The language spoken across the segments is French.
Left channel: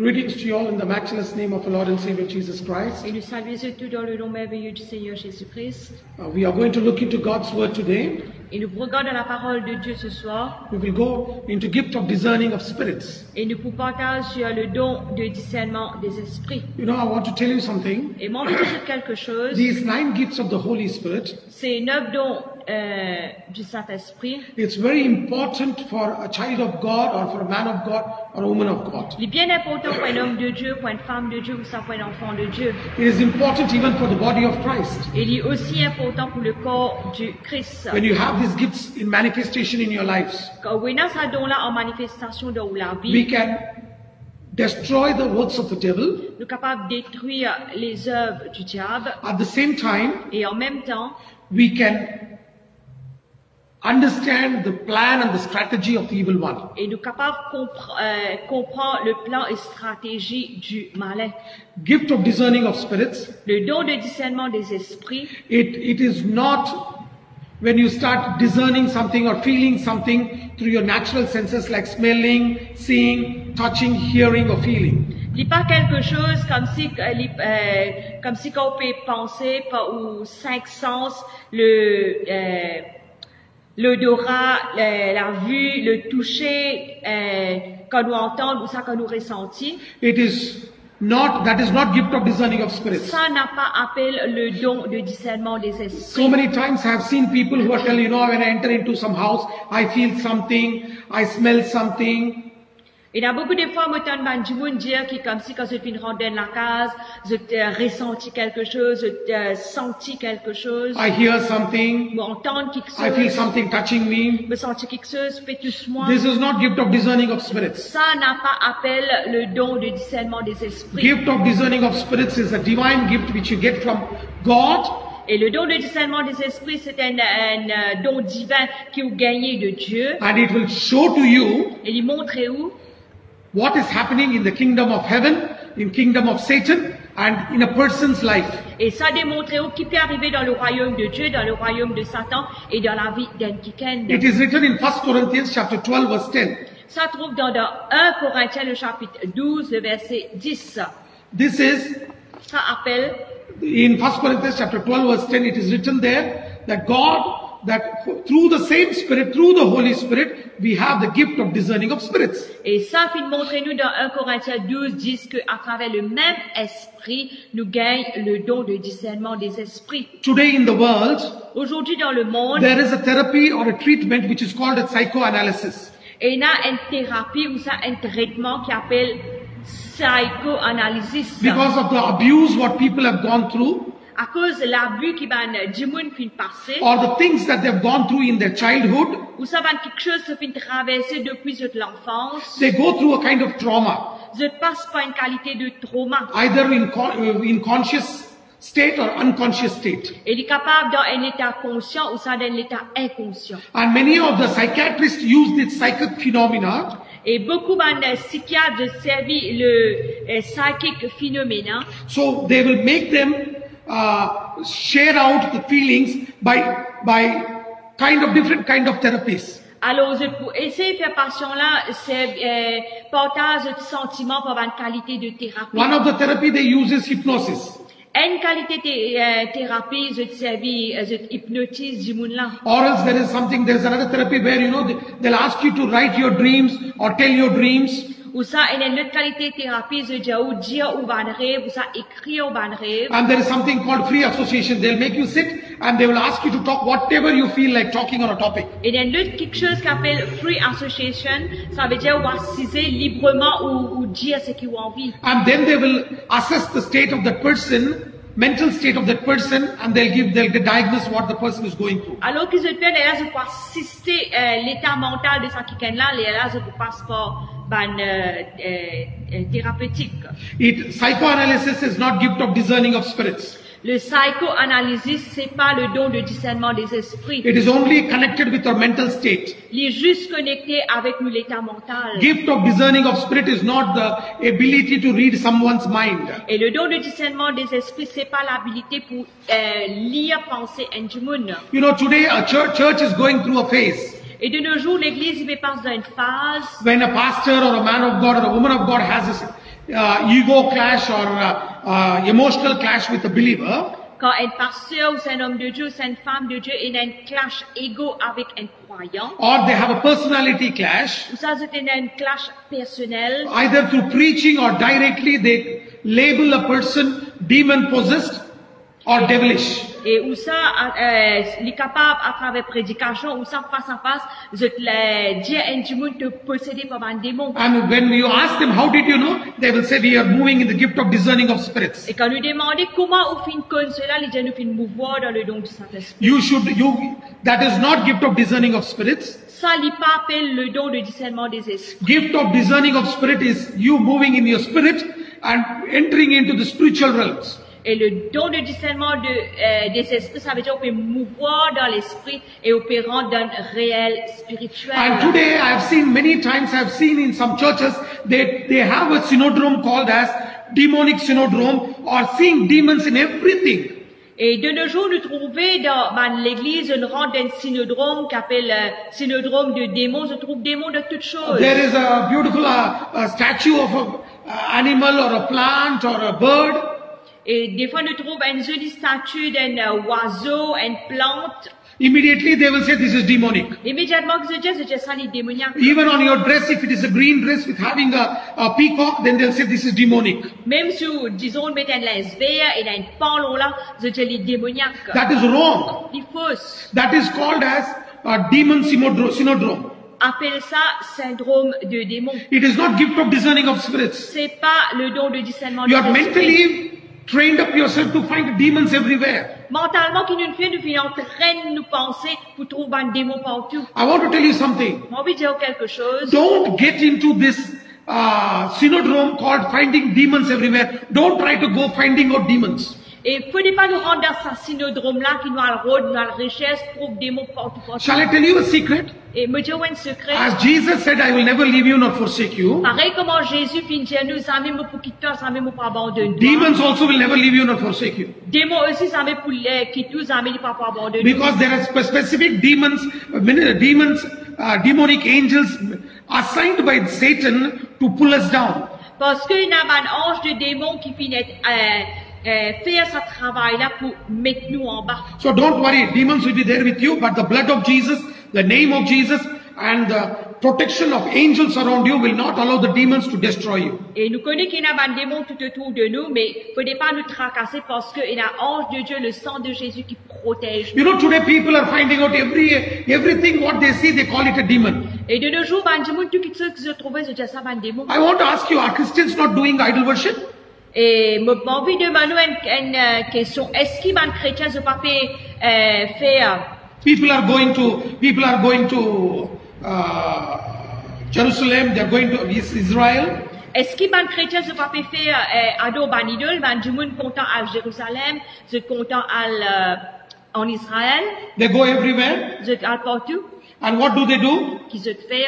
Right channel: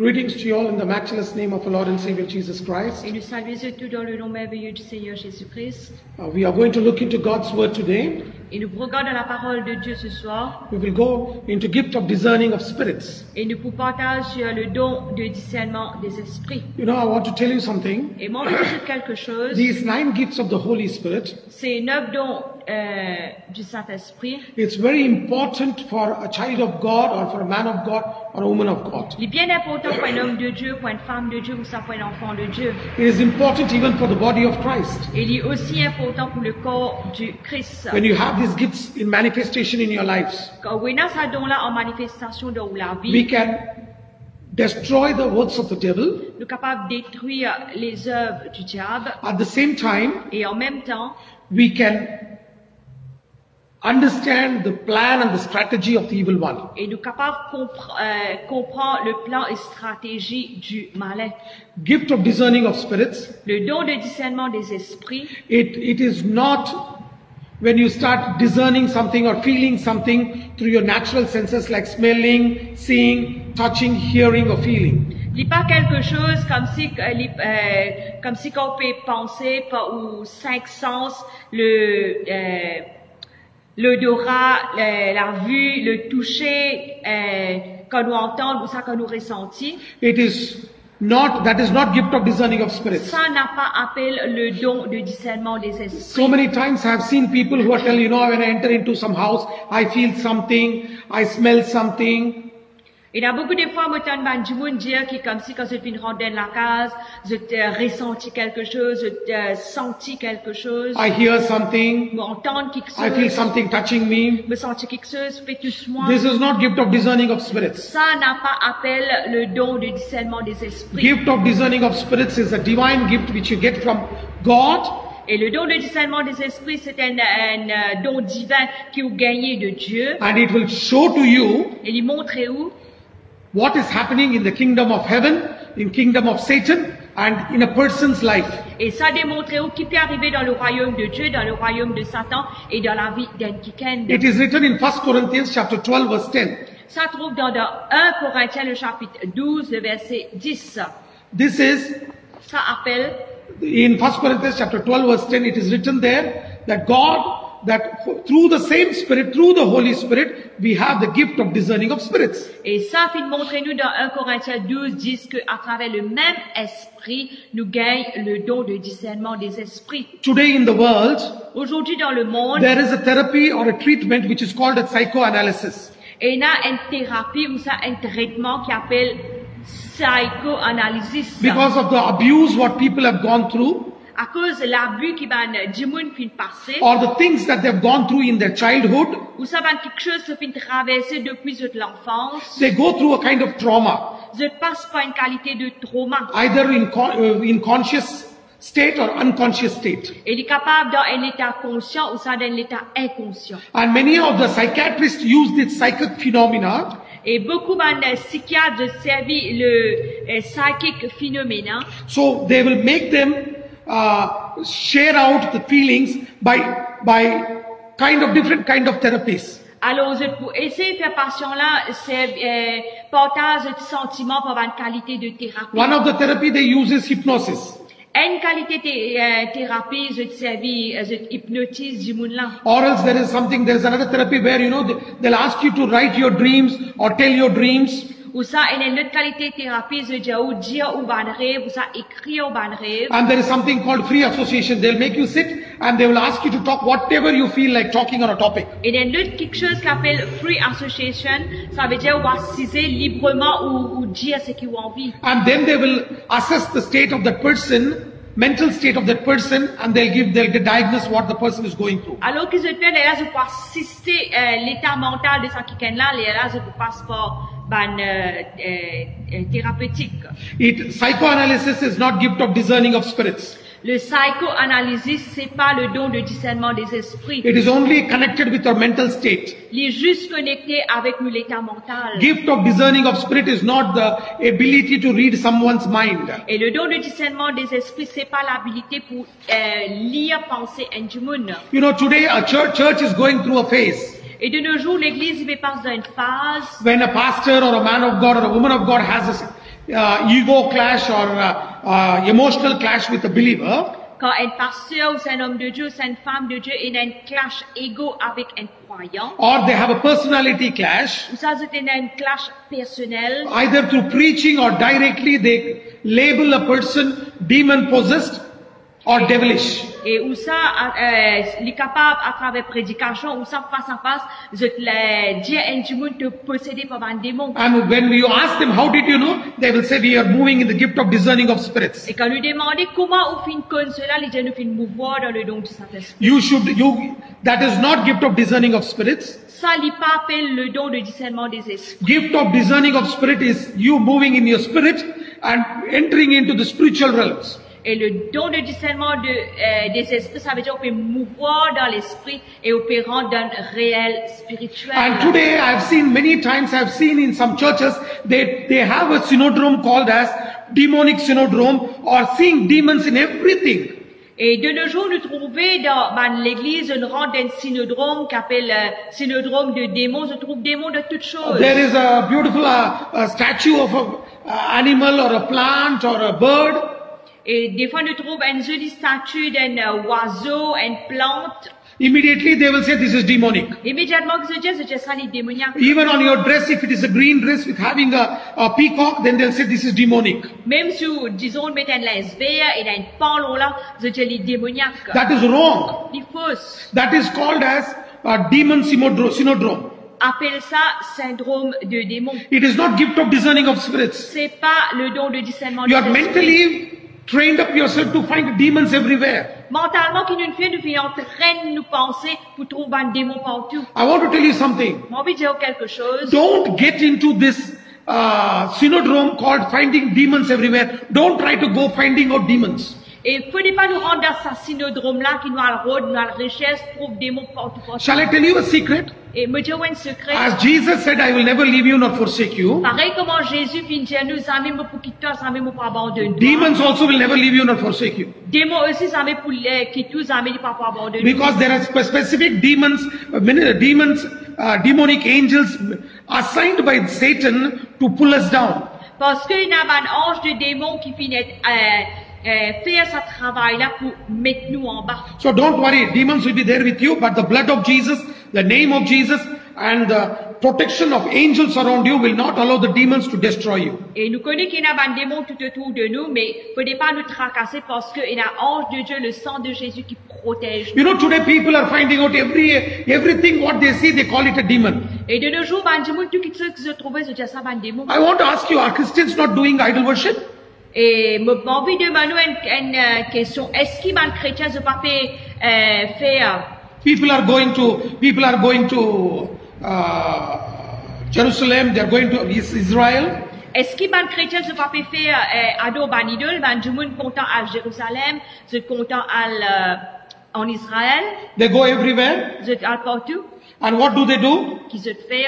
Greetings to you all in the matchless name of our Lord and Savior Jesus Christ. Et nous saluons tous dans le nom merveilleux du Seigneur Jésus-Christ. We are going to look into God's Word today. Et nous regardons la parole de Dieu ce soir. We will go into gift of discerning of spirits. Et nous vous partageons sur le don de discernement des esprits. You know, I want to tell you something. Et moi, je veux dire quelque chose. These 9 gifts of the Holy Spirit, Ces 9 dons du Saint-Esprit. it's very important for a child of God or for a man of God or a woman of God. Il est bien important pour un homme de Dieu, pour une femme de Dieu ou ça pour un enfant de Dieu. It is important even for the body of Christ. Et il est aussi important pour le corps du Christ. When you have these gifts in manifestation in your lives, Quand on a ce don-là en manifestation dans la we vie, can destroy the works of the devil. nous sommes capables de détruire les œuvres du diable. At the same time, Et en même temps, we can understand the plan and the strategy of the evil one. et nous sommes capables de comprendre le plan et stratégie du malin. Gift of discerning of spirits, Le don de discernement des esprits, it is not when you start discerning something or feeling something through your natural senses like smelling, seeing, touching, hearing or feeling. il n'est pas quelque chose comme si quand on peut penser aux 5 sens, l'odorat, la vue, le toucher, quand nous entendons ou ça quand nous ressentons. That is not gift of discerning of spirits. Ça n'a pas appelé le don de discernement des esprits. So many times I have seen people who are telling, when I enter into some house, I feel something, I smell something. Et il y a beaucoup de fois, moi, j'entends du monde dire que comme si quand je viens rentrer dans la case, je ressenti quelque chose, je senti quelque chose. I hear something. Je entends quelque I feel chose. something touching me. Je sens quelque chose, pétusse-moi. This is not gift of discerning of spirits. Ça n'a pas appelé le don de discernement des esprits. Gift of discerning of spirits is a divine gift which you get from God. Et le don de discernement des esprits, c'est un don divin que vous gagnez de Dieu. And it will show to you Et il montre où what is happening in the kingdom of heaven, in kingdom of Satan, and in a person's life. et ça démontre où qui peut arriver dans le royaume de Dieu, dans le royaume de Satan et dans la vie d'un quiconque. It is written in 1 Corinthians chapter 12 verse 10. Ça trouve dans 1 Corinthiens, le chapitre 12, le verset 10. This is, Ça appelle, in 1 Corinthians chapter 12 verse 10, it is written there that through the same Spirit, through the Holy Spirit, we have the gift of discerning of spirits. et ça fait montrer nous dans 1 Corinthiens 12, 10 qu'à travers le même esprit, nous gagnons le don de discernement des esprits. Today in the world, Aujourd'hui dans le monde, there is a therapy or a treatment which is called a psychoanalysis. et il y a une thérapie ou ça un traitement qui appelle psychoanalysis. Because of the abuse what people have gone through, À cause de l'abus qui va du monde fin passer, or the things that they have gone through in their childhood, ou ça va quelque chose qui fin traverser depuis l'enfance, they go through a kind of trauma, je passe par une qualité de trauma. either in conscious state or unconscious state. Et il est capable dans un état conscient ou ça dans un état inconscient. And many of the psychiatrists use this psychic phenomena Et beaucoup de psychiatres servent le psychic phénomène. so they will make them share out the feelings by different kind of therapies. Alors, pour essayer de faire patient-là, c'est partage de sentiments pour avoir une qualité de thérapie. One of the therapy they use is hypnosis. Une qualité de thérapie, je hypnotise du monde là. Or else there is another therapy where, they'll ask you to write your dreams or tell your dreams. Ou ça, il y a une autre qualité de thérapie, je dis ou dire ou ban rêve, ou ça écrire ou ban rêve. And there is something called free association. They'll make you sit and they will ask you to talk whatever you feel like talking on a topic. Et il y a une autre quelque chose qu'on appelle free association, ça veut dire ou assiser librement ou dire ce qu'ils ont envie. And then they will assess the state of that person, mental state of that person, and they'll diagnose what the person is going through. Alors que je fais, là, je peux assister l'état mental de ça qui est là, là, je peux passer par thérapeutique. Psychoanalysis is not gift of discerning of spirits. Le psychoanalysis, c'est pas le don de discernement des esprits. It is only connected with our mental state. Il est juste connecté avec l'état mental. Gift of discerning of spirit is not the ability to read someone's mind. Et le don de discernement des esprits, c'est pas l'habilité pour lire pensée du monde. Today a church is going through a phase. Et de nos jours, l'église passe dans une phase When a pastor or a man of God or a woman of God has ego clash or emotional clash with a believer, quand un pasteur ou c'est un homme de Dieu, c'est une femme de Dieu, il a un clash égo avec un croyant, or they have a personality clash, ou ça c'est un clash personnel, either through preaching or directly they label a person demon possessed or devilish. et où ça, il est capable à travers prédication, ou ça face à face, je te dire un démon te possédé par un démon. And when you ask them, how did you know? They will say, we are moving in the gift of discerning of spirits. Et quand nous demandons comment on fait comme cela, les gens nous font mouvoir dans le don du Saint-Esprit. That is not gift of discerning of spirits. Ça, il pas appelle le don de discernement des esprits. Gift of discerning of spirit is you moving in your spirit and entering into the spiritual realms. Et le don de discernement des esprits, ça veut dire qu'on peut mouvoir dans l'esprit et opérant dans le réel spirituel. And today I've seen many times, I've seen in some churches, they have a synodrome called as demonic synodrome or seeing demons in everything. Et de nos jours, nous trouvons dans l'église une rang d'un synodrome qu'appelle synodrome de démons. Je trouve démons de toutes choses. There is a beautiful statue of an animal or a plant or a bird. Et des fois, nous trouvons une jolie statue d'un oiseau, une plante. Immediately they will say this is demonic. Immédiatement, que je dis, c'est ça les démoniaques. Even on your dress, if it is a green dress with having a peacock, then they'll say this is demonic. Même si, disons, on met un linge vert et un pantalon là, je dis les démoniaques. That is wrong. C'est fausse. That is called as a demon synodrome. Appelle ça syndrome de démon. It is not gift of discerning of spirits. C'est pas le don de discernement You des are esprits. mentally trained up yourself to find demons everywhere. Mentalement, qui nous fait, nous fait entraîner nous penser pour trouver un démon partout. I want to tell you something. J'ai envie de dire quelque chose. Don't get into this synodrome called finding demons everywhere. Don't try to go finding out demons. Et il ne faut pas nous rendre dans ce synodrome-là qui nous a le rôle, nous a la richesse, trouve des mots partout. Shall I tell you a secret? Et me dire un secret. As Jesus said, I will never leave you nor forsake you. Pareil comment Jésus finit nous, amis, pour quitter, amis, pour abandonner. Demons also will never leave you nor forsake you. Démons aussi, amis, pour quitter, amis, pour abandonner. Because there are specific demons, demonic angels assigned by Satan to pull us down. Parce qu'il y a un ange de démons qui finit faire ce travail-là pour mettre nous en bas. So don't worry, demons will be there with you, but the blood of Jesus, the name of Jesus, and the protection of angels around you will not allow the demons to destroy you. Et nous connaissons qu'il y a un démon tout autour de nous, mais il ne faut pas nous tracasser parce qu'il y a un ange de Dieu, le sang de Jésus qui protège. You know, today people are finding out everything what they see, they call it a demon. Et de nos jours, tout ce que je trouvais, c'est déjà ça, un démon. I want to ask you, are Christians not doing idol worship? Et j'ai envie de demander une question. Est-ce qu'il y a un chrétien qui ne peut pas faire? People are going to Jerusalem, they are going to Israel. Est-ce qu'il y a un chrétien qui ne peut pas faire adorer un idole? Du monde content à Jérusalem, je content en Israël. They go everywhere. Je partout. And what do they do? Qui se fait?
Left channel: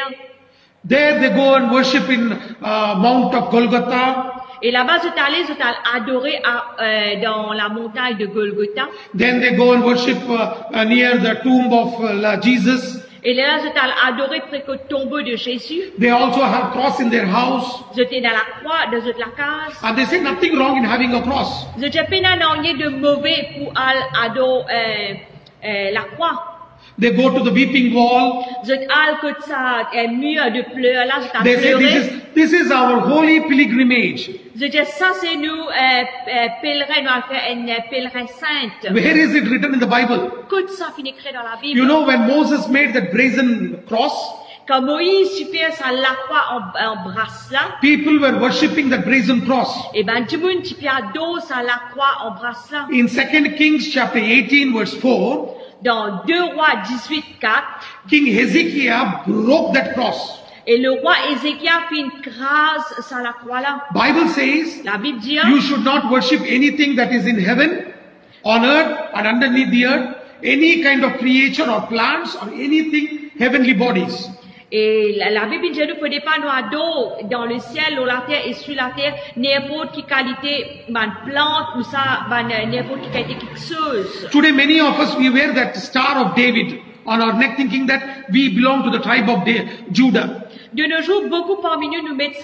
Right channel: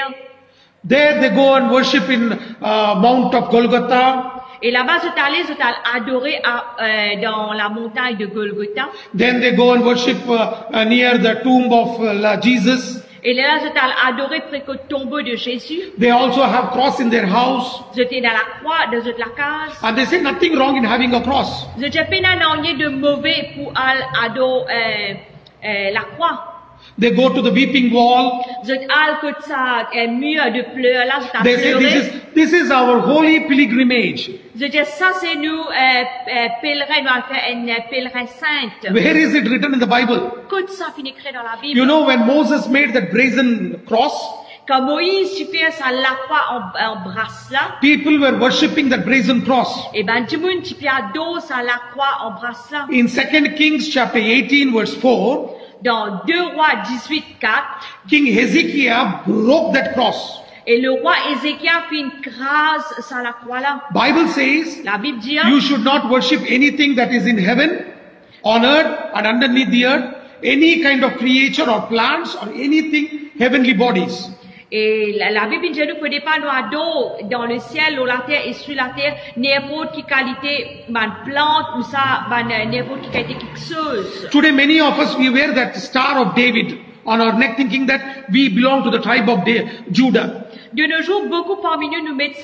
There they go and worship in Mount of Golgotha. Et là-bas, je t'allais adorer dans la montagne de Golgotha. Then they go and worship near the tomb of Jesus. Et là, je t'allais adorer près du tombeau de Jésus. They also have cross in their house. J'étais dans la croix, dans la case. And they say nothing wrong in having a cross. Je n'ai pas rien de mauvais pour adorer la croix. They go to the weeping wall. Je t'allais que ça un mur de pleurs là, je t'allais They say pleurer. this is our holy pilgrimage. Je dis ça c'est nous pèlerins, nous allons faire une pèlerin sainte. Where is it written in the Bible? Que ça finit écrit dans la Bible. You know when Moses made that brazen cross, Quand Moïse fait ça la croix en brasse là. people were worshipping that brazen cross. Et ben du monde qui adore ça la croix en brasse là. In 2 Kings chapter 18 verse 4, Dans 2 Rois 18:4, King Hezekiah broke that cross. et le roi Ézéchias fait une grâce sur la croix là. Bible says La Bible dit, you should not worship anything that is in heaven, on earth and underneath the earth, any kind of creature or plants or anything heavenly bodies. et la Bible dit, ne faut pas nous adorer dans le ciel, ou la terre et sur la terre, n'importe quelle qualité, plante ou ça, n'importe quelle qualité quelque chose. Today many of us, we wear that star of David on our neck thinking that we belong to the tribe of Judah. De nos jours, beaucoup parmi nous mettent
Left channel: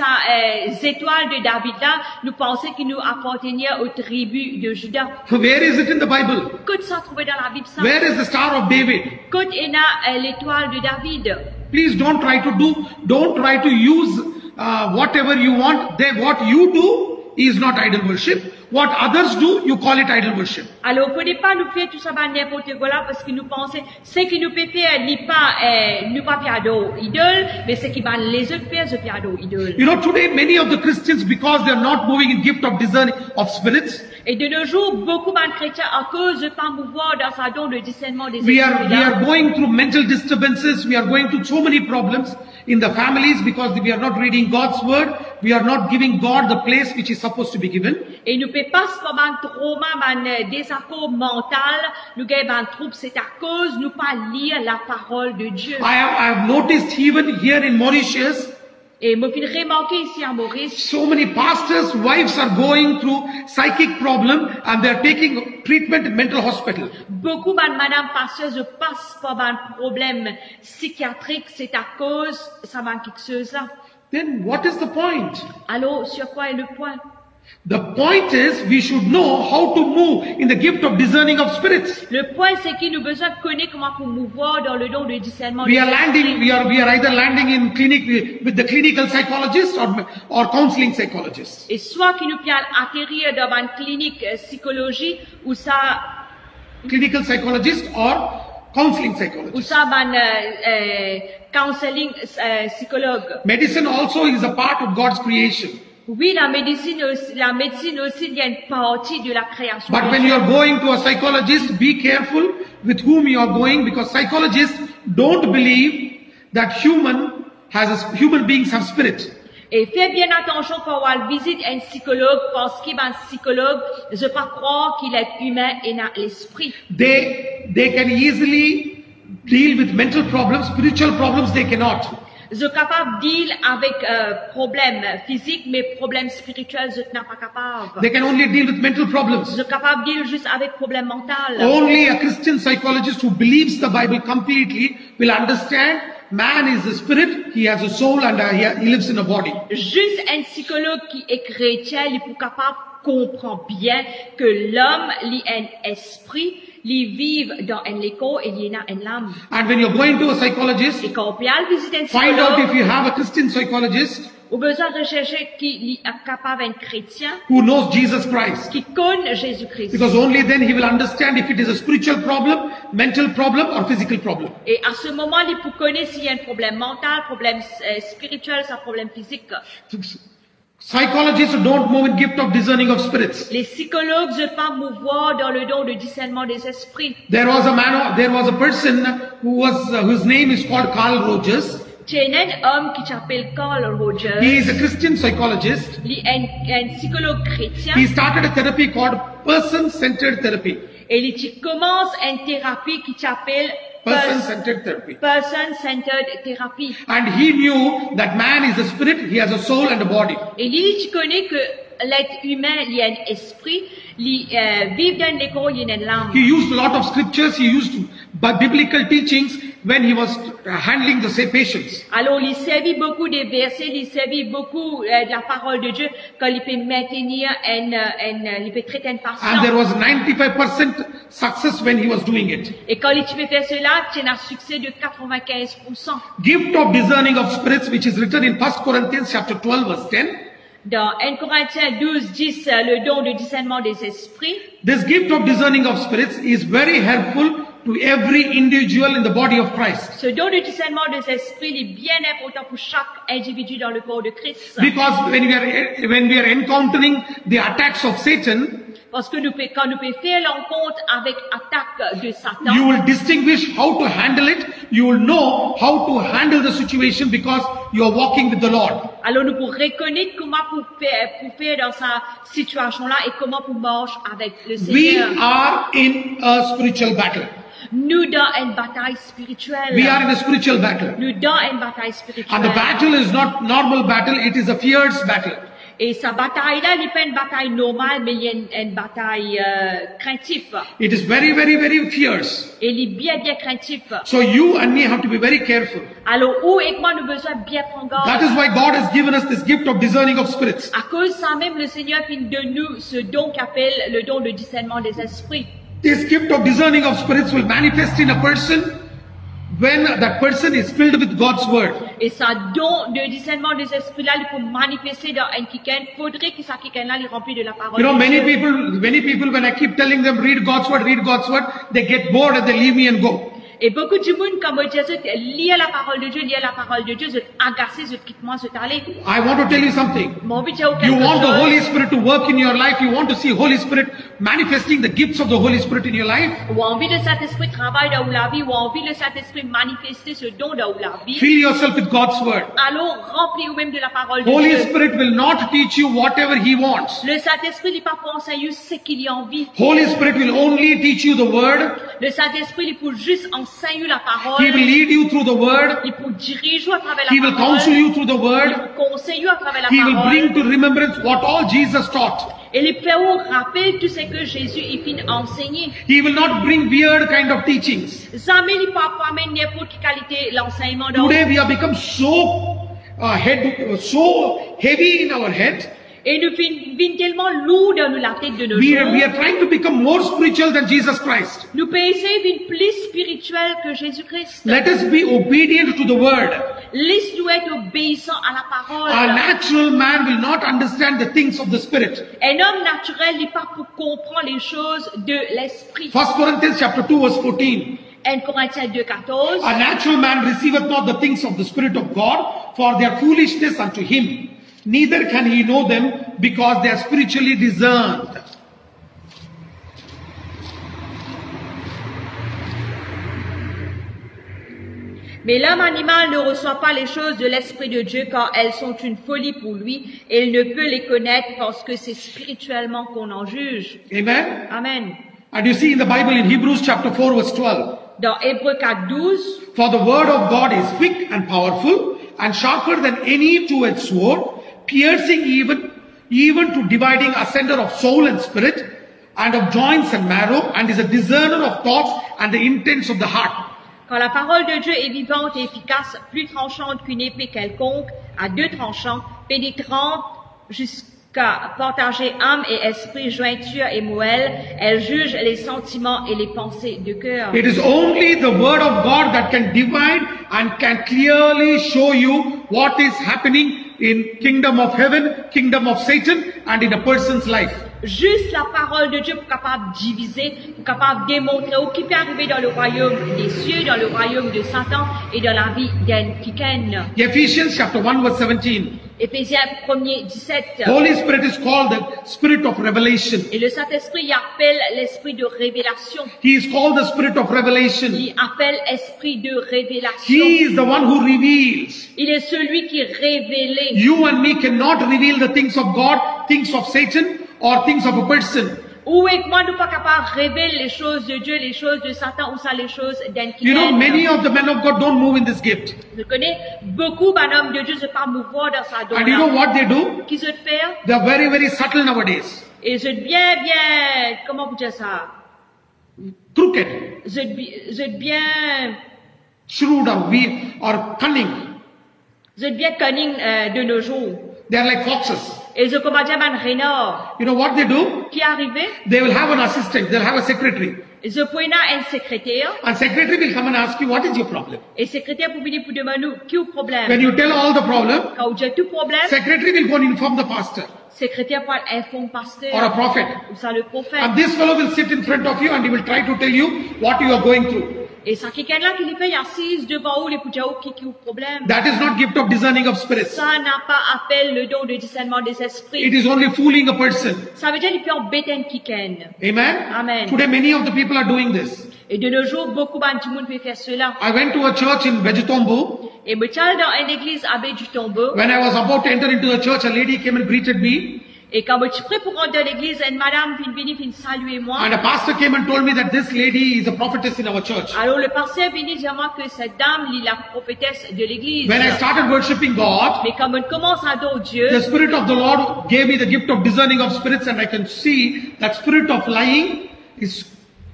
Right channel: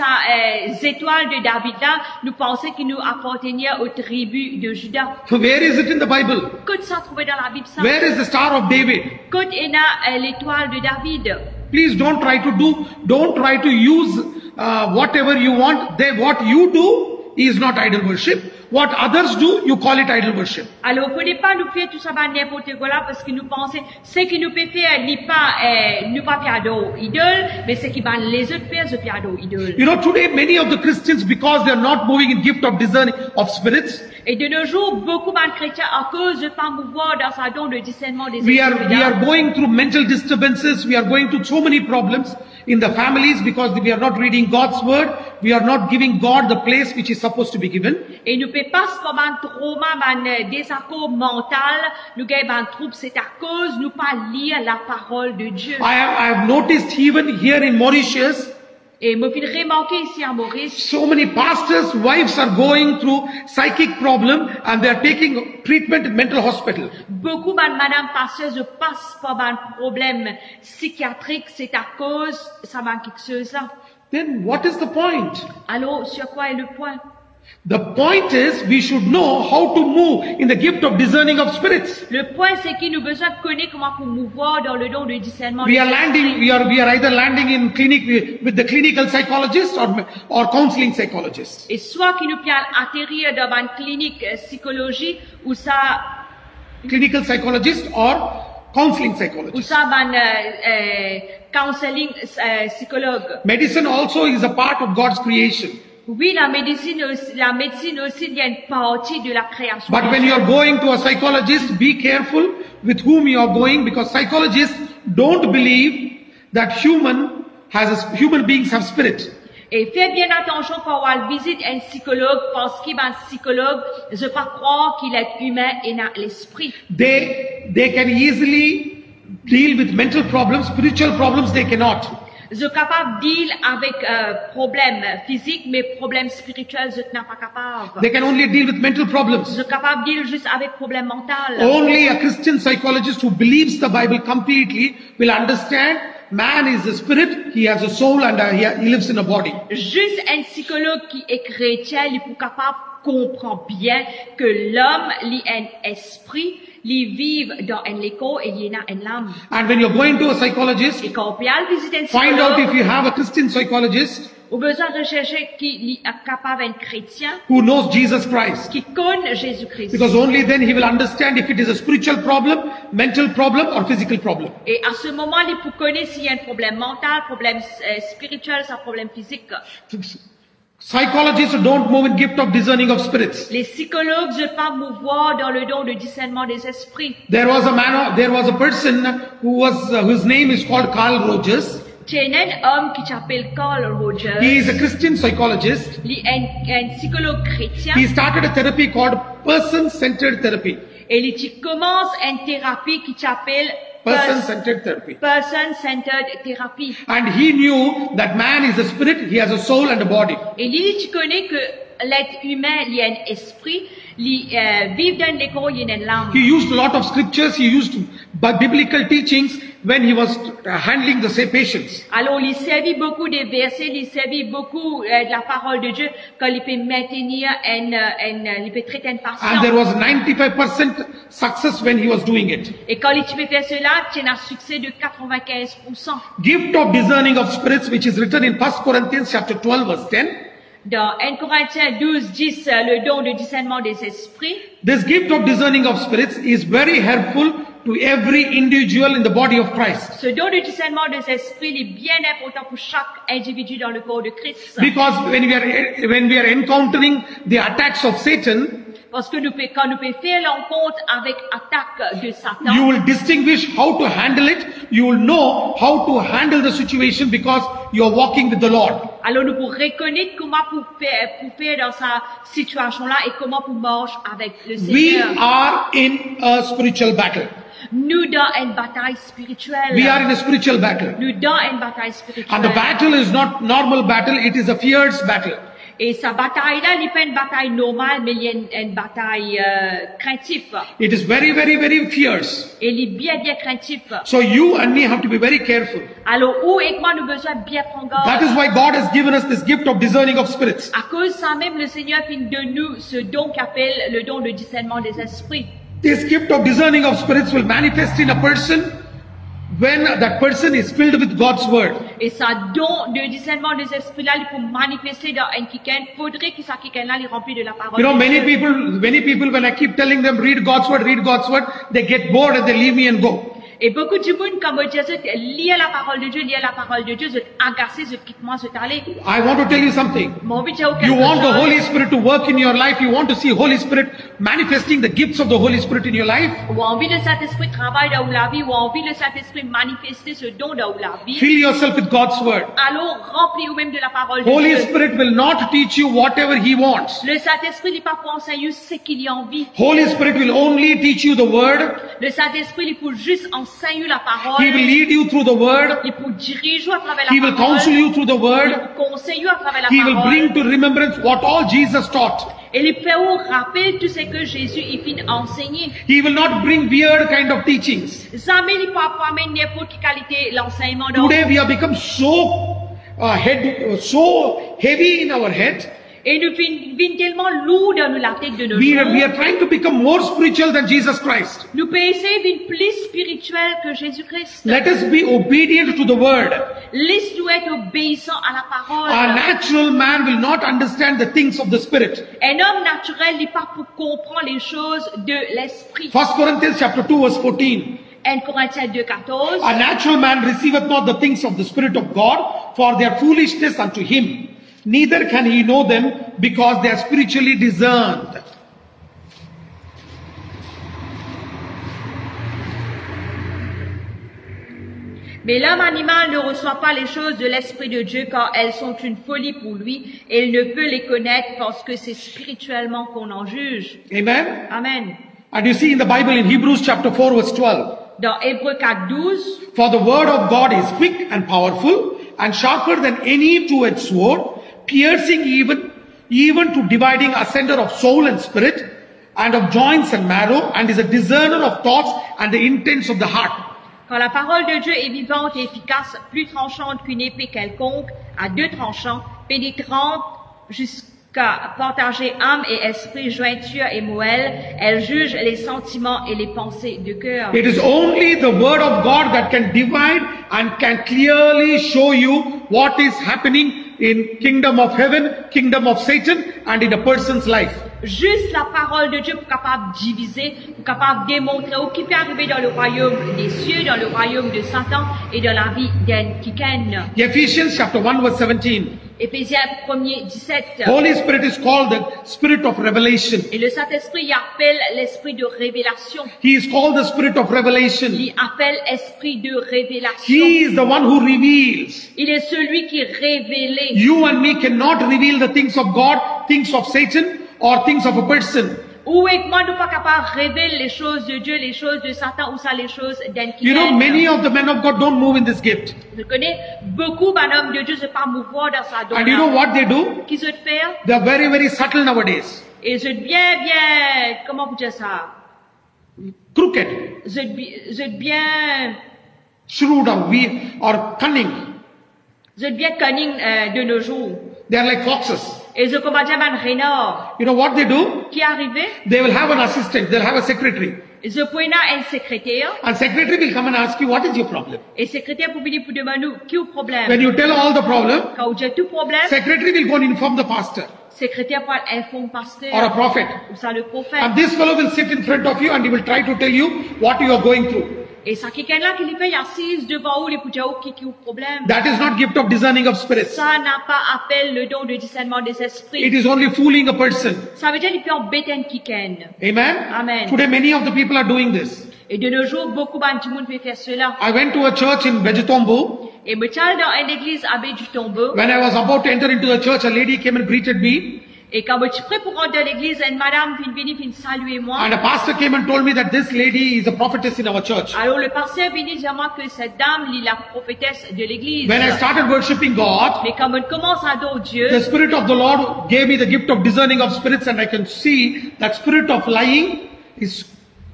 ces étoiles de David là, nous pensaient qu'ils nous appartenaient aux tribus de Juda. Where is it in the Bible? Côte ça trouvé dans la Bible ça. Where is the Star of David? Côte est là l'étoile de David. Please don't try to use whatever you want. What you do is not idol worship. What others do, you call it idol worship. Alors, il ne faut pas nous faire tout ça n'importe quoi là parce que nous pensons, ce que nous pouvons faire, nous pas faire idole, mais ce qui va les autres faire, c'est faire idole. You know, today many of the Christians, because they are not moving in gift of discerning of spirits, et de nos jours, beaucoup de chrétiens, à cause de pas mouvoir dans sa don de discernement des we esprits, are going through mental disturbances. We are going through so many problems in the families because we are not reading God's word. We are not giving God the place which is supposed to be given. et nous ne pouvons pas se faire un trauma, un désaccord mental, nous avons un trouble, c'est à cause nous pas lire la parole de Dieu. I have noticed even here in Mauritius, Et me fait remarquer ici à Maurice, so many pastors' wives are going through psychic problem and they are taking treatment in mental hospital. beaucoup de madame passeuse passent par un problème psychiatrique, c'est à cause, ça va quelque chose là. Then what is the point? Alors, sur quoi est le point? The point is we should know how to move in the gift of discerning of spirits. Le point, c'est qu'il nous besoin de connaître comment pour mouvoir dans le don de discernement. We are either landing in clinic with the clinical psychologist or counseling psychologist. Et soit qu'il nous peut atterrir dans une clinique psychologie ou ça, Clinical psychologist or counseling psychologist. ou ça, counseling psychologue. Medicine also is a part of God's creation. Oui, la médecine aussi, il y a une partie de la création. But when you are going to a psychologist, be careful with whom you are going, because psychologists don't believe that human beings have spirit. Et faites bien attention quand on visite un psychologue, parce qu'il est un psychologue, je ne pas croire qu'il est humain et n'a l'esprit. They can easily deal with mental problems, spiritual problems they cannot. Je suis capable de deal avec problèmes physiques, mais problèmes spirituels, je ne suis pas capable. They can only deal with mental problems. Je suis capable de deal juste avec problèmes mentaux. Only a Christian psychologist who believes the Bible completely will understand man is a spirit, he has a soul and he lives in a body. Juste un psychologue qui est chrétien, il est capable de comprendre bien que l'homme a un esprit, il vit dans un écho et il a une âme. And when you're going to a psychologist, Et quand on peut aller visiter un find out if psychologue, you have a Christian psychologist on a besoin de rechercher qui est capable un chrétien, who knows Jesus Christ. qui connaît Jésus-Christ. Because only then he will understand if it is a spiritual problem, mental problem or physical problem. Et à ce moment, il peut connaître s'il y a un problème mental, problème spirituel, un problème physique. Psychologists don't move in gift of discerning of spirits. Les psychologues ne peuvent pas mouvoir dans le don de discernement des esprits. There was a person whose name is called Carl Rogers. Il y a un homme qui s'appelle Carl Rogers. He is a Christian psychologist. Il est un psychologue chrétien. He started a therapy called person-centered therapy. Et il commence une thérapie qui s'appelle Person-centered therapy. Person-centered therapy. And he knew that man is a spirit, he has a soul and a body. Et il connaît que l'être humain, il y a un esprit, il vit dans l'écho, il y a une âme. He used a lot of scriptures, he used biblical teachings when he was handling the patients. Alors, il servit beaucoup de versets, il servit beaucoup de la parole de Dieu quand il peut maintenir il peut traiter une And there patient. was 95% success when he was doing it. Et quand il peut faire cela, il a un succès de 95%. Gift of discerning of spirits, which is written in 1 Corinthians chapter 12 verse 10. Dans 1 Corinthiens 12, 10, le don de discernement des esprits. This gift of discerning of spirits is very helpful to every individual in the body of Christ. Ce don de discernement des esprits est bien important pour chaque individu dans le corps de Christ. Because when we are encountering the attacks of Satan, Parce que quand nous pouvons faire l'encontre avec attaque de you Satan, will distinguish how to handle it. You will know how to handle the situation because you are walking with the Lord. alors nous pourrons reconnaître comment pour faire dans sa situation-là et comment pour marcher avec le We Seigneur. are in a spiritual battle. Nous dans une bataille We spirituelle. are in a spiritual battle. Nous dans une bataille And the spirituelle. battle is not normal battle, it is a fierce battle. Et sa bataille-là, il n'est pas une bataille normale, mais il y a une bataille craintive. It is very, very, very fierce. Et il est bien, bien craintif. So you and me have to be very careful. Alors, où et moi, nous avons besoin de bien prendre That garde. is why God has given us this gift of discerning of spirits. À cause de ça même, le Seigneur fait de nous ce don qu'appelle le don de discernement des esprits. This gift of discerning of spirits will manifest in a person when that person is filled with God's word. Et ça don de discernement des esprits-là, il peut manifester dans un quelqu'un. Faudrait que ça quelqu'un-là, il remplit de la parole You know, de Dieu. many people, when I keep telling them, read God's word, they get bored and they leave me and go. Et beaucoup de monde, comme je disais, lire la parole de Dieu, c'est agacé, c'est quitte-moi, c'est aller. I want to tell you something. Mon but, c'est aucun You want the chose. Holy Spirit to work in your life. You want to see Holy Spirit manifesting the gifts of the Holy Spirit in your life. Ou envie de Saint-Esprit travailler dans la vie, ou envie de Saint-Esprit manifester ce don dans la vie. Fill yourself with God's word. Alors, remplis vous-même de la parole de Holy Dieu. Spirit will not teach you whatever He wants. Le Saint-Esprit n'est pas pour enseigner ce qu'il y a envie. Holy Spirit will only teach you the word. Le Saint-Esprit, il peut juste enseigner la parole. He will lead you through the word. Il peut diriger à travers He la will counsel parole. you through the Il word. peut conseiller à travers la He will bring parole. to remembrance what all Jesus taught. Et il peut vous rappeler tout ce que Jésus il finit enseigner. He will not bring weird kind of teachings. Jamais il ne peut pas amener n'importe quelle qualité l'enseignement dans. Today we have become so heavy in our head. Et nous venons tellement lourds dans la tête de nos We jours. are trying to become more spiritual than Jesus Christ. Nous pouvons essayer d'être plus spirituel que Jésus-Christ. Let us be obedient to the word. Laisse-nous être obéissants à la parole. Our natural man will not understand the things of the Spirit. Un homme naturel n'est pas pour comprendre les choses de l'esprit. 1 Corinthians chapter 2 verse 14. 1 Corinthiens 2:14. A natural man receiveth not the things of the Spirit of God, for they are foolishness unto him. Neither can he know them, because they are spiritually discerned. Mais l'homme animal ne reçoit pas les choses de l'Esprit de Dieu, car elles sont une folie pour lui, et il ne peut les connaître parce que c'est spirituellement qu'on en juge. Amen. Amen. And you see in the Bible in Hebrews chapter 4 verse 12. Dans Hébreux 4:12, For the word of God is quick and powerful, and sharper than any two-edged sword, piercing even to dividing asunder of soul and spirit, and of joints and marrow, and is a discerner of thoughts and the intents of the heart. quand la parole de Dieu est vivante et efficace, plus tranchante qu'une épée quelconque, à deux tranchants, pénétrante jusqu'à partager âme et esprit, jointure et moelle, elle juge les sentiments et les pensées du cœur. It is only the word of God that can divide and can clearly show you what is happening in kingdom of heaven, kingdom of Satan, and in a person's life. Juste la parole de Dieu pour capable de diviser, pour capable de démontrer ce qui peut arriver dans le royaume des cieux, dans le royaume de Satan et dans la vie d'un quelqu'un. Ephesians chapter 1 verse 17. Éphésiens 1:17. Holy Spirit is called the Spirit of revelation. Et le Saint-Esprit y appelle l'esprit de révélation. He is called the Spirit of revelation. Il appelle esprit de He révélation. is the one who reveals. Il est celui qui est révélé. You and me cannot reveal the things of God, things of Satan, or things of a person. Où est que moi nous pas capable de révéler les choses de Dieu, les choses de Satan ou ça les choses d'un You know, many quelqu'un. of the men of God don't move in this gift. Je connais beaucoup d'hommes de Dieu ne pas mouvoir dans sa And you know donne. what they do? Qui se faire? They are very, very subtle nowadays. Et je bien, comment vous dire ça? Crooked, Je bien, shrewd, or cunning. je bien cunning de nos jours. They are like foxes. Et je comment dire un renard You know what they do? qui est arrivé? They will have an assistant. They'll have a secretary. Je prends un secrétaire. And secretary will come and ask you, what is your problem? Et secrétaire pour venir pour demander qui est le problème. When you tell all the problem, Quand j'ai tout problème, secretary will go and inform the pastor secrétaire pour informer or a pasteur prophet. ou ça le prophète. And this fellow will sit in front of you and he will try to tell you what you are going through. Et ça quelqu'un là qui lui fait assise devant vous les pour dire qui est le problème. That is not gift of discerning of spirits. Ça n'a pas appel le don de discernement des It esprits. is only fooling a person. Ça veut dire qu'il peut embêter un quelqu'un. Amen? Amen. Today many of the people are doing this. Et de nos jours, beaucoup de monde peut faire cela. I went to a church in Vegetombo. Et me suis allé dans une église à Baie du Tombeau. When I was about to enter into the church, a lady came and greeted me. Et quand je suis prêt pour rentrer à l'église, une madame vient venir saluer moi. And a pastor came and told me that this lady is a prophetess in our church. Alors le pasteur vient dire moi que cette dame est la prophétesse de l'église. When I started worshipping God, Mais quand on commence à adorer Dieu, the Spirit of the Lord gave me the gift of discerning of spirits, and I can see that spirit of lying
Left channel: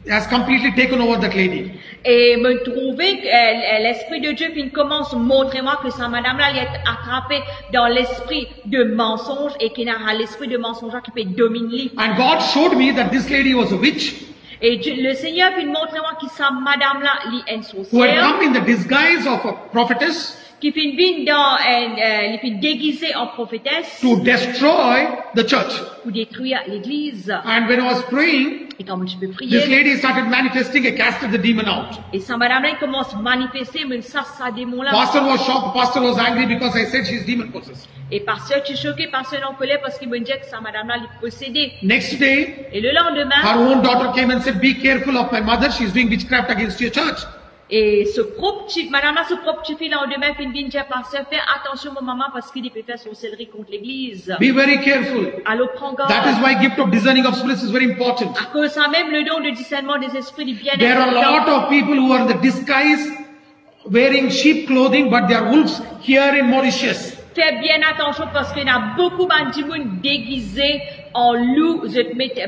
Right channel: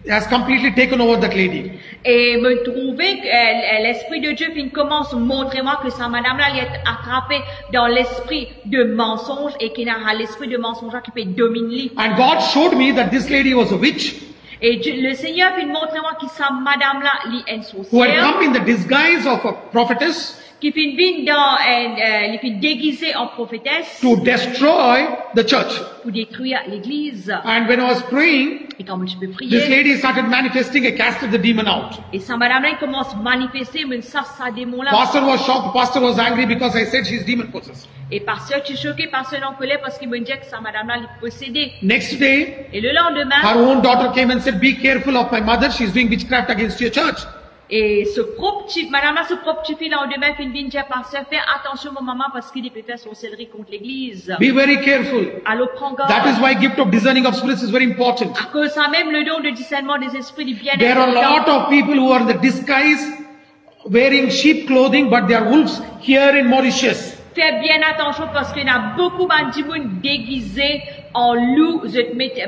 has completely taken over that lady. et me trouver que l'esprit de Dieu commence à montrer moi que sa madame-là elle est attrapée dans l'esprit de mensonge et qu'il a l'esprit de mensonge qui peut dominer. And God showed me that this lady was a witch Et Dieu, le Seigneur vient montrer moi que sa madame-là est une who had sorcière come in the disguise of a prophetess qui vient dans elle fait déguisée en prophétesse to destroy the church. pour détruire l'église. And when I was praying, Et quand je peux this prier, lady started manifesting and casted the demon out. et sa madame-là elle commence à manifester, mais ça démon-là. Pastor was shocked. Pastor was angry because I said she's demon possessed. Et pasteur, tu es choqué, pasteur en colère parce qu'il me dit que sa madame-là est possédée. Next day, Et le lendemain, her own daughter came and said, "Be careful of my mother. She's doing witchcraft against your church." et madame-là, ce propre petit fille, le lendemain, il vient dire, pasteur, fais attention mon maman parce qu'il peut faire sorcellerie contre l'église. Be very careful. Alors prends garde. That is why gift of discerning of spirits is very important. À cause ça même, le don de discernement des esprits du bien There are a lot of people who are in the disguise, wearing sheep clothing, but they are wolves here in Mauritius. Fais bien attention parce qu'il y a beaucoup de déguisés en loup, je te mets des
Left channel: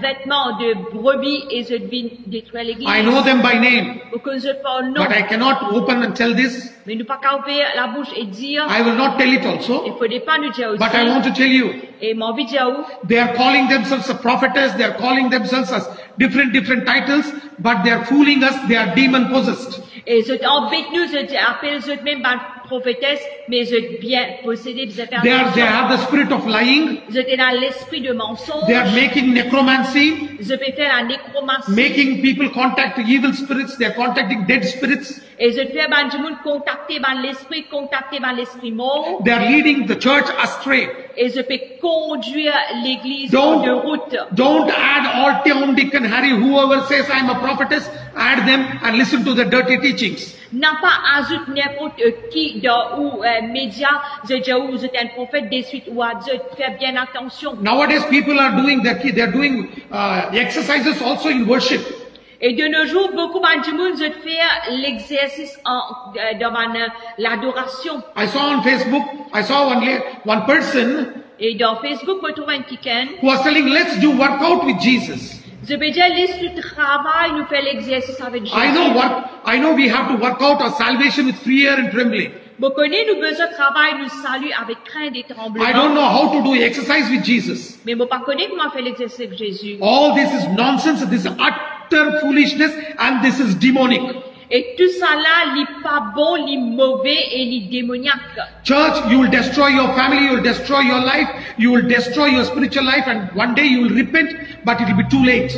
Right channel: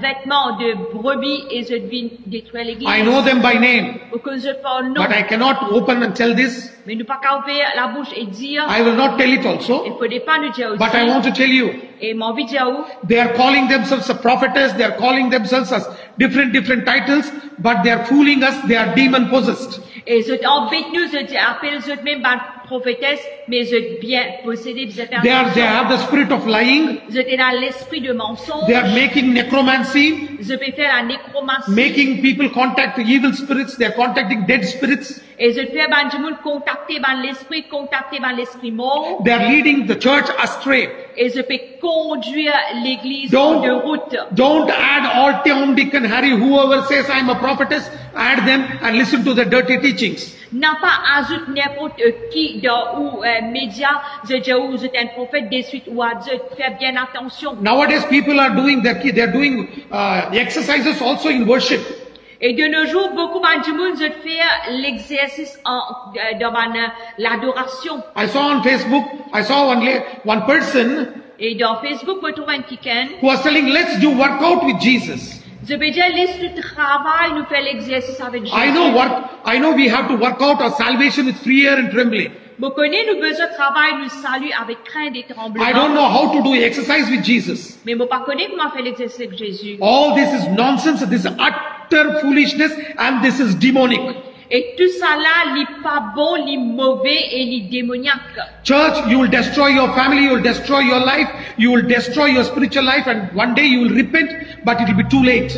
vêtements de brebis et je viens détruire l'église. I know them by name, Pour que je parle non. but I cannot open and tell this. Mais nous pas qu'à ouvrir la bouche et dire, I will not tell it also, il faut pas nous dire but I aussi. want to tell you, Et mon vidéo, they are calling themselves a prophetess, they are calling themselves as different titles, but they are fooling us, they are demon possessed. et je t'embête nous, je t'appelle je même prophétesse, mais je bien possédé, je fais They attention. have the spirit of lying, Je t'ai dans l'esprit de mensonge. they are making necromancy, Je peux faire la nécromancie. making people contact evil spirits, they are contacting dead spirits, Et je fais du monde contacter l'esprit mort. they are leading the church astray. Et je peux conduire l'église en de route. Don't add all Tom, Dick and Harry, whoever says I'm a prophetess, add them and listen to the dirty teachings. N'a pas ajouté n'importe qui dans ou média, je dis ou je suis un prophète de suite ou à Dieu, fais bien attention. Nowadays people are doing that, they are doing exercises also in worship. Et de nos jours, beaucoup de monde je fais l'exercice dans l'adoration. I saw on Facebook, I saw one person Et dans Facebook, on trouve un kiken. who was telling, let's do workout with Jesus. Je peux dire, liste du travail, nous fait l'exercice avec Jésus. I know we have to work out our salvation with fear and trembling. Vous connaissez, nous besoin de travail, nous saluer avec crainte et I don't tremblement. know how to do exercise with Jesus. Mais vous pas connaissez comment faire l'exercice avec Jésus. All this is nonsense, this is utter foolishness, and this is demonic. Et tout ça là, il pas bon, il mauvais et il démoniaque. Church, you will destroy your family, you will destroy your life, you will destroy your spiritual life, and one day you will repent, but it will be too late.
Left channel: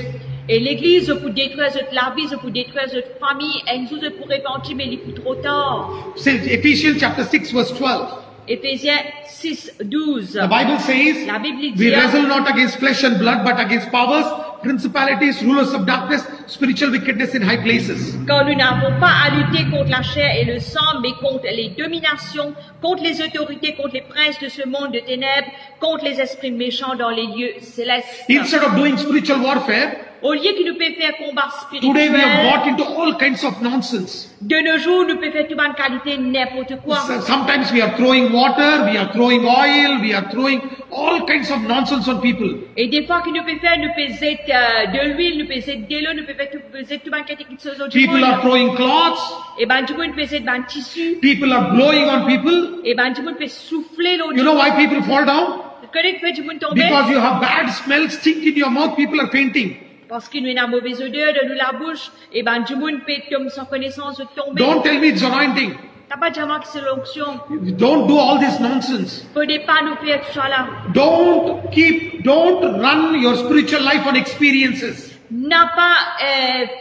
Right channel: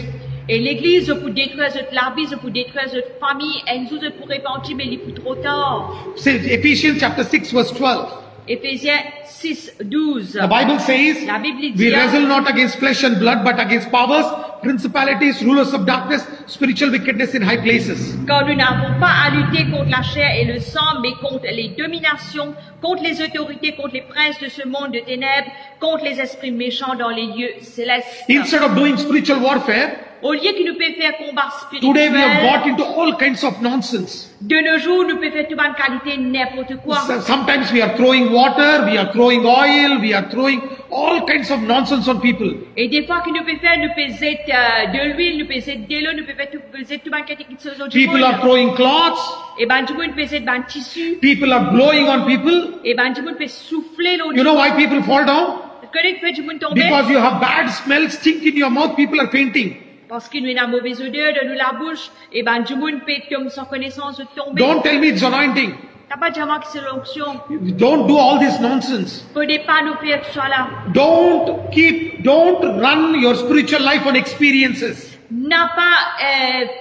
Et l'église pour détruire la vie, pour détruire notre famille, et nous pour repentir, mais il est trop tard. So Ephesians chapter 6 verse 12. Éphésiens 6, 12. The Bible says, La Bible we dit, wrestle not against flesh and blood, but against powers, principalities, rulers of darkness, spiritual wickedness in high places. quand nous n'avons pas à lutter contre la chair et le sang, mais contre les dominations, contre les autorités, contre les princes de ce monde de ténèbres, contre les esprits méchants dans les lieux célestes. Instead of doing spiritual warfare, Au lieu qu'il nous peut faire combat today we have spirituel, got into all kinds of nonsense. de nos jours, nous pouvons faire toute bonne qualité n'importe quoi. So sometimes we are throwing water, we are throwing oil, we are throwing all kinds of nonsense on people. Et des fois que nous pouvons faire, nous pouvons de l'huile, nous pouvons de l'eau, nous pouvons faire toute bonne qualité qui se du People are monde. throwing cloths, Et ben du monde peut faire ben tissu. people are blowing on people. Et ben du monde peut souffler l'eau. You know why people fall down? Vous connaissez que fait du monde tomber? Because you have bad smell, stink in your mouth, people are fainting. Parce qu'il nous a une mauvaise odeur de nous la bouche. Et ben du monde peut tomber sans connaissance de tomber. Don't tell me it's anointing. T'as pas dit à moi que c'est l'onction. Don't do all this nonsense. Faut pas nous faire tout ça là. Don't run your spiritual life on experiences. N'a pas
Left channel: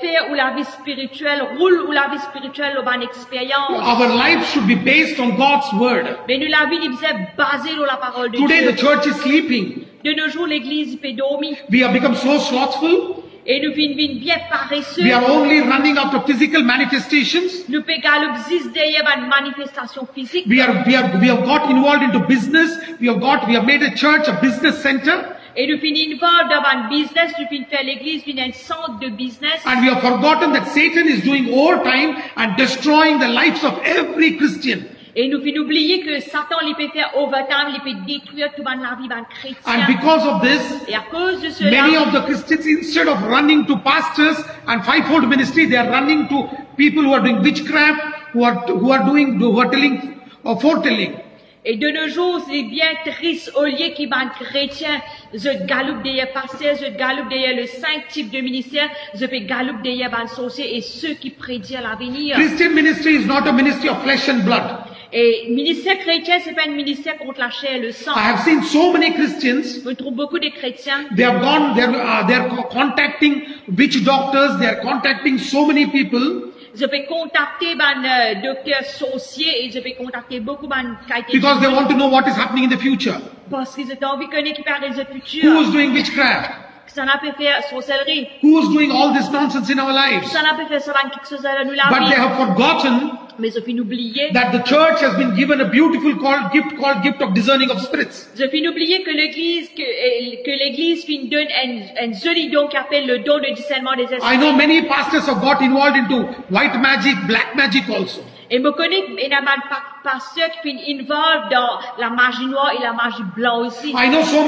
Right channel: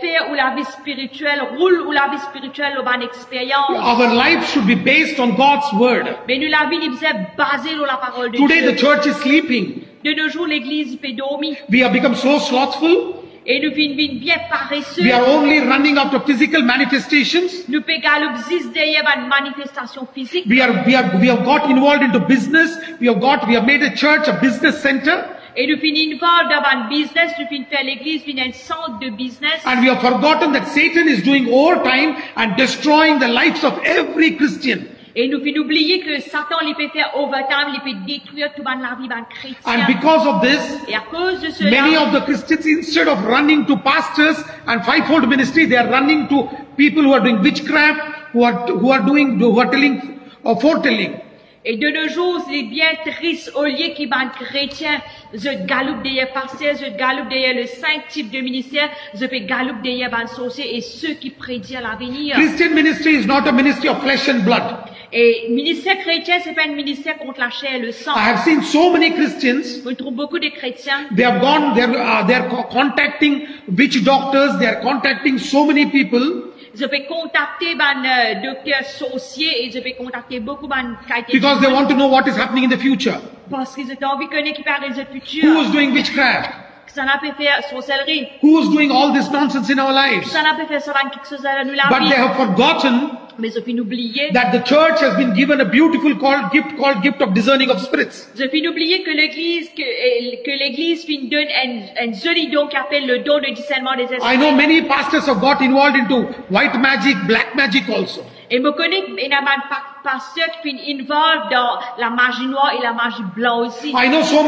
fait ou la vie spirituelle, roule ou la vie spirituelle ou une expérience. Our life should be based on God's word. Mais nous la vie, il faisait basée sur la parole de Today Dieu. the church is sleeping. De nos jours, l'église, il peut dormir. We have become so slothful. Et nous vin bien paresseux. We are only running after physical manifestations. Nous pe galoup zis derrière une manifestation physique. We have got involved into business. We have made a church a business center. Et nous finissons dans un business, nous finissons faire l'église, nous un centre de business. And we have forgotten that Satan is doing overtime and destroying the lives of every Christian. Et nous finissons oublier que Satan, il peut faire overtime, il peut détruire toute la vie d'un chrétien. And because of this, Et à cause de cela, many of the Christians, instead of running to pastors and fivefold ministry, they are running to people who are doing witchcraft, who are telling or foretelling. et de nos jours, c'est bien triste, au lieu qu'il y ait des chrétiens, je galoupe derrière pasteur, je galoupe derrière le 5 types de ministères, je fais galoupe derrière les sorciers et ceux qui prédisent l'avenir. Christian ministry is not a ministry of flesh and blood. Et ministère chrétien, c'est pas un ministère contre la chair et le sang. I have seen so many Christians. On trouve beaucoup de chrétiens. They are contacting witch doctors. They are contacting so many people. Je peux contacter un docteur sorcier et je peux contacter beaucoup de Because they want to know what is happening in the future. parce qu'ils ont envie de connaître qui parle de Who futur. is doing witchcraft? Ça n'a pas fait sorcellerie. Who is doing all this nonsense in our lives? Ça n'a pas fait ça dans quelque chose à nous la But they vie. have forgotten Mais je finis oublier. that the church has been given a beautiful gift of discerning of spirits. Je finis oublier que l'église lui donne un joli don qui appelle le don de discernement des I esprits. know many pastors have got involved into white magic, black magic also. Et me connaît énormément de pasteurs qui finissent involved dans la magie noire et la magie blanche aussi. I know so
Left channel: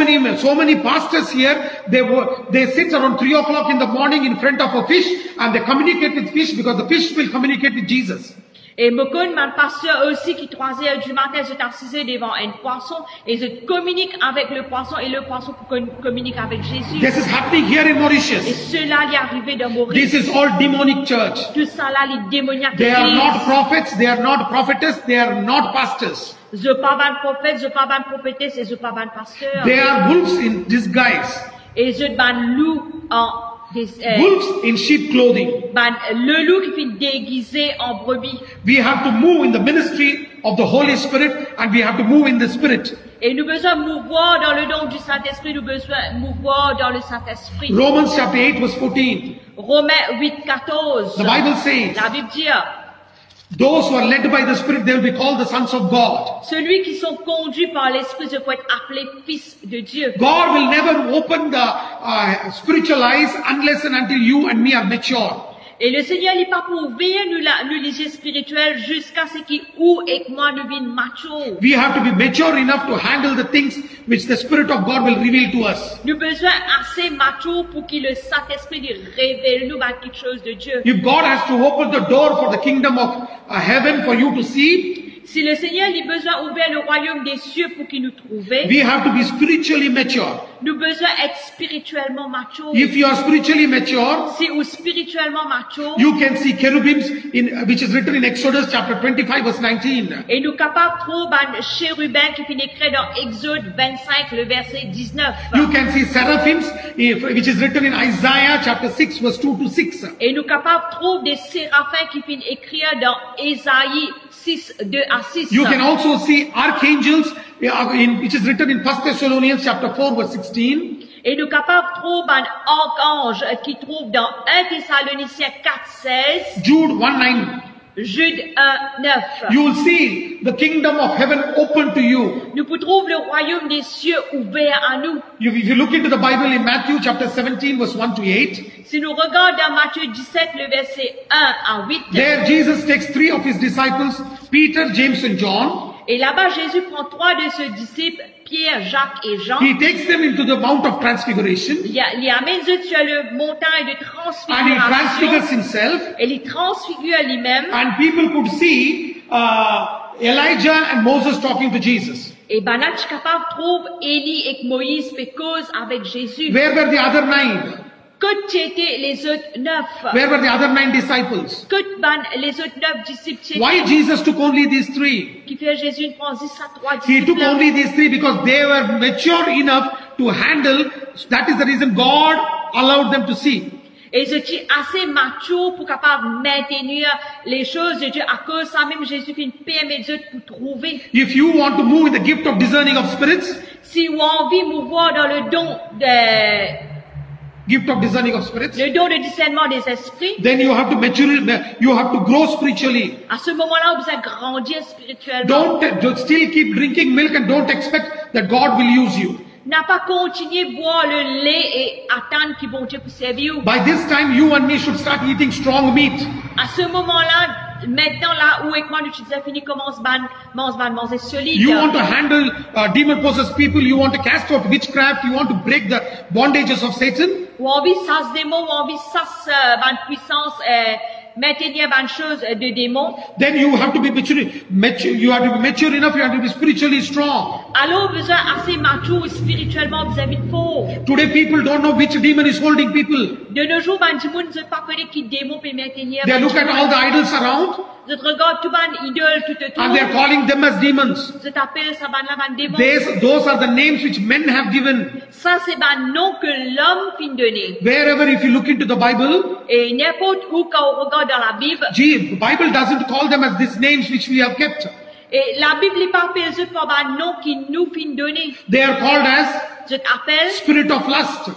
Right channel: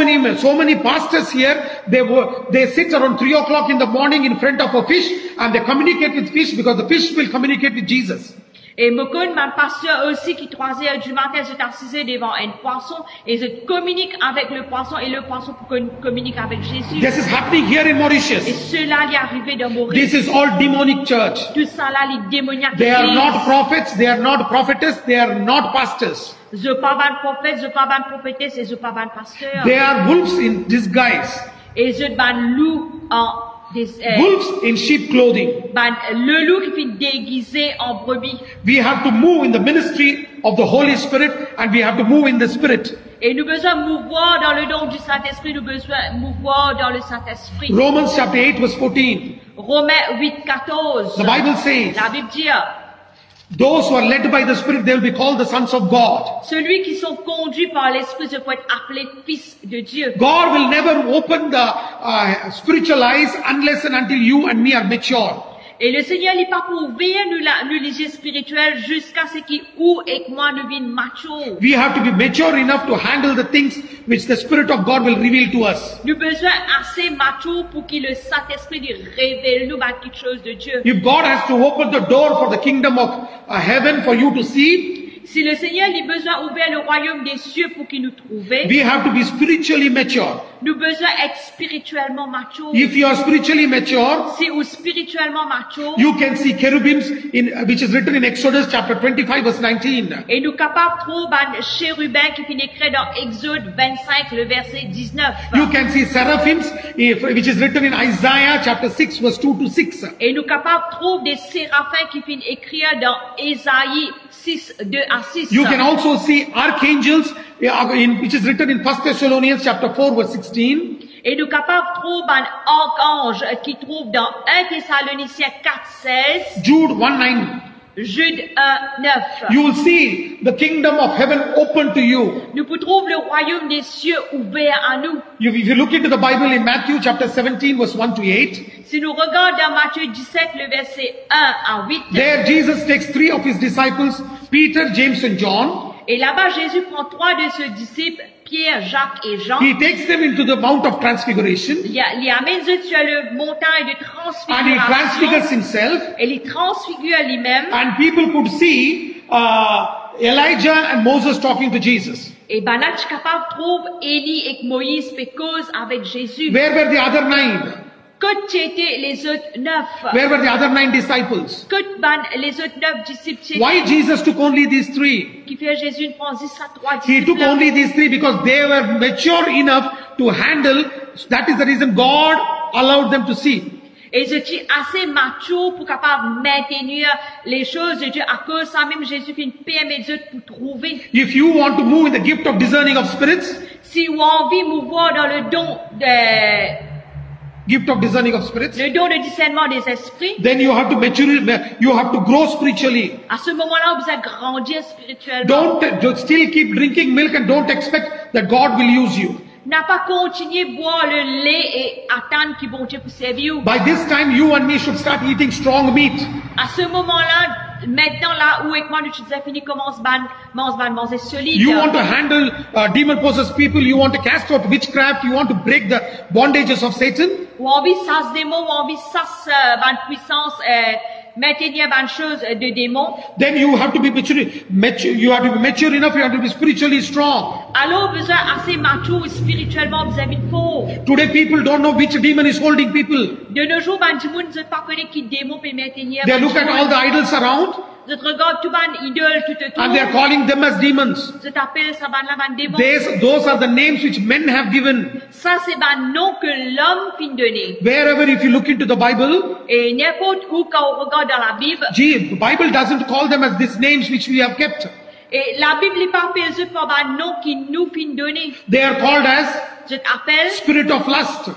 many pastors here. They sit around 3 o'clock in the morning in front of a fish and they communicate with fish because the fish will communicate with Jesus. Et me connaît un pasteur aussi qui 3 heures du matin se assisé devant un poisson et se communique avec le poisson et le poisson communique avec Jésus. This is happening here in Et Mauritius. cela lui est arrivé dans Maurice. This is all demonic church. Tout ça là, les démoniaques. They are églises. not prophets. They are not prophetess. They are not pastors. Je pas ban prophète, je pas ban prophétesse et je pas ban pasteur. They are wolves in disguise. Et je ban loup en Wolves in sheep clothing. ban le loup qui finit déguisé en brebis. We have to move in the ministry of the Holy Spirit and we have to move in the Spirit. Et nous besoin mouvoir dans le don du Saint-Esprit, nous besoin mouvoir dans le Saint-Esprit. Romans chapter 8 verse 14. Romains 8, 14. The Bible says, La Bible dit, those who are led by the Spirit, they will be called the sons of God. celui qui sont conduits par l'Esprit se peut être appelé fils de Dieu. God will never open the spiritual eyes unless and until you and me are mature. Et le Seigneur n'est pas pour ouvrir nous les yeux spirituels jusqu'à ce qu'il ouvre et que moi nous vînes mature. We have to be mature enough to handle the things which the Spirit of God will reveal to us. Nous besoin assez mature pour que le Saint-Esprit lui révèle nous quelque chose de Dieu. If God has to open the door for the kingdom of heaven for you to see, Si le Seigneur a besoin d'ouvrir le royaume des cieux pour qu'il nous trouve, we have to be spiritually mature. nous besoin d'être spirituellement mature. If you are spiritually mature, Si ou spirituellement mature, you can see cherubims which is written in Exodus chapter 25 verse 19. et nous capables de trouver un chérubin qui finit écrit dans Exode 25, le verset 19. You can see seraphims which is written in Isaiah chapter 6 verse 2 to 6. Et nous capables de trouver des séraphins qui finissent écrire dans Ésaïe 6, 2 à 6. You can also see archangels which is written in 1 Thessalonians chapter 4 verse 16. Et nous capables de trouver un archange qui trouve dans 1 Thessaloniciens 4, 16, Jude 1:9. Jude 1, 9. You will see the kingdom of heaven open to you. Nous pouvons trouver le royaume des cieux ouvert à nous. If you look into the Bible in Matthew chapter 17 verse 1 to 8, Si nous regardons dans Matthieu 17, le verset 1 à 8, there Jesus takes 3 of his disciples, Peter, James and John. et là-bas Jésus prend 3 de ses disciples, Pierre, Jacques et Jean. He takes them into the Mount of Transfiguration Il amène eux sur le montagne de and he transfigures transfiguration himself, et il transfigure lui-même. and people could see Elijah and Moses talking to Jesus. Et ben là, tu es capable de trouver Élie et Moïse fait cause avec Jésus. Where were the other 9? Que étaient les autres 9? Where were the other 9 disciples? Que les autres 9 disciples Why Jesus took only these 3? qui fait Jésus une prend 10 à 3 He took disciples? only these 3 because they were mature enough to handle. That is the reason God allowed them to see. Et je suis assez mature pour capable maintenir les choses de Dieu à cause ça même Jésus qui permet Dieu pour trouver. If you want to move in the gift of discerning of spirits, Si on a envie de mouvoir dans le don gift of discerning of spirits, le don de discernement des esprits, then you have to you have to grow spiritually. à ce moment-là, vous allez grandir spirituellement. Don't still keep drinking milk and don't expect that God will use you. N'a pas continué à boire le lait et attendre que bon Dieu puisse servir. By this time, you and me should start eating strong meat. À ce moment-là, maintenant là où et moi nous avons fini commence manger solide. You want to handle demon-possessed people. You want to cast out witchcraft. You want to break the bondages of Satan. Ou envie ça se démon, ou envie ça se puissance maintenir bonne chose de démons. Then you have to be mature. You have to be mature enough. You have to be spiritually strong. Alors besoin assez mature spirituellement vis-à-vis de faux. Today, people don't know which demon is holding people. De nos jours, ben du monde ne pas connaître qui démon peut maintenir. They look at all the idols around. Je regarde tout ban idole tout autour. And they are calling them as demons. Je t'appelle ça ban là ban démon. Those are the names which men have given. Ça c'est ban nom que l'homme fin donné. Wherever if you look into the Bible, et n'importe où quand on regarde dans la Bible, the Bible doesn't call them as these names which we have kept. Et la Bible n'est pas appelée par ban nom qui nous fin donné. They are called as je t'appelle spirit of lust.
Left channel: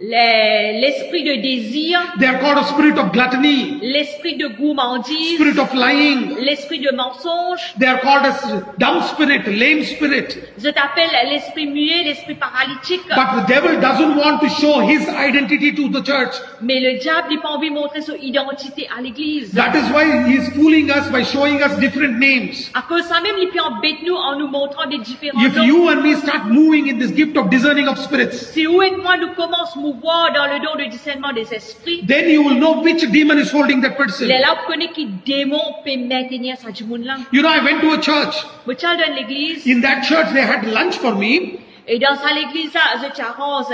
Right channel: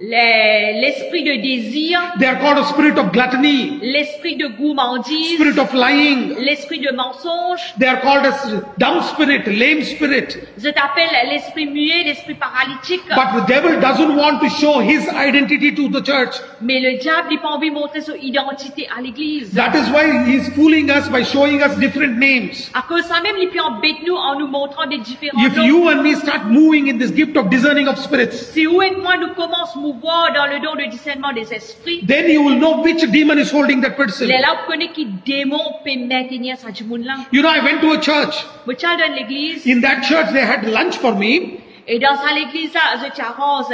L'esprit de désir. They are called a spirit of gluttony. L'esprit de gourmandise. Spirit of lying. L'esprit de mensonge. They are called as dumb spirit, lame spirit. Je t'appelle l'esprit muet, l'esprit paralytique. But the devil doesn't want to show his identity to the church. Mais le diable n'a pas envie de montrer son identité à l'église. That is why he is fooling us by showing us different names. À cause ça même, il peut embêter nous en nous montrant des différents If noms. you and me start moving in this gift of discerning of spirits, si vous et moi nous commençons à mouvoir dans le don de discernement des esprits, then you will know which demon is holding that person. Les là vous connaissez qui démon peut maintenir ça du monde là. You know, I went to a church. Moi j'allais dans l'église. In that church, they had lunch for me. Et dans ça l'église là, je t'arrange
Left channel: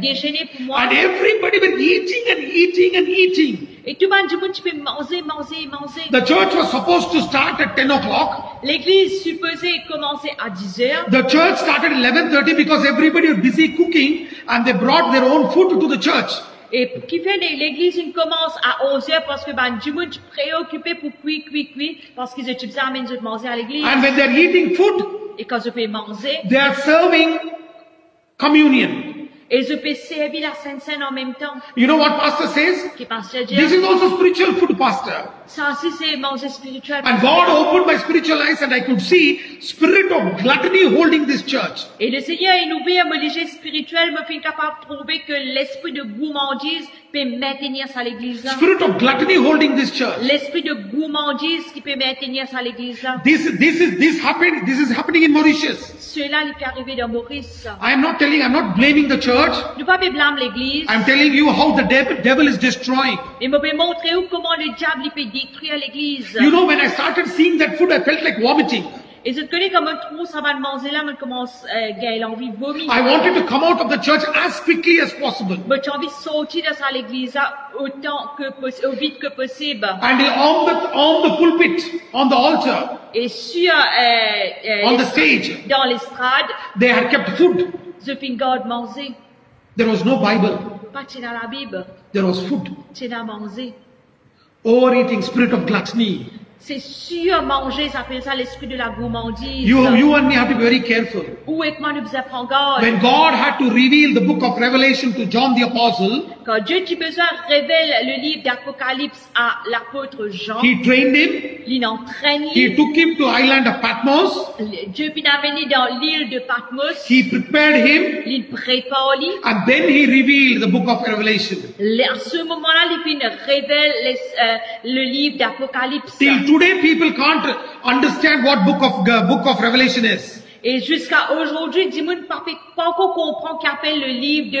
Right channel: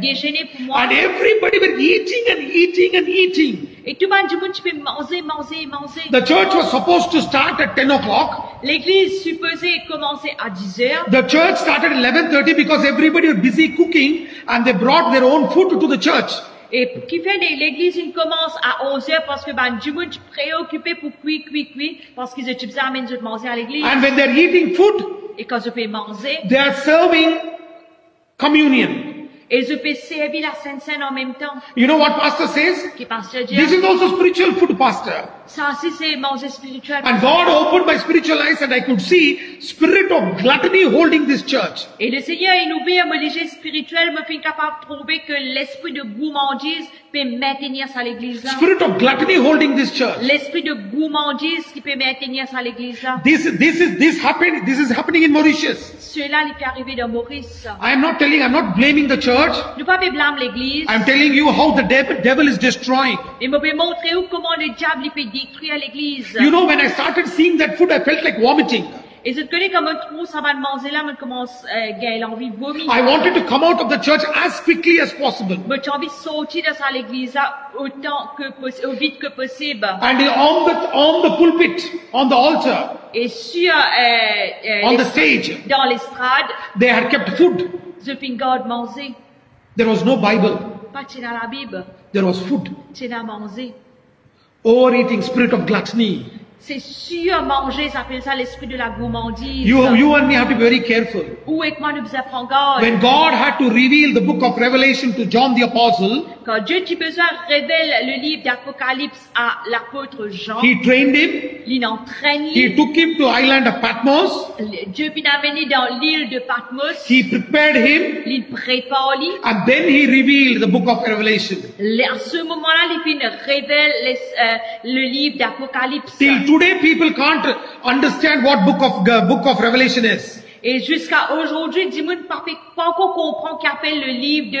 déjeuner pour moi. And everybody were eating and eating and eating. Et tout le monde du monde tu peux manger. The church was supposed to start at 10 o'clock. L'église supposée commencer à 10 heures. The church started at 11:30 because everybody was busy cooking and they brought their own food to the church. Et qui fait l'église il commence à 11 heures parce que ben du monde préoccupé pour cuire parce qu'ils étaient besoin de manger à l'église. And when they are eating food, et quand je peux manger, they are serving communion. Et je peux servir la Sainte Seine en même temps. You know what pastor says? Qui pasteur dit? This is also spiritual food, pastor. Ça aussi c'est manger spirituel. And God opened my spiritual eyes and I could see spirit of gluttony holding this church. Et le Seigneur il ouvert mon léger spirituel me fait capable de trouver que l'esprit de gourmandise peut maintenir ça à l'église là. Spirit of gluttony holding this church. L'esprit de gourmandise qui peut maintenir ça à l'église là. This is happening in Mauritius. Cela il peut arriver dans Maurice. I'm not blaming the church. Ne pas blâmer l'église. I'm telling you how the devil is destroying. Et me peut montrer comment le diable il peut détruire l'église. You know, when I started seeing that food, I felt like vomiting. Et je te connais comme un trou, ça va manger là, mais commence gagner l'envie de vomir. I wanted to come out of the church as quickly as possible. Mais j'ai envie de sortir de ça l'église aussi vite que possible. And on the pulpit, on the altar, et sur on the stage, dans l'estrade, they had kept food. Je finis garde manger. There was no Bible. Pas dans la Bible. There was food. C'est à manger. Overeating, spirit of gluttony. C'est sûr manger, ça s'appelle ça l'esprit de la gourmandise. You and me have to be very careful. Où est que moi nous devons prendre garde? When God had to reveal the book of Revelation to John the Apostle, quand Dieu qui besoin révèle le livre d'Apocalypse à l'apôtre Jean, He trained him. Il entraîne. He took him to island of Patmos. Dieu l'a amené dans l'île de Patmos. He prepared him. Il prépare lui. And then he revealed the book of Revelation. À ce moment-là, il révèle le livre d'Apocalypse. Till today, people can't understand what book of Revelation is. Et jusqu'à aujourd'hui, du monde pas encore comprend qu'appelle le livre de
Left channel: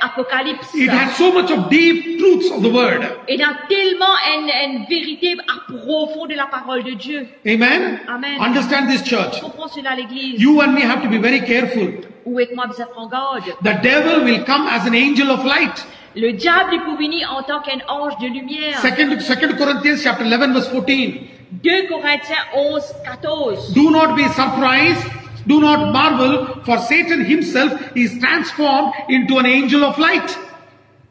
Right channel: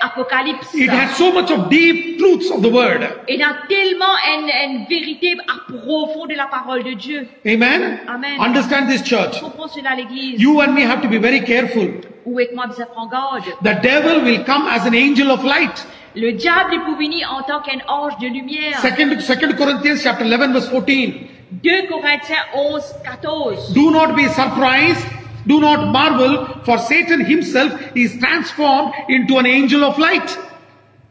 Apocalypse. It has so much of deep truths of the word. Il y a tellement une vérité à profond de la parole de Dieu. Amen. Amen. Understand this church. Comprends cela l'église. You and me have to be very careful. Où est que moi besoin prendre garde? The devil will come as an angel of light. Le diable est pour venir en tant qu'un ange de lumière. 2 Corinthians chapter 11 verse 14. 2 Corinthiens 11:14. Do not be surprised. Do not marvel, for Satan himself is transformed into an angel of light.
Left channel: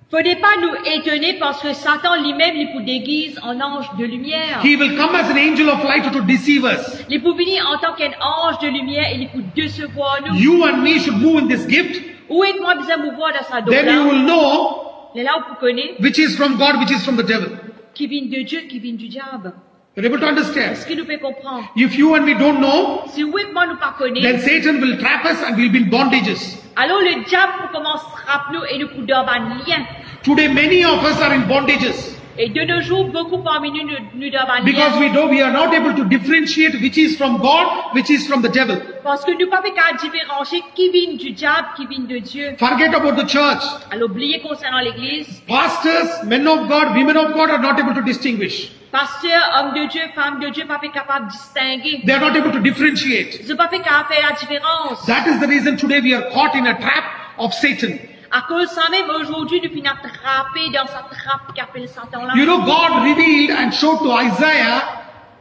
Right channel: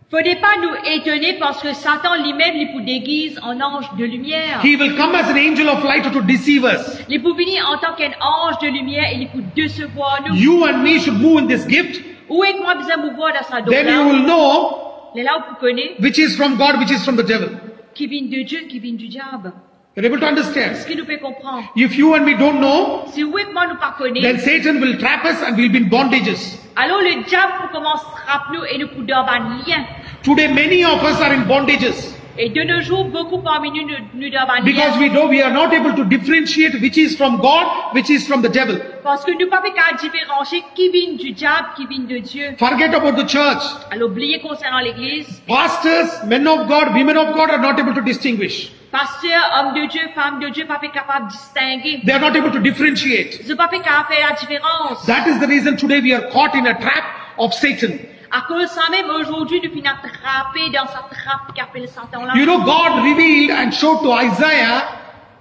Faudrait pas nous étonner parce que Satan lui-même il nous déguise en ange de lumière. He will come as an angel of light to deceive us. Il peut venir en tant qu'un ange de lumière et il peut décevoir nous. You and me should move in this gift. Où est que moi besoin mouvoir dans sa Then you will know les là où vous connaissez, which is from God, which is from the devil. qui viennent de Dieu, qui viennent du diable. You're able to understand? Est-ce que nous pouvons comprendre? If you and me don't know, Si vous et moi nous pas then connaissons, Satan will trap us and we'll be in bondages. alors le diable pour commencer à frapper nous et nous pour dans un lien. Today, many of us are in bondages Et de nos jours, beaucoup parmi nous, nous dans un because lien. we know we are not able to differentiate which is from God, which is from the devil. Parce que nous ne pouvons pas différencier qui vient du diable, qui vient de Dieu. Forget about the church. Alors oubliez concernant l'église, Pastors, men of God, women of God are not able to distinguish. pasteur, homme de Dieu, femme de Dieu, pas capable de distinguer. They are not able to differentiate. Ils ne sont pas capable de faire la différence. That is the reason today we are caught in a trap of Satan. À cause de ça même, aujourd'hui, nous finissons attrapés dans sa trappe qu'appelle Satan là. You know, God revealed and showed to Isaiah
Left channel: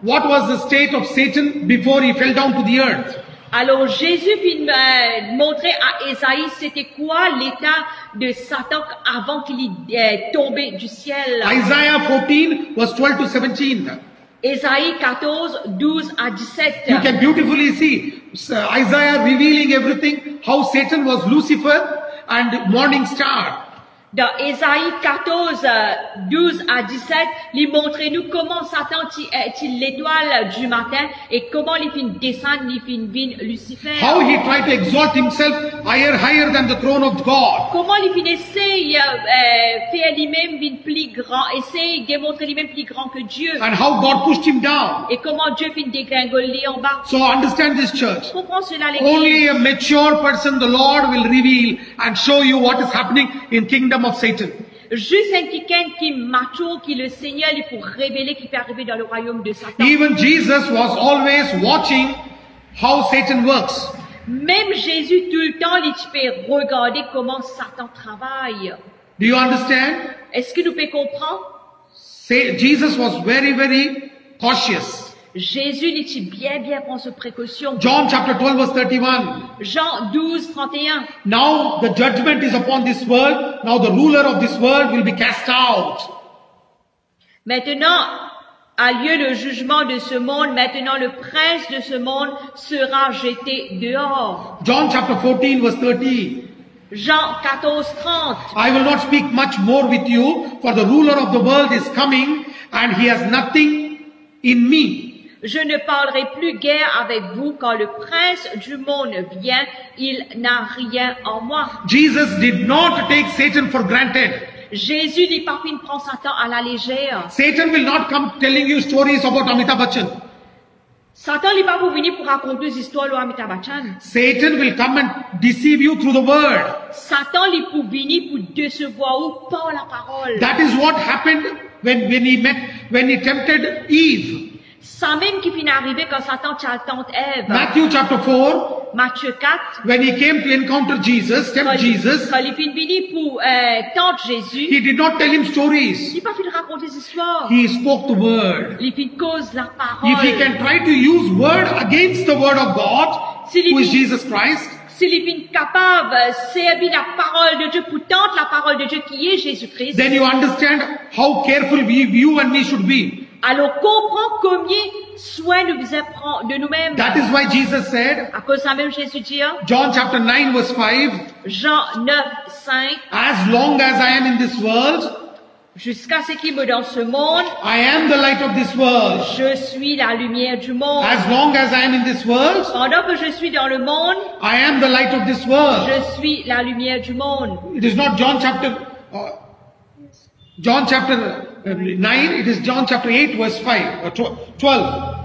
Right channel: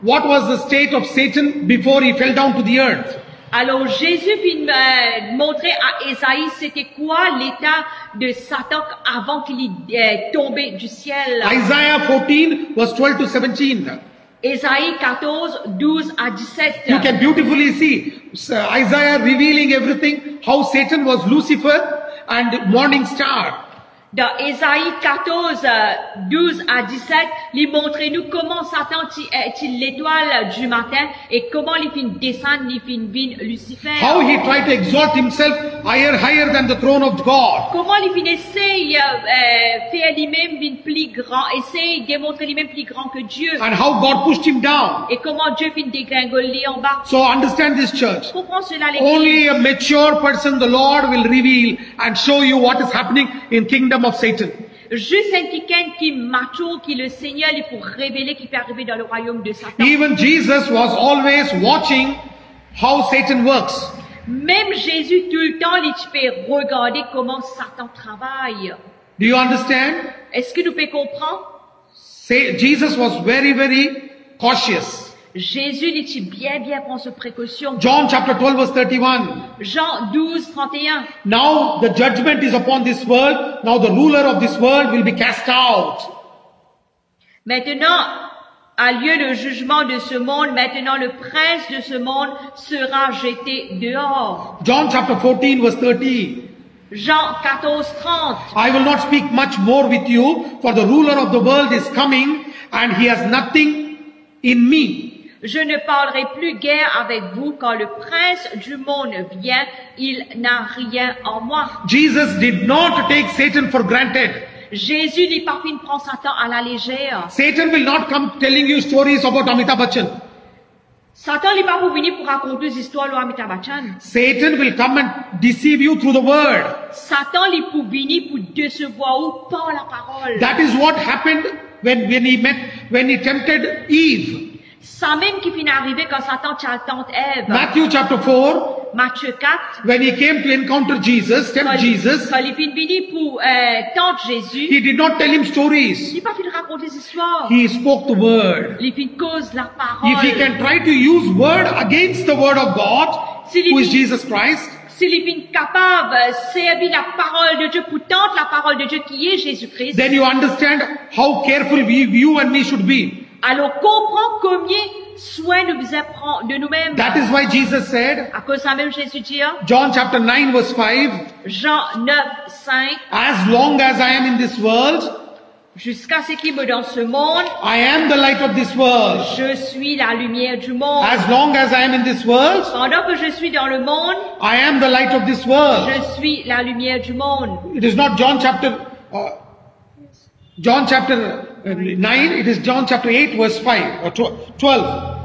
what was the state of Satan before he fell down to the earth. Alors Jésus vient montrer à Ésaïe c'était quoi l'état de Satan avant qu'il est tombé du ciel. Isaiah 14 verse 12 to 17. Ésaïe 14, 12 à 17. You can beautifully see Isaiah revealing everything, how Satan was Lucifer and morning star. Dans Ésaïe 14, 12 à 17, il montre nous comment Satan est l'étoile du matin et comment il finit descendre, il finit Lucifer. How he tried to exalt himself higher than the throne of God. Comment il finit essayer faire lui-même plus grand, essayer de démontrer lui-même plus grand que Dieu. And how God pushed him down. Et comment Dieu finit dégringoler en bas. So understand this, church. Comprends cela l'église. Only a mature person, the Lord will reveal and show you what is happening in kingdom of Satan. Juste un quelqu'un qui est mature, qui le Seigneur, il pour révéler qui peut arriver dans le royaume de Satan. Even Jesus was always watching how Satan works. Même Jésus, tout le temps, il peut regarder comment Satan travaille. Do you understand? Est-ce que nous pouvons comprendre? Jesus was very, very cautious. Jésus, il bien prend ses précautions. John chapter 12 verse 31. Jean 12, 31. Now the judgment is upon this world. Now the ruler of this world will be cast out. Maintenant a lieu le jugement de ce monde. Maintenant le prince de ce monde sera jeté dehors. John chapter 14 verse 30. Jean 14, 30. I will not speak much more with you, for the ruler of the world is coming, and he has nothing in me. Je ne parlerai plus guère avec vous quand le prince du monde vient, il n'a rien en moi. Jesus did not take Satan for granted. Jésus n'est pas venu prendre Satan à la légère. Satan will not come telling you stories about Amitabh Bachchan. Satan n'est pas pour venir pour raconter des histoires de Amitabh Bachchan. Satan will come and deceive you through the word. Satan n'est pour venir pour décevoir ou par la parole. That is what happened when he tempted Eve. Ça même qui finit arrivé quand Satan tente Ève. Matthew chapter 4, Matthieu 4. when he came to encounter Jesus, tempt Jesus, Quand il finit venir pour tenter Jésus, he did not tell him stories. il n'est pas fini de raconter des histoires. He spoke the word. Il finit cause la If he parole. can try to use word against the word of God, who is Jesus Christ, S'il est capable de servir la parole de Dieu pour tenter la parole de Dieu qui est Jésus-Christ, then you understand how careful you and me should be. alors comprends combien soin nous devons prendre de nous-mêmes. That is why Jesus said, À cause de ça même Jésus dit, John chapter 9 verse 5, Jean 9, 5, as long as I am in this world, jusqu'à ce qu'il me dans ce monde, I am the light of this world. je suis la lumière du monde. As long as I am in this world, Pendant que je suis dans le monde, I am the light of this world. je suis la lumière du monde. It is not John chapter 9, it is John chapter 8 verse 5 or 12.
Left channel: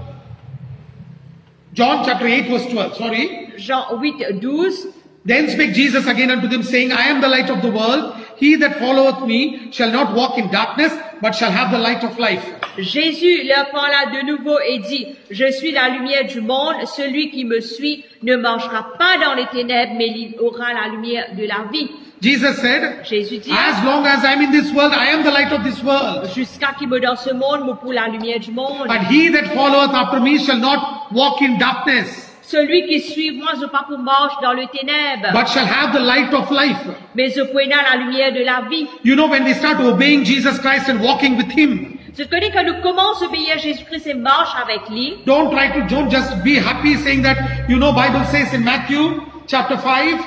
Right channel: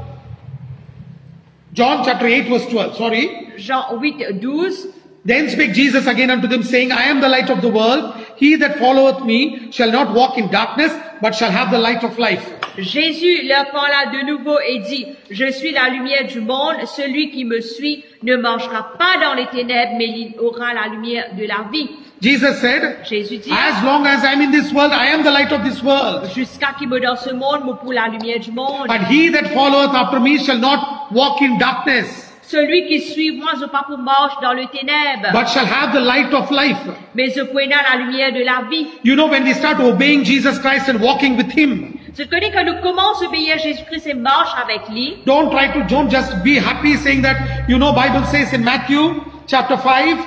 John chapter 8 verse 12, sorry. Jean 8, 12. Then spake Jesus again unto them, saying, I am the light of the world. He that followeth me shall not walk in darkness, but shall have the light of life. Jésus leur parla de nouveau et dit, je suis la lumière du monde, celui qui me suit ne marchera pas dans les ténèbres, mais il aura la lumière de la vie. Jesus said, Jésus dit, as long as I am in this world, I am the light of this world. jusqu'à qu'il me dans ce monde, me pour la lumière du monde. But he that followeth after me shall not walk in darkness, Celui qui suit moi, je pas pour marche dans le ténèbre, but shall have the light of life. mais je prendrai la lumière de la vie. You know, when we start obeying Jesus Christ and walking with him, Je connais que nous commençons à obéir à Jésus-Christ et marche avec lui. don't just be happy saying that, you know, Bible says in Matthew chapter 5,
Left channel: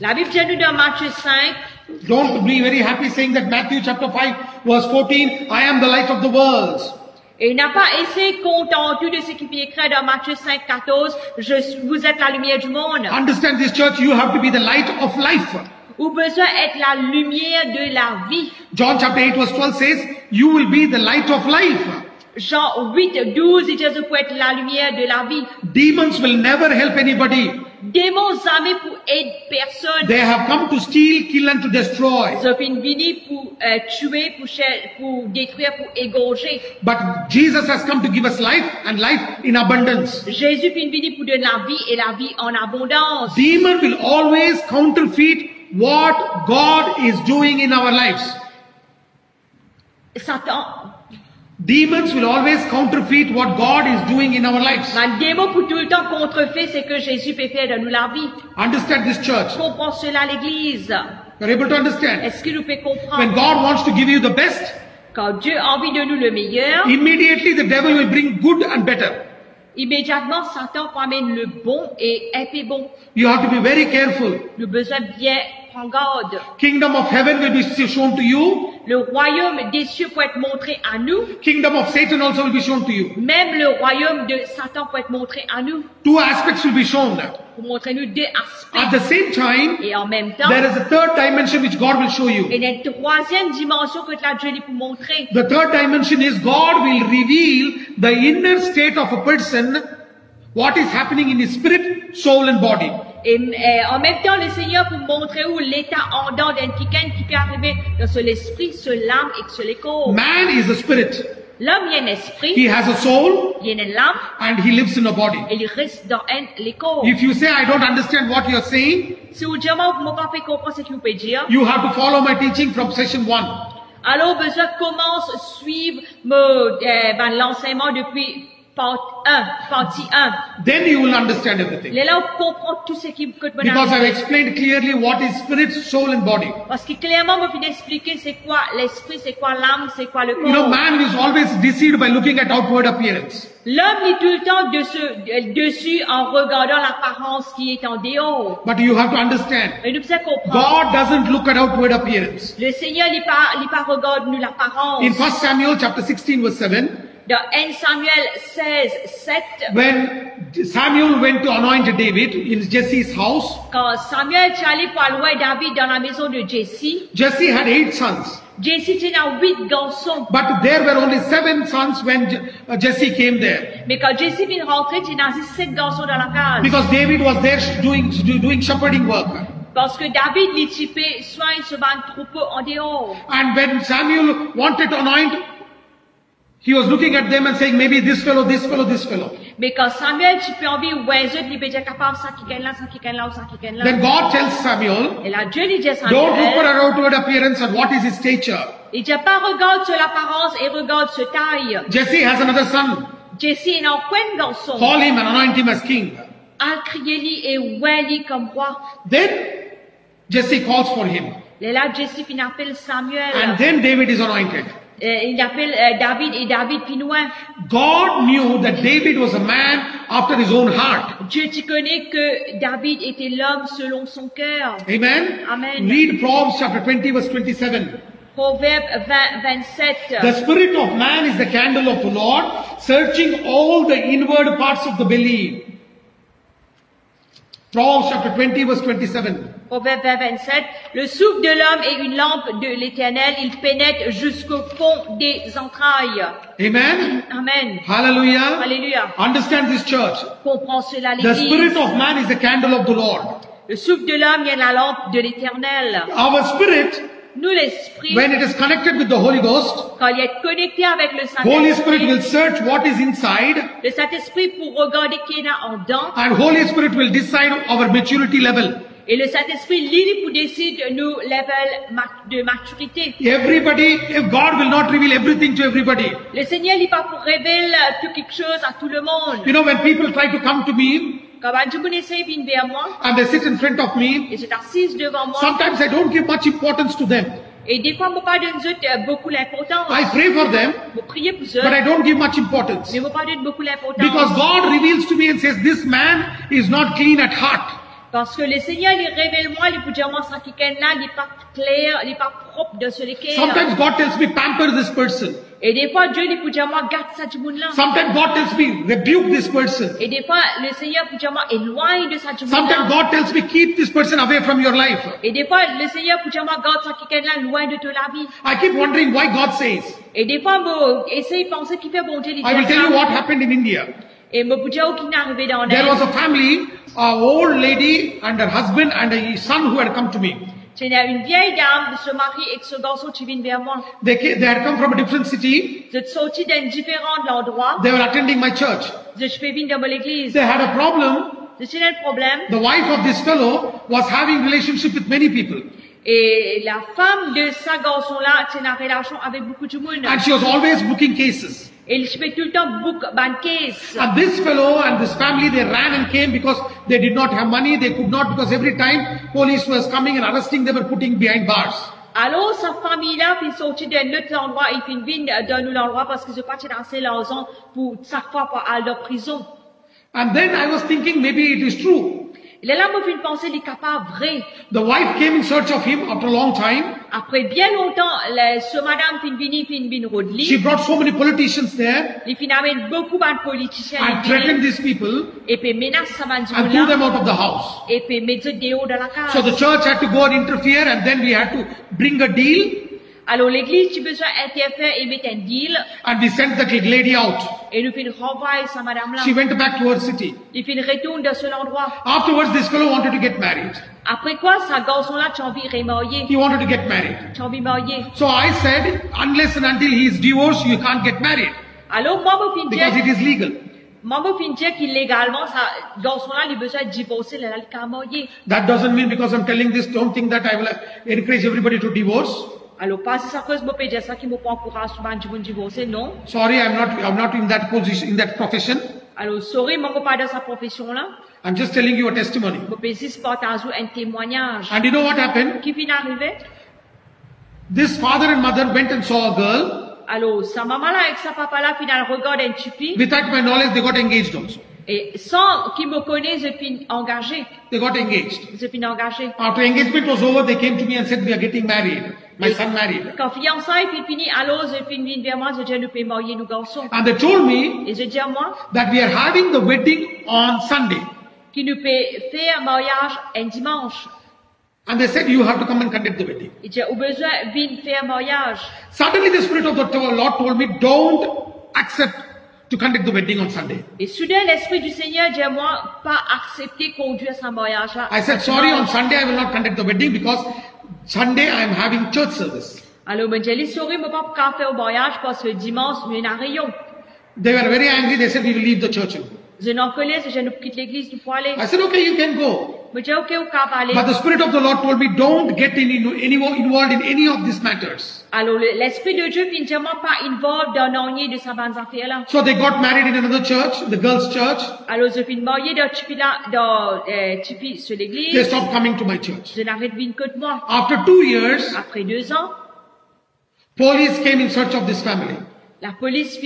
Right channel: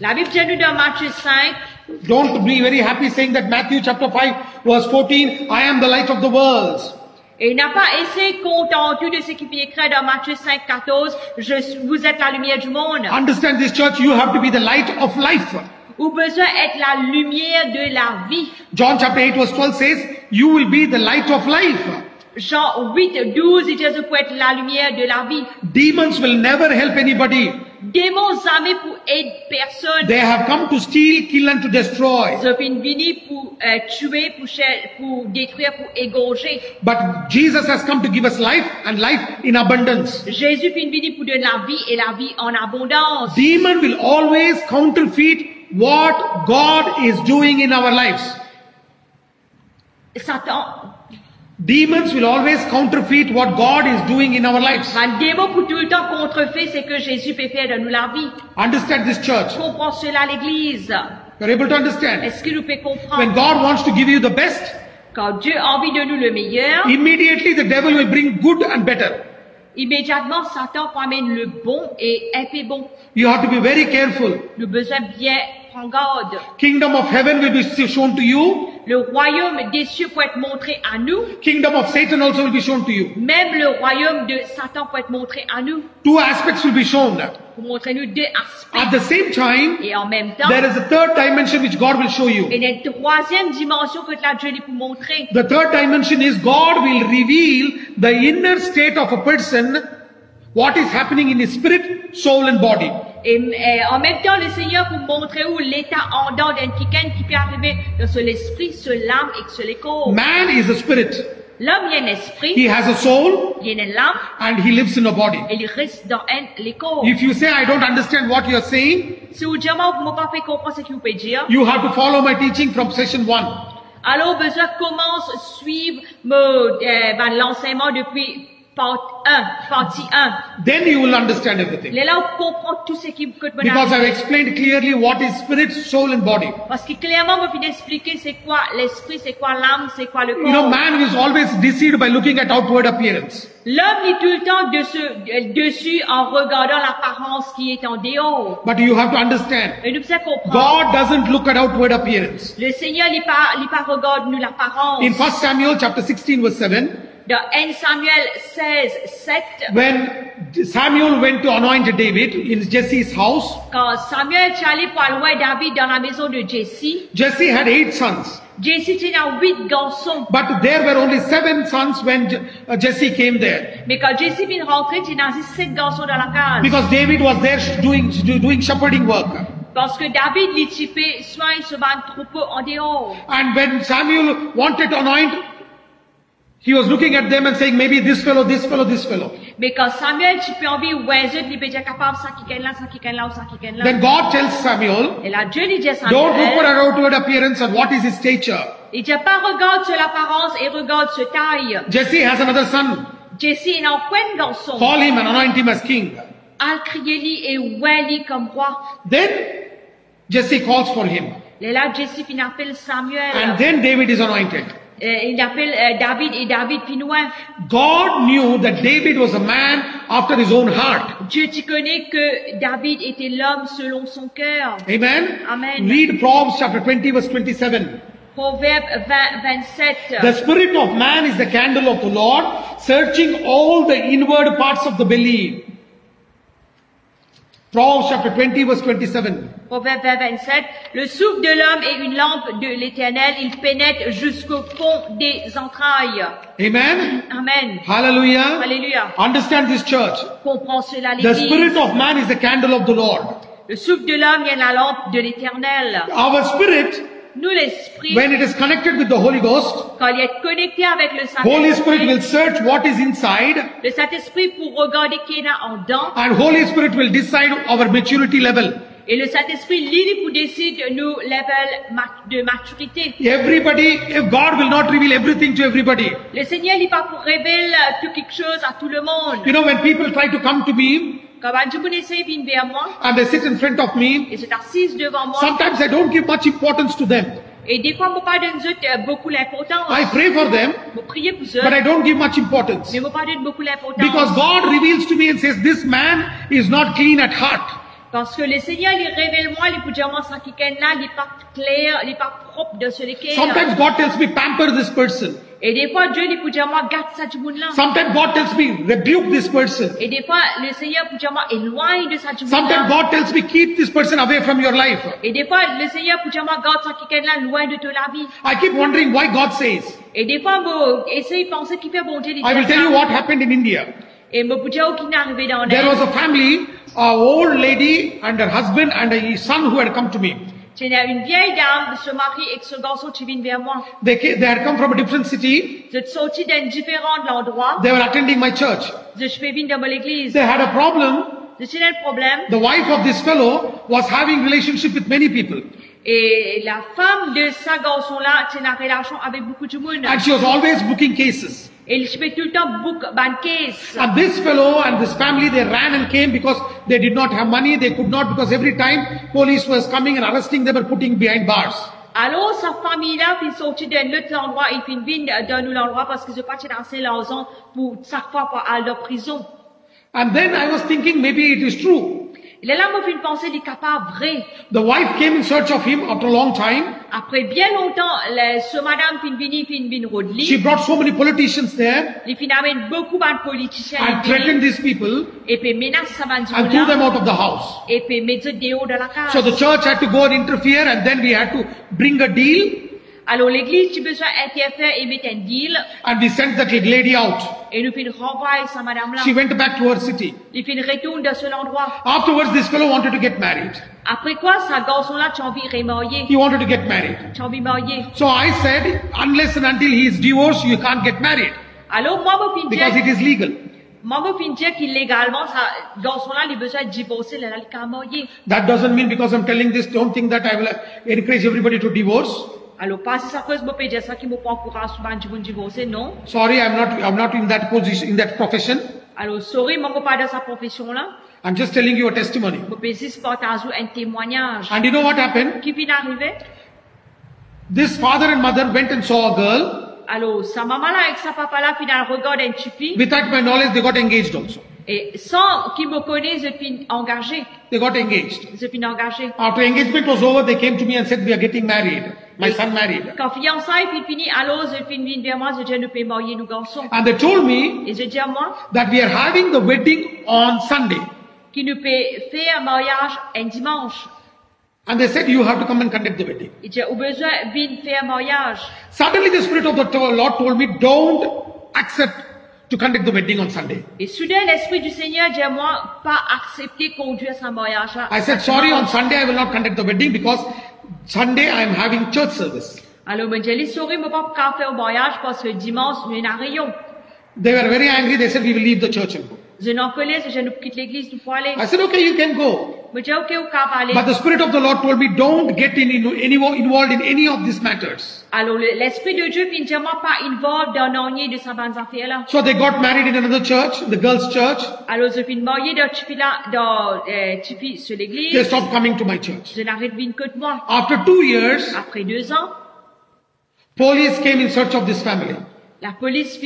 La Bible dit nous dans Matthieu 5, Don't be very happy saying that Matthew chapter 5 verse 14, I am the light of the world. Et il n'a pas essayé contentu de ce qui est écrit dans Matthieu 5, 14, vous êtes la lumière du monde. Understand this church, you have to be the light of life. Ou besoin d'être la lumière de la vie. John chapter 8 verse 12 says, you will be the light of life. Jean 8, 12 dit Jésus pour être la lumière de la vie. Demons will never help anybody. Démons jamais pour aider personne. They have come to steal, kill and to destroy. Ils ont fini pour tuer, pour détruire, pour égorger. But Jesus has come to give us life and life in abundance. Jésus venu pour donner la vie et la vie en abondance. Demon will always counterfeit what God is doing in our lives. Satan. Demons will always counterfeit what God is doing in our lives. Le démon pour tout le temps contrefait ce que Jésus peut faire de nous la vie. Understand this church. Comprends cela l'Église. You're able to understand. Est-ce que nous pouvons comprendre? When God wants to give you the best, quand Dieu a envie de nous le meilleur, immediately the devil will bring good and better. Immédiatement, Satan ramène le bon et un peu bon. You have to be very careful. Nous besoin bien prendre garde. Kingdom of heaven will be shown to you. Le royaume des cieux peut être montré à nous. Kingdom of Satan also will be shown to you. Même le royaume de Satan peut être montré à nous. Two aspects will be shown. Pour montrer nous deux aspects. At the same time, et en même temps, there is a third dimension which God will show you. Et la troisième dimension que la Dieu lui pour montrer. The third dimension is God will reveal the inner state of a person, what is happening in his spirit, soul and body. Et en même temps, le Seigneur pour montrer où l'état en dedans d'un quelqu'un qui peut arriver dans l'esprit, sur l'âme et sur le corps. Man is a spirit. L'homme il a un esprit. He has a soul. Il a une âme. And he lives in a body. Et il reste dans le corps. If you say I don't understand what you are saying, si vous dites moi pas fait comprendre ce que vous pouvez dire, you have to follow my teaching from session 1. Alors besoin commence suivre l'enseignement depuis partie 1. Then you will understand everything. Là on comprend tout ce qui peut te Because I explained clearly what is spirit, soul and body. Parce que clairement on peut expliquer c'est quoi l'esprit, c'est quoi l'âme, c'est quoi le corps. You know, man is always deceived by looking at outward appearance. L'homme est tout le temps dessus en regardant l'apparence qui est en dehors. But you have to understand. Et nous devons comprendre. God doesn't look at outward appearance. Le Seigneur il pas regarde nous l'apparence. In 1 Samuel chapter 16 verse 7. Dans 1 Samuel 16, 7. When Samuel went to anoint David in Jesse's house. Quand Samuel est allé pour louer David dans la maison de Jesse. Jesse had 8 sons. Jesse était 8 garçons. But there were only 7 sons when Jesse came there. Mais quand Jesse vient rentrer, il y a 7 garçons dans la case. Because David was there doing shepherding work. Parce que David l'équipait soin sur un troupeau en dehors. And when Samuel wanted to anoint, he was looking at them and saying, maybe this fellow, this fellow, this fellow. Mais quand Samuel, tu peux envie, ouais, il peut être capable, ça qui gagne là, ça qui gagne là, ça qui gagne là. Then God tells Samuel, et là, Dieu lui dit à Samuel, don't look at outward appearance and what is his stature. Il dit pas regarde sur l'apparence et regarde sur taille. Jesse has another son. Jesse est un coin garçon. Call him and anoint him as king. Al crier-lui et ouais comme roi. Then Jesse calls for him. Et là, Jesse finit appelle Samuel. And then David is anointed. Il appelle David et David finouin. God knew that David was a man after his own heart. Dieu tu connais que David était l'homme selon son cœur. Amen. Amen. Read Proverbs chapter 20 verse 27. Proverbe 27. The spirit of man is the candle of the Lord, searching all the inward parts of the belly. Proverbs chapter 20 verse 27. Proverbe 27. Le souffle de l'homme est une lampe de l'Éternel, il pénètre jusqu'au fond des entrailles. Amen. Amen. Hallelujah. Hallelujah. Understand this church. Comprends cela The l'Église. spirit of man is the candle of the Lord. Le souffle de l'homme est la lampe de l'Éternel. Our spirit, nous l'esprit, when it is connected with the Holy Ghost, quand il est connecté avec le Holy Spirit Saint-Esprit, will search what is inside. Le Saint-Esprit pour regarder qui est en dedans. And Holy Spirit will decide our maturity level. Et le Saint-Esprit lit pour décider nos levels de maturité. Everybody, God will not reveal everything to everybody. Le Seigneur n'est pas pour révéler tout quelque chose à tout le monde. You know, when people try to come to me, quand Dieu essaie de venir vers moi, and they sit in front of me, et c'est assise devant moi, sometimes I don't give much importance to them. Et des fois, moi pas donne beaucoup l'importance. I pray for them, prier pour eux, but I don't give much importance. Mais moi pas donne beaucoup l'importance. Because God reveals to me and says, this man is not clean at heart. Parce que le Seigneur, il révèle moi, il peut dire moi, ça qui est là, il est pas clair, il est pas propre de ce lequel. Sometimes God tells me, pamper this person. Et des fois, Dieu, il peut dire moi, garde ça du monde là. Sometimes God tells me, rebuke this person. Et des fois, le Seigneur peut dire moi, éloigne de ça du monde Sometimes là. God tells me, keep this person away from your life. Et des fois, le Seigneur peut dire moi, garde ça qui est là, loin de toi la vie. I keep wondering why God says. Et des fois, moi, essaye de penser qu'il fait bon Dieu, il I will dit tell you what ça. happened in India. Et moi, peut dire qu'il est arrivé dans There l'air. was a family, an old lady and her husband and a son who had come to me. C'est une vieille dame, ce mari et ce garçon qui viennent vers moi. They had come from a different city. Je suis sorti d'un différent endroit. They were attending my church. Je suis venu dans l'église. They had a problem. Je suis le problème. The wife of this fellow was having relationship with many people. Et la femme de ce garçon-là, c'est une relation avec beaucoup de monde. And she was always booking cases. Et je fais tout le temps book ban case. And this fellow and this family, they ran and came because they did not have money. They could not, because every time police was coming and arresting them and putting behind bars. Alors, sa famille-là, puis sorti d'un autre endroit, et puis vient d'un autre endroit parce que je pas dans l'argent pour chaque fois pour aller en prison. And then I was thinking maybe it is true. Et là, moi, je pensais, il est capable vrai. The wife came in search of him after a long time. Après bien longtemps, ce madame fin vini rodli. She brought so many politicians there Il fin amène beaucoup de politiciens. and threatened these people Et puis menace sa and threw them là. out of the house. Et puis mettre dehors de la case. So the church had to go and interfere, and then we had to bring a deal, Alors l'église, tu besoin interférer et mettre un deal. and we sent that lady out. Et nous fin renvoyer sa madame là. She went back to her city. Il fin retourne de cet endroit. Afterwards, this fellow wanted to get married. Après quoi, ce garçon-là, tu as envie de remarier. He wanted to get married. Tu as envie de marier. So I said, unless and until he is divorced, you can't get married Alors moi, je fin because it dire, is legal. moi, je fin dire qu'illégalement, ce garçon-là, il a besoin de divorcer, il a qu'à marier. That doesn't mean because I'm telling this, don't think that I will encourage everybody to divorce. Alors, pas si ça cause, je peux dire ça qui me prend courage souvent de divorcer, non. Sorry, I'm not in that position, in that profession. Alors, sorry, moi, je peux pas de sa profession-là. I'm just telling you a testimony. Je peux juste partager un témoignage. And you know what happened? Qui vient d'arriver? This father and mother went and saw a girl. Alors, sa maman-là avec sa papa-là, finalement, regarde un petit fille. Without my knowledge, they got engaged also. Et sans qu'il me connaisse, je suis engagé. They got engaged. Je suis engagé. After engagement was over, they came to me and said, we are getting married. My son married. Quand fiançailles est fini, alors je suis venu vers moi, je dis, nous pouvons marier nos garçons. And they told me Et je dis à moi, that we are having the wedding on Sunday. qu'il nous peut faire un mariage un dimanche. And they said, you have to come and conduct the wedding. Et j'ai besoin de venir faire un mariage. Suddenly the Spirit of the Lord told me, don't accept to conduct the wedding on Sunday. Et soudain, l'Esprit du Seigneur dit à moi, pas accepter conduire ce mariage-là. I said, sorry, on Sunday I will not conduct the wedding because Sunday I am having church service. Alors, je dis, sorry, je ne peux pas faire un mariage parce que dimanche, nous avons un rayon. They were very angry. They said, we will leave the church and go. Je n'en connais, je ne quitte l'église pour aller. I said, okay, you can go. Je dis, ok, on peut aller. But the Spirit of the Lord told me, don't get involved in any of these matters. Alors, l'Esprit de Dieu vient vraiment pas involved dans l'année de sa bonne affaire là. So they got married in another church, the girls' church. Alors, je suis mariée dans Tipi là, Tipi sur They l'église. stopped coming to my church. Je n'arrête de que de moi. After 2 years, Après 2 ans, police came in search of this family la police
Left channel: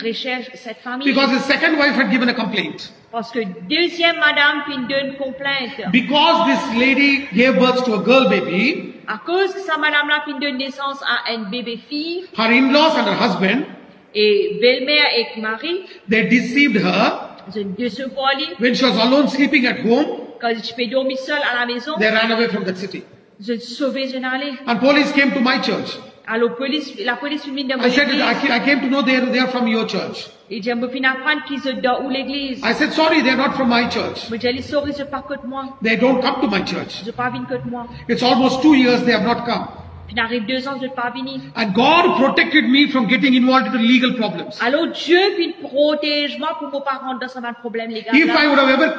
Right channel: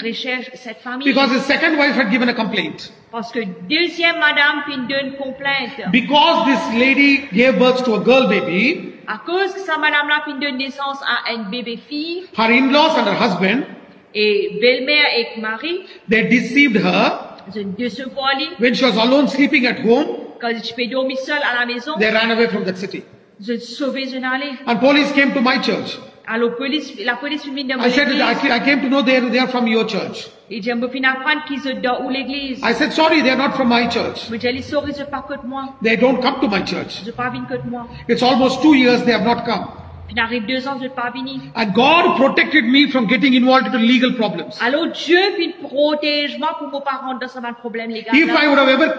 recherche cette famille. because his second wife had given a complaint. Parce que deuxième madame donne complainte. Because this lady gave birth to a girl baby, À cause que sa madame là donne naissance à un bébé fille, her in-laws and her husband, et belle-mère et mari, they deceived her. de se voiler, When she was alone sleeping at home, quand je peux dormir seule à la maison, they ran away from that city. je sauver je n'allais. And police came to my church. Alors la police vient de I said, l'église. I came to know they are from your church. Et je me finis apprendre qu'ils sont dans où l'église. I said, sorry, they are not from my church. Mais je dis, sorry, c'est pas que de moi. They don't come to my church. Je pas venu que de moi. It's almost 2 years they have not come. Puis arrive 2 ans, je pas venu. And God protected me from getting involved into legal problems. Alors Dieu vient protéger moi pour ne pas rentrer dans un problème légal. If I would have ever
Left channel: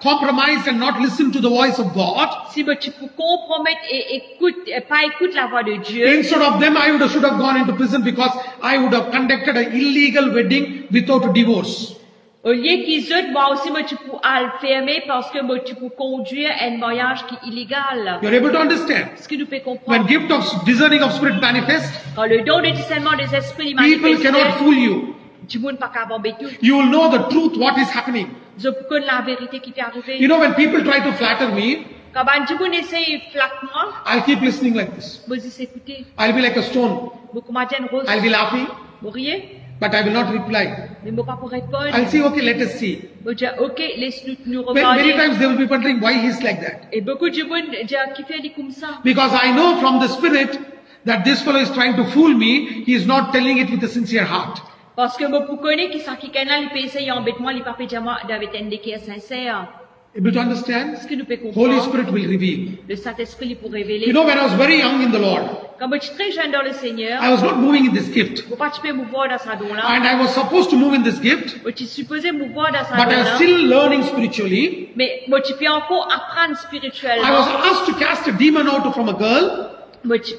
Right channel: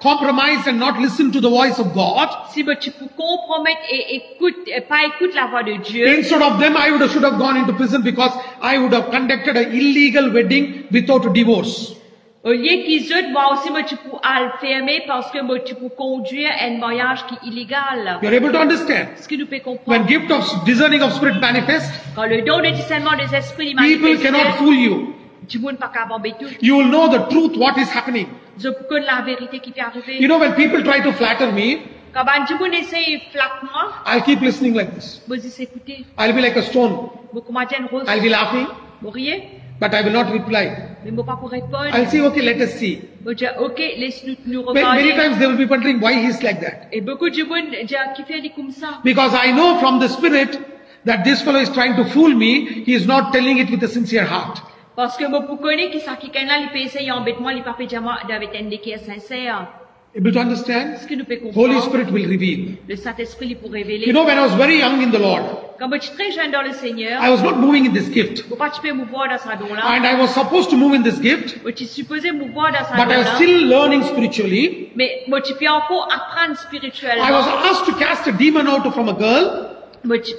compromised and not listened to the voice of God, Si tu peux compromettre et pas écouter la voix de Dieu, instead of them, I should have gone into prison because I would have conducted an illegal wedding without a divorce. au lieu qu'ils aient, moi aussi, tu peux le fermer parce que tu peux conduire un mariage qui est illégal. You're able to understand? Ce que nous pouvons When comprendre. gift of discerning of spirit manifests, Quand le don de discernement des esprits people cannot manifeste, fool you. du monde pas qu'à bomber tout. You will know the truth, what is happening. Je connais la vérité qui t'est You arrivée. know, when people try to flatter me, Quand on essaye flatte-moi, I'll keep listening like this. vous écoutez. I'll be like a stone. Beaucoup m'attendent rose. I'll be laughing, Vous riez, but I will not reply. mais moi pas pour répondre. I'll say, okay, let us see. Vous dites, ok, laisse-nous nous Many regarder. times they will be wondering why he's like that. Et beaucoup de monde disent, qui fait comme ça? Because I know from the Spirit that this fellow is trying to fool me. He is not telling it with a sincere heart. Parce que moi, pour connaître qui ça qui est là, il peut essayer d'embêter moi, il peut pas dire moi, avec un qui est sincère. Able to understand? Est-ce que nous pouvons Holy comprendre? Spirit will reveal. Le Saint-Esprit, il peut You révéler. know, when I was very young in the Lord, Quand je suis très jeune dans le Seigneur, I was not moving in this gift. faut pas tu peux mouvoir dans sa don là. And I was supposed to move in this gift, Tu es supposé mouvoir dans sa but don I was là. still learning spiritually. Mais moi, tu peux encore apprendre I was spirituellement. asked to cast a demon out from a girl, Moi, tu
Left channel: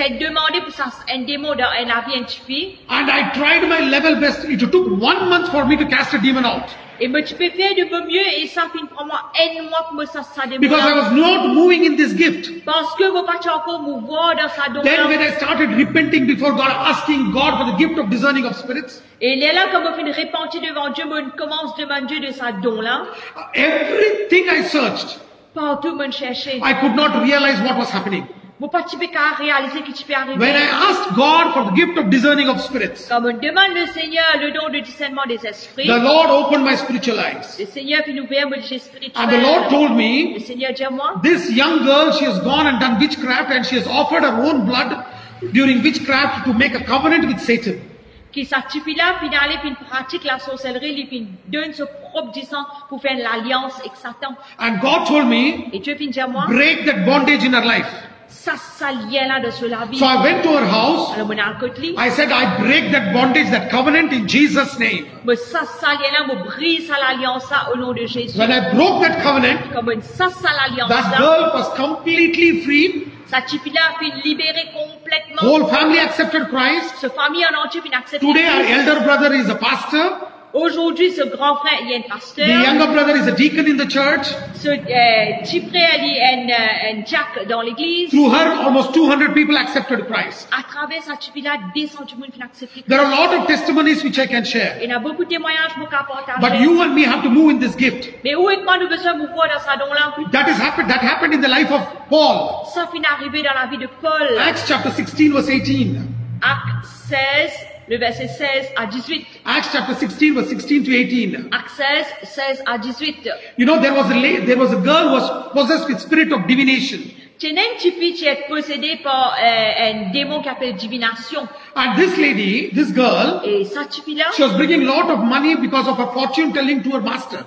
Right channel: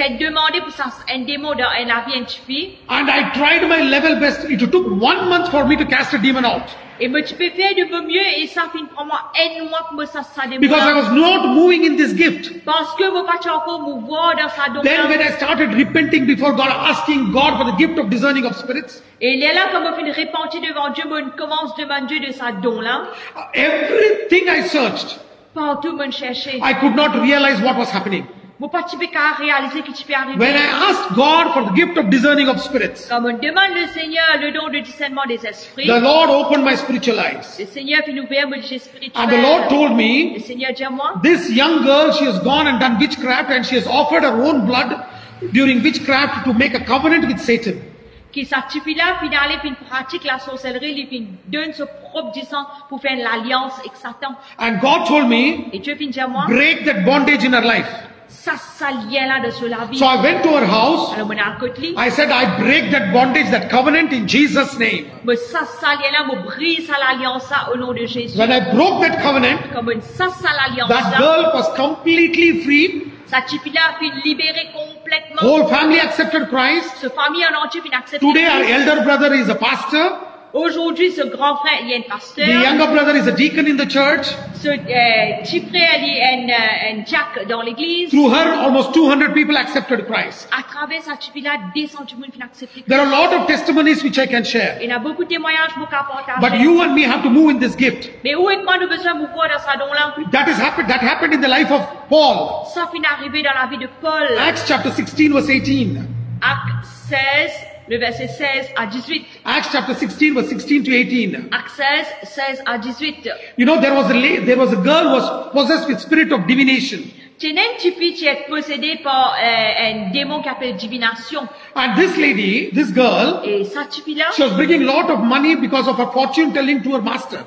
as demandé pour ça un démon dans un avis, une fille. and I tried my level best. It took 1 month for me to cast a demon out. Et moi, tu peux faire de mon mieux et ça finit pour moi un mois pour moi ça démon. Because I was not moving in this gift. Parce que moi, pas tu encore mouvoir dans sa don Then when là. I started repenting before God, asking God for the gift of discerning of spirits, Et il est là, comme on fait repentir devant Dieu, moi, on commence à demander de sa don là. everything I searched, Partout, moi, chercher. I could not realize what was happening. Moi, pas tu peux qu'à réaliser que tu peux When arriver. I asked God for the gift of discerning of spirits, Comme on demande le Seigneur le don de discernement des esprits, the Lord opened my spiritual eyes. le Seigneur fait ouvrir mon yeux And the Lord spirituel. told Le me, Seigneur dit à moi, this young girl, she has gone and done witchcraft and she has offered her own blood during witchcraft to make a covenant with Satan. qui s'active là, puis d'aller, puis pratique la sorcellerie, il puis donne ce propre du sang pour faire l'alliance avec Satan. And God told me, Et Dieu vient dire à moi, break that bondage in her life. ça lien là de sur la vie. So I went to her house. Alors, mon à côté, I said, I break that bondage, that covenant in Jesus' name. mais ça lien là, me brise à l'alliance là au nom de Jésus. When I broke that covenant, Comme ça l'alliance that là, girl was completely free. ça suffit là, puis libéré complètement. Whole family accepted Christ. Ce famille en entier, puis accepté. Today our elder brother is a pastor. Aujourd'hui, ce grand frère, il est un The pasteur. younger brother is a deacon in the church. Ce petit frère, il est un Jack dans l'église. Through her, almost 200 people accepted Christ. À travers sa là, 200 du monde qui ont accepté. There are a lot of testimonies which I can share. Il y a beaucoup de témoignages pour qu'à partager. But you and me have to move in this gift. Mais où est-ce qu'on a besoin de mouvoir dans sa don là? That happened in the life of Paul. Ça finit arrivé dans la vie de Paul. Acts chapter 16 verse 18. Acte 16, le verset 16 à 18. Acts chapter 16 verse 16 to 18. Acte 16, 16 à 18. You know, there was a girl who was possessed with spirit of divination. Tu as une petite fille qui est possédée par un démon qui appelle divination. And this lady, this girl, Et cette fille là, she was bringing a lot of money because of her fortune telling to her master.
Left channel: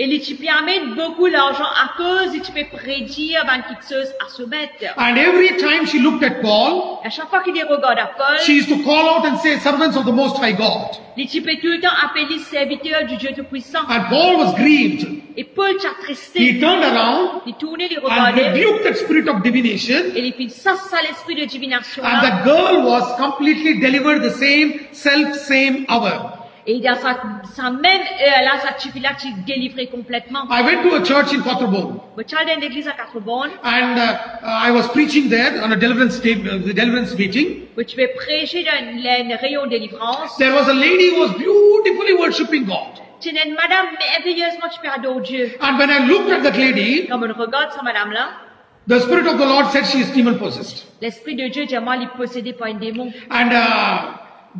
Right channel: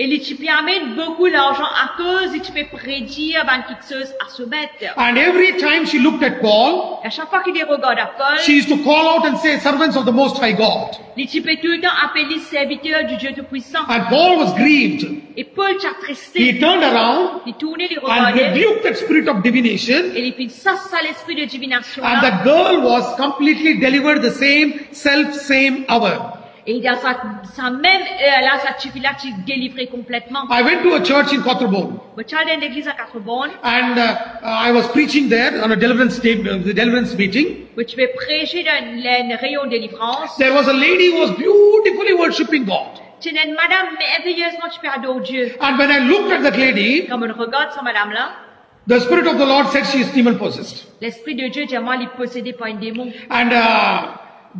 et les types amènent beaucoup d'argent à cause et tu peux prédire ben, quelque chose à se mettre. And every time she looked at Paul, À chaque fois qu'il les regarde à Paul, she used to call out and say, servants of the Most High God. les types tout le temps appelés serviteurs du Dieu Tout-Puissant. And Paul was grieved. Et Paul t'a He tristé. turned around Il tournait les and regarder. rebuked that spirit of divination. Et il fit ça l'esprit de divination And là. that girl was completely delivered the same hour. Et dans sa même heure là, cette fille là, tu délivrais complètement. I went to a church in Quattrobone. Mais tu allais dans l'église à Quatre-Bonnes, And I was preaching there on a deliverance meeting. où tu vas prêcher dans le rayon de délivrance. There was a lady who was beautifully worshipping God. Tu es une madame merveilleusement, tu peux adorer Dieu. And when I looked at that lady, Comme on regarde cette madame là, the Spirit of the Lord said she is demon possessed. l'esprit de Dieu dit moi, il est possédé par un démon. And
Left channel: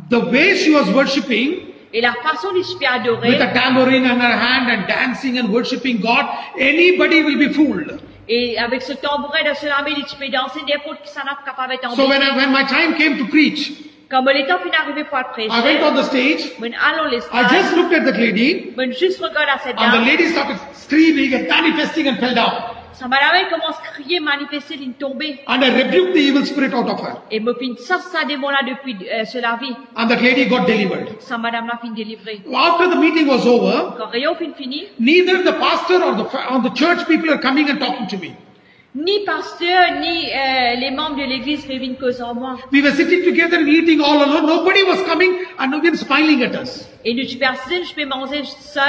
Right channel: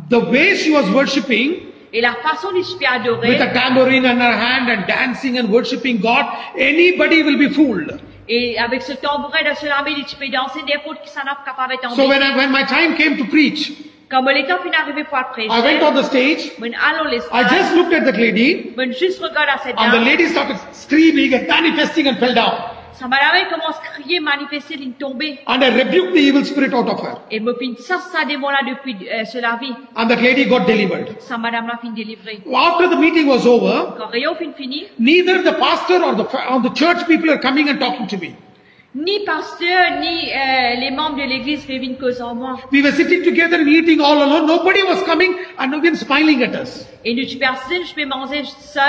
the way she was worshipping, Et la façon dont tu peux with adorer, a tambourine in her hand and dancing and worshipping God, anybody will be fooled. et avec ce tambourin de cela, tu peux danser n'importe qui s'en a capable de So tomber. when my time came to preach, Comme le temps finit d'arriver pour I prêcher, went on the stage. on allons I l'espace, just looked at that lady, on juste regarde à cette and the dame. lady started screaming and manifesting and fell down. Sa madame commence à crier, manifester, il tomber. And I rebuked the evil spirit out of her. Et me fin ça démon là depuis cela vie. And that lady got delivered. Sa madame là fin délivrée. After the meeting was over, Quand Rayon fin fini, neither the pastor or the church people are coming and talking to me. ni pasteur, ni les membres de l'église ne viennent cause en moi. We were sitting together and eating all alone. Nobody was coming and nobody was smiling at us. Et nous, personne, je peux manger seul,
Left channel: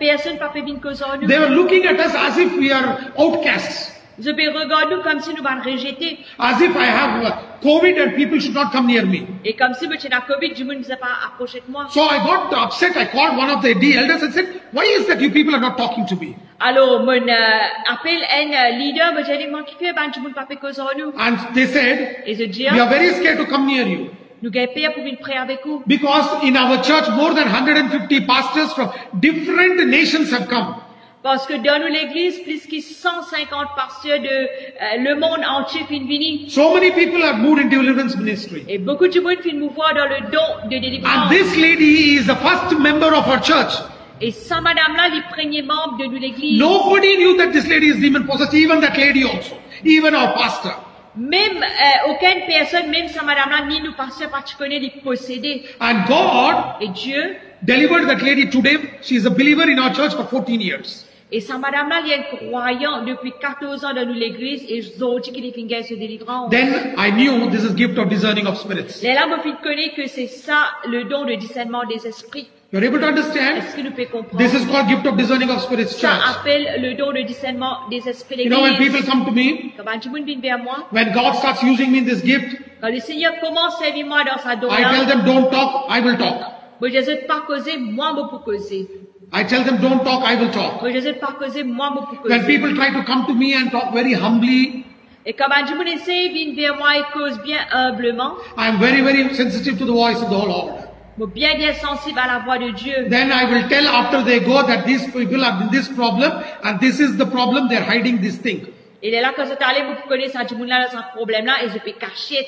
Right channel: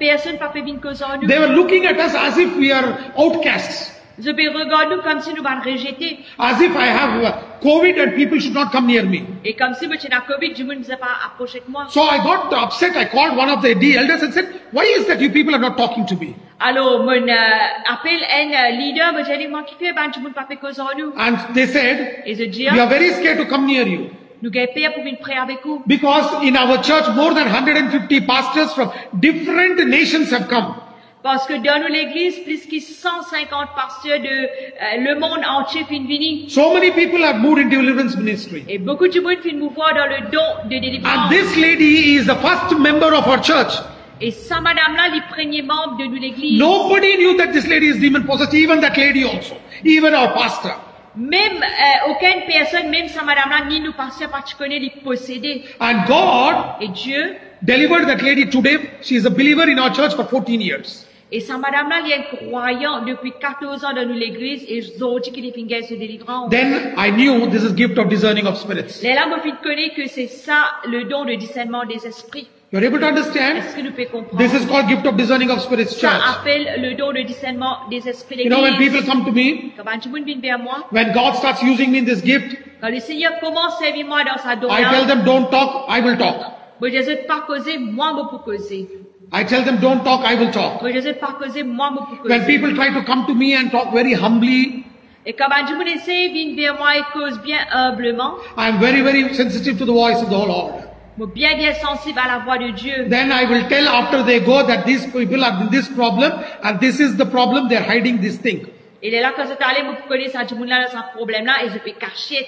personne ne peut venir cause en nous. They were looking at us as if we are outcasts. Ze be regarde nous comme si nous van rejeter. As if I have COVID and people should not come near me. Et comme si je na COVID, du monde ne s'est pas approché de moi. So I got upset. I called one of the elders and said, why is that you people are not talking to me? Alors, mon appel un leader, mais j'ai dit, moi qui fais, ben, du monde pas fait cause en nous. And they said, Et je dis, we are very scared to come near you. nous gagnons peur pour venir prier avec vous. Because in our church, more than 150 pastors from different nations have come. Parce que dans l'église, plus que 150 pasteurs de le monde entier viennent venir. So many people have moved into deliverance ministry. Et beaucoup de monde viennent nous voir dans le don de And délivrance. this lady is the first member of our church. Et ça, madame-là, les premiers membres de l'église. Nobody knew that this lady is demon possessed, even that lady also, even our pastor. Même aucune personne, même ça, madame-là, ni nous pasteurs, pas tu connais les posséder. And God Et Dieu, delivered that lady today. She is a believer in our church for 14 years. et ça, madame-là, il y a un croyant depuis 14 ans dans l'église, et je vous dis qu'il est fingé se délivrance. Then I knew this is gift of discerning of spirits. Et là, moi, je connais que c'est ça, le don de discernement des esprits. You're able to understand? Est-ce que nous pouvons comprendre? This is called gift of discerning of spirits Ça church. appelle le don de discernement des esprits You know, when d'église. people come to me, Quand un monde vient vers moi, when God starts using me in this gift, quand le Seigneur commence à servir moi dans sa don I tell là, them don't talk, I will talk. moi je ne pas causer, moi je peux causer. I tell them don't talk, I will talk. Moi je ne pas causer, moi je peux When causer. people try to come to me and talk very humbly, Et quand un monde essaie de venir vers moi et cause bien humblement, I am very, very sensitive to the voice of the Lord. moi bien bien sensible à la voix de Dieu. Then I will tell after they go that these people are in this problem and this is the problem, they are hiding this thing. Et là quand c'est allé, moi connais ça du monde là dans ce problème là et je peux cacher.